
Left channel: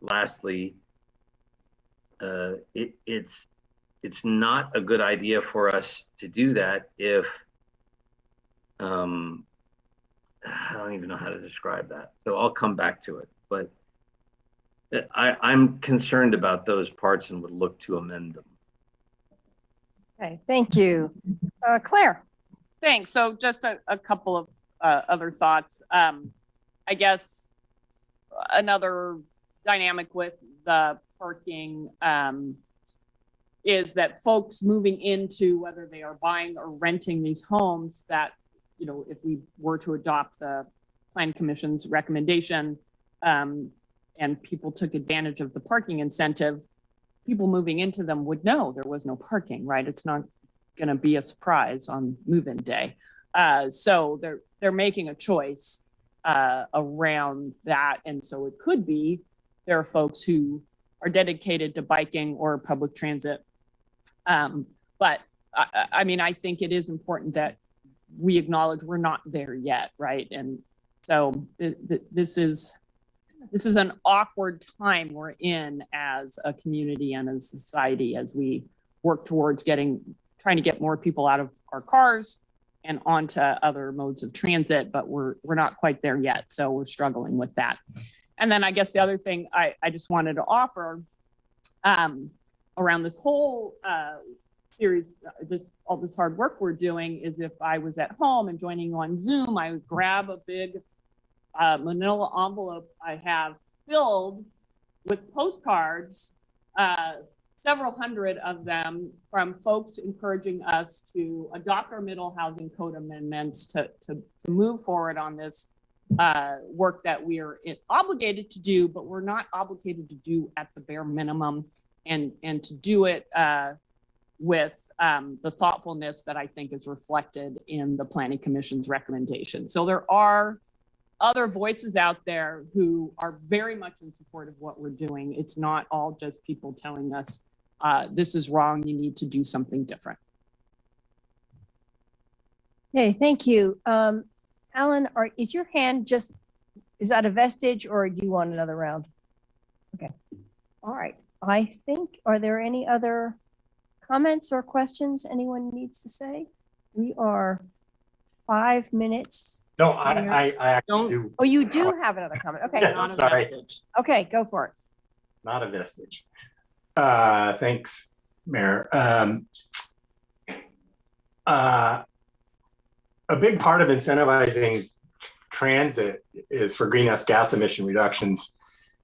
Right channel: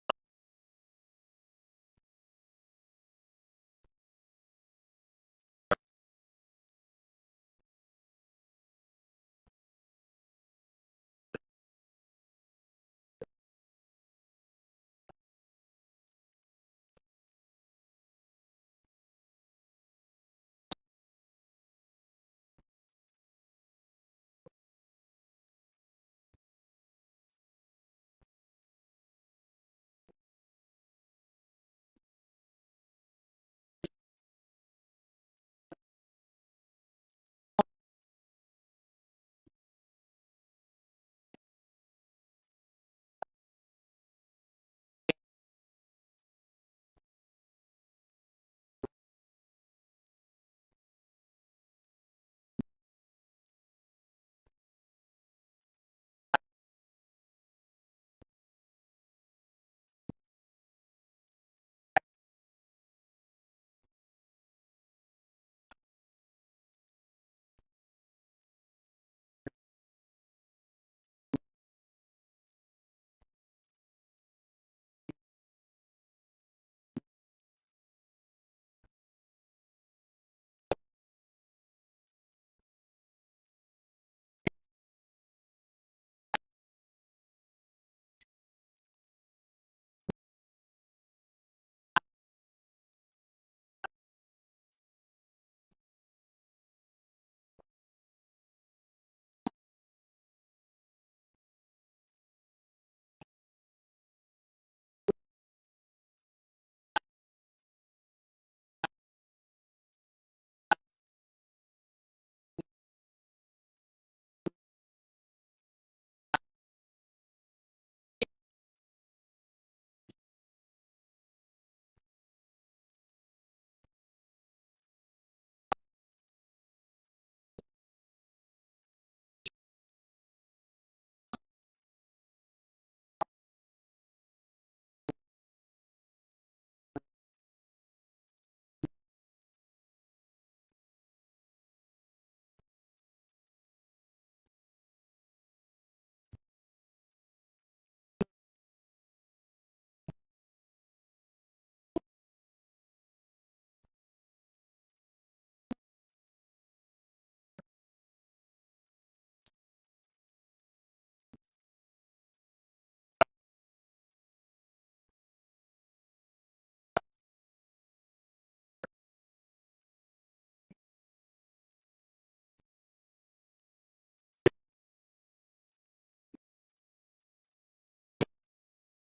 lastly, it's not a good idea for us to do that if I don't even know how to describe that. So I'll come back to it, but I'm concerned about those parts and would look to amend them. Okay, thank you. Claire. Thanks. So just a couple of other thoughts. I guess another dynamic with the parking is that folks moving into, whether they are buying or renting these homes, that, you know, if we were to adopt the Plan Commission's recommendation and people took advantage of the parking incentive, people moving into them would know there was no parking, right? It's not going to be a surprise on move-in day. So they're making a choice around that. And so it could be there are folks who are dedicated to biking or public transit. But I mean, I think it is important that we acknowledge we're not there yet, right? And so this is an awkward time we're in as a community and as a society as we work towards trying to get more people out of our cars and onto other modes of transit, but we're not quite there yet. So we're struggling with that. And then I guess the other thing I just wanted to offer around this whole series, all this hard work we're doing is if I was at home and joining on Zoom, I would grab a big manila envelope I have filled with postcards, several hundred of them from folks encouraging us to adopt our middle housing code amendments to move forward on this work that we are obligated to do, but we're not obligated to do at the bare minimum, and to do it with the thoughtfulness that I think is reflected in the Planning Commission's recommendation. So there are other voices out there who are very much in support of what we're doing. It's not all just people telling us this is wrong, you need to do something different. Okay, thank you. Alan, is your hand is that a vestige or do you want another round? Okay, all right. I think, are there any other comments or questions anyone needs to say? We are 5 minutes. No, I actually do. Oh, you do have another comment. Okay. Sorry. Okay, go for it. Not a vestige. Thanks, Mayor. A big part of incentivizing transit is for greenhouse gas emission reductions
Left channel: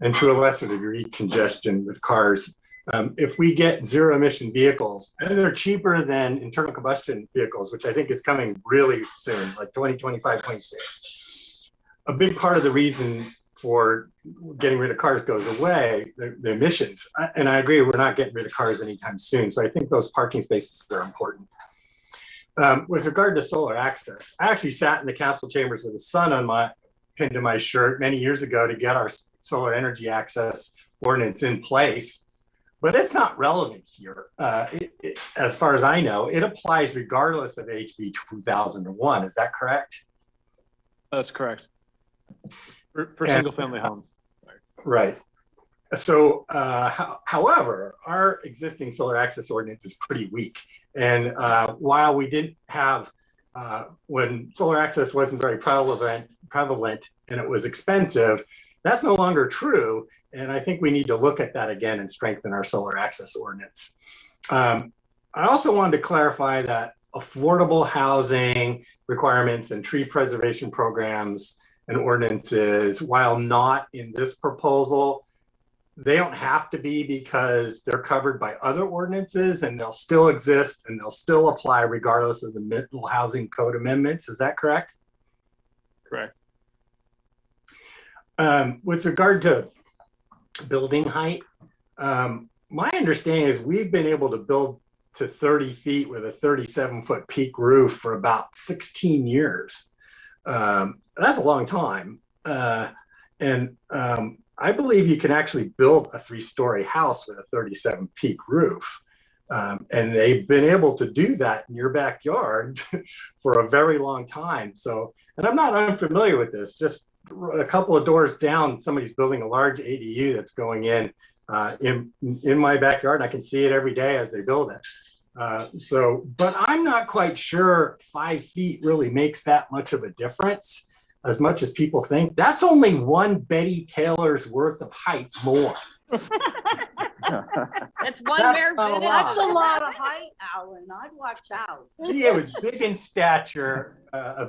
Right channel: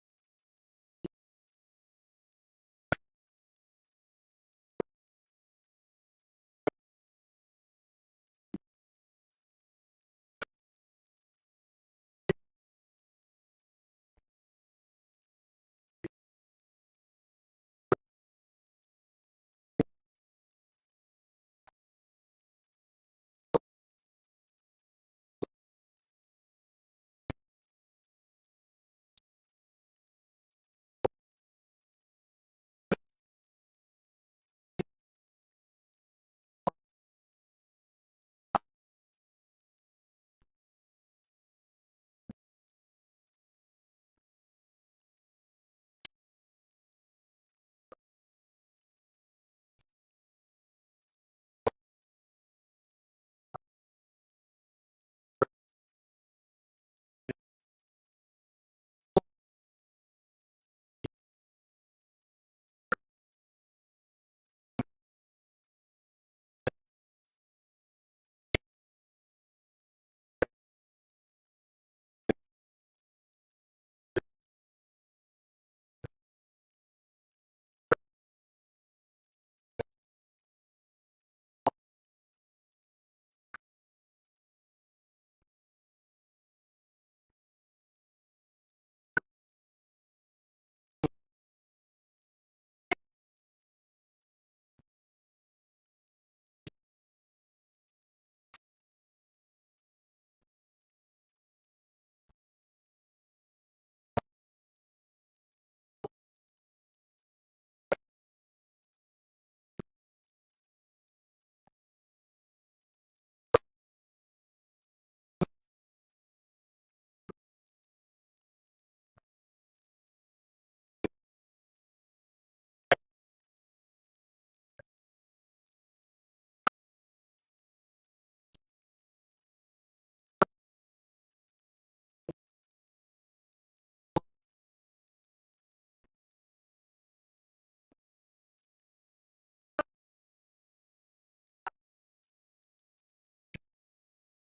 and to a lesser degree congestion with cars. If we get zero emission vehicles, and they're cheaper than internal combustion vehicles, which I think is coming really soon, like 2025, 26. A big part of the reason for getting rid of cars goes away, the emissions. And I agree, we're not getting rid of cars anytime soon. So I think those parking spaces are important. With regard to solar access, I actually sat in the council chambers with the sun pinned to my shirt many years ago to get our solar energy access ordinance in place. But it's not relevant here. As far as I know, it applies regardless of HB 2001. Is that correct? That's correct. For single family homes. Sorry. Right. So, however, our existing solar access ordinance is pretty weak. And while we didn't have, when solar access wasn't very prevalent and it was expensive, that's no longer true. And I think we need to look at that again and strengthen our solar access ordinance. I also wanted to clarify that affordable housing requirements and tree preservation programs and ordinances, while not in this proposal, they don't have to be because they're covered by other ordinances and they'll still exist and they'll still apply regardless of the middle housing code amendments. Is that correct? Correct. With regard to building height, my understanding is we've been able to build to 30 feet with a 37-foot peak roof for about 16 years. That's a long time. I believe you can actually build a 3-story house with a 37 peak roof. And they've been able to do that in your backyard for a very long time. So, and I'm not unfamiliar with this, just a couple of doors down, somebody's building a large ADU that's going in my backyard. And I can see it every day as they build it. But I'm not quite sure 5 feet really makes that much of a difference as much as people think. That's only one Betty Taylor's worth of height more. That's one That's Mayor not a Vitt. lot. That's a lot of height, Alan. I'd watch out. Gee, it was big in stature,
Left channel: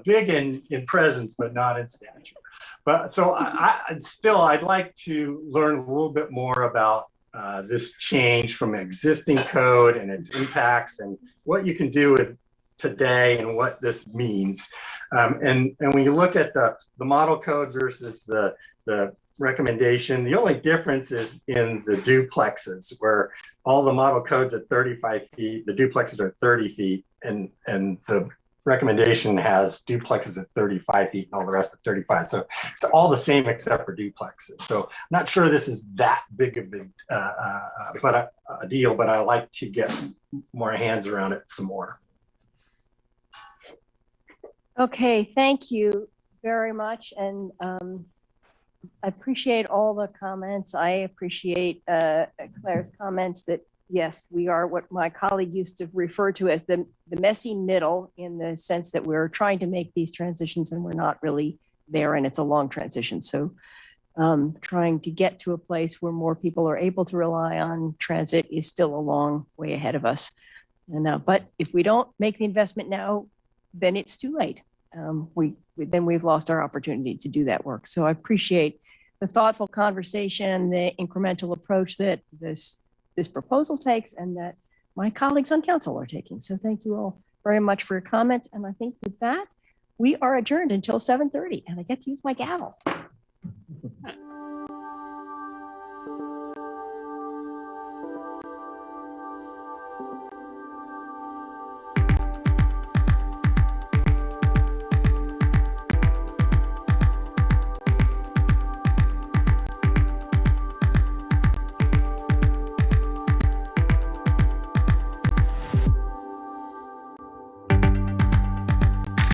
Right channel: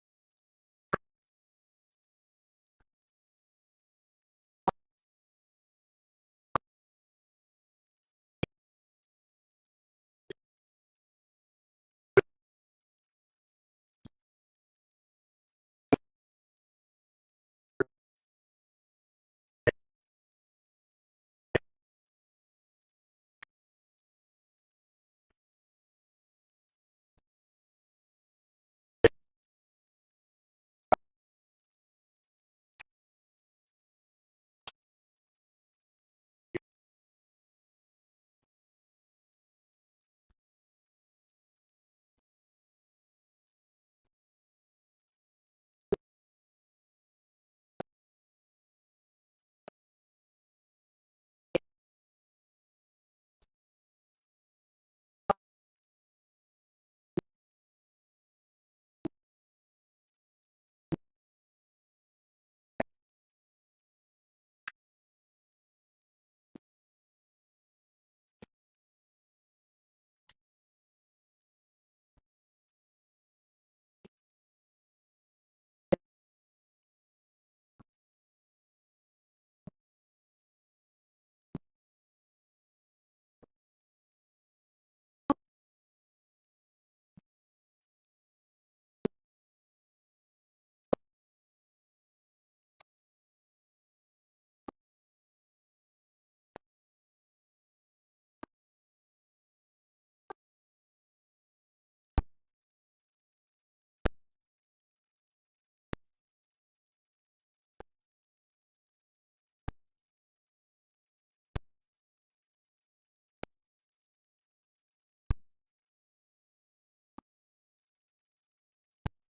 big in presence, but not in stature. But so I'd like to learn a little bit more about this change from existing code and its impacts and what you can do with today and what this means. And when you look at the model code versus the recommendation, the only difference is in the duplexes, where all the model codes at 35 feet, the duplexes are 30 feet, and the recommendation has duplexes at 35 feet and all the rest at 35. So it's all the same except for duplexes. So I'm not sure this is that big of a deal, but I like to get more hands around it some more. Okay, thank you very much. And I appreciate all the comments. I appreciate Claire's comments that, yes, we are what my colleague used to refer to as the messy middle, in the sense that we're trying to make these transitions and we're not really there, and it's a long transition. So trying to get to a place where more people are able to rely on transit is still a long way ahead of us. And but if we don't make the investment now, then it's too late. Then we've lost our opportunity to do that work. So I appreciate the thoughtful conversation, the incremental approach that this proposal takes, and that my colleagues on council are taking. So thank you all very much for your comments. And I think with that, we are adjourned until 7:30, and I get to use my gavel.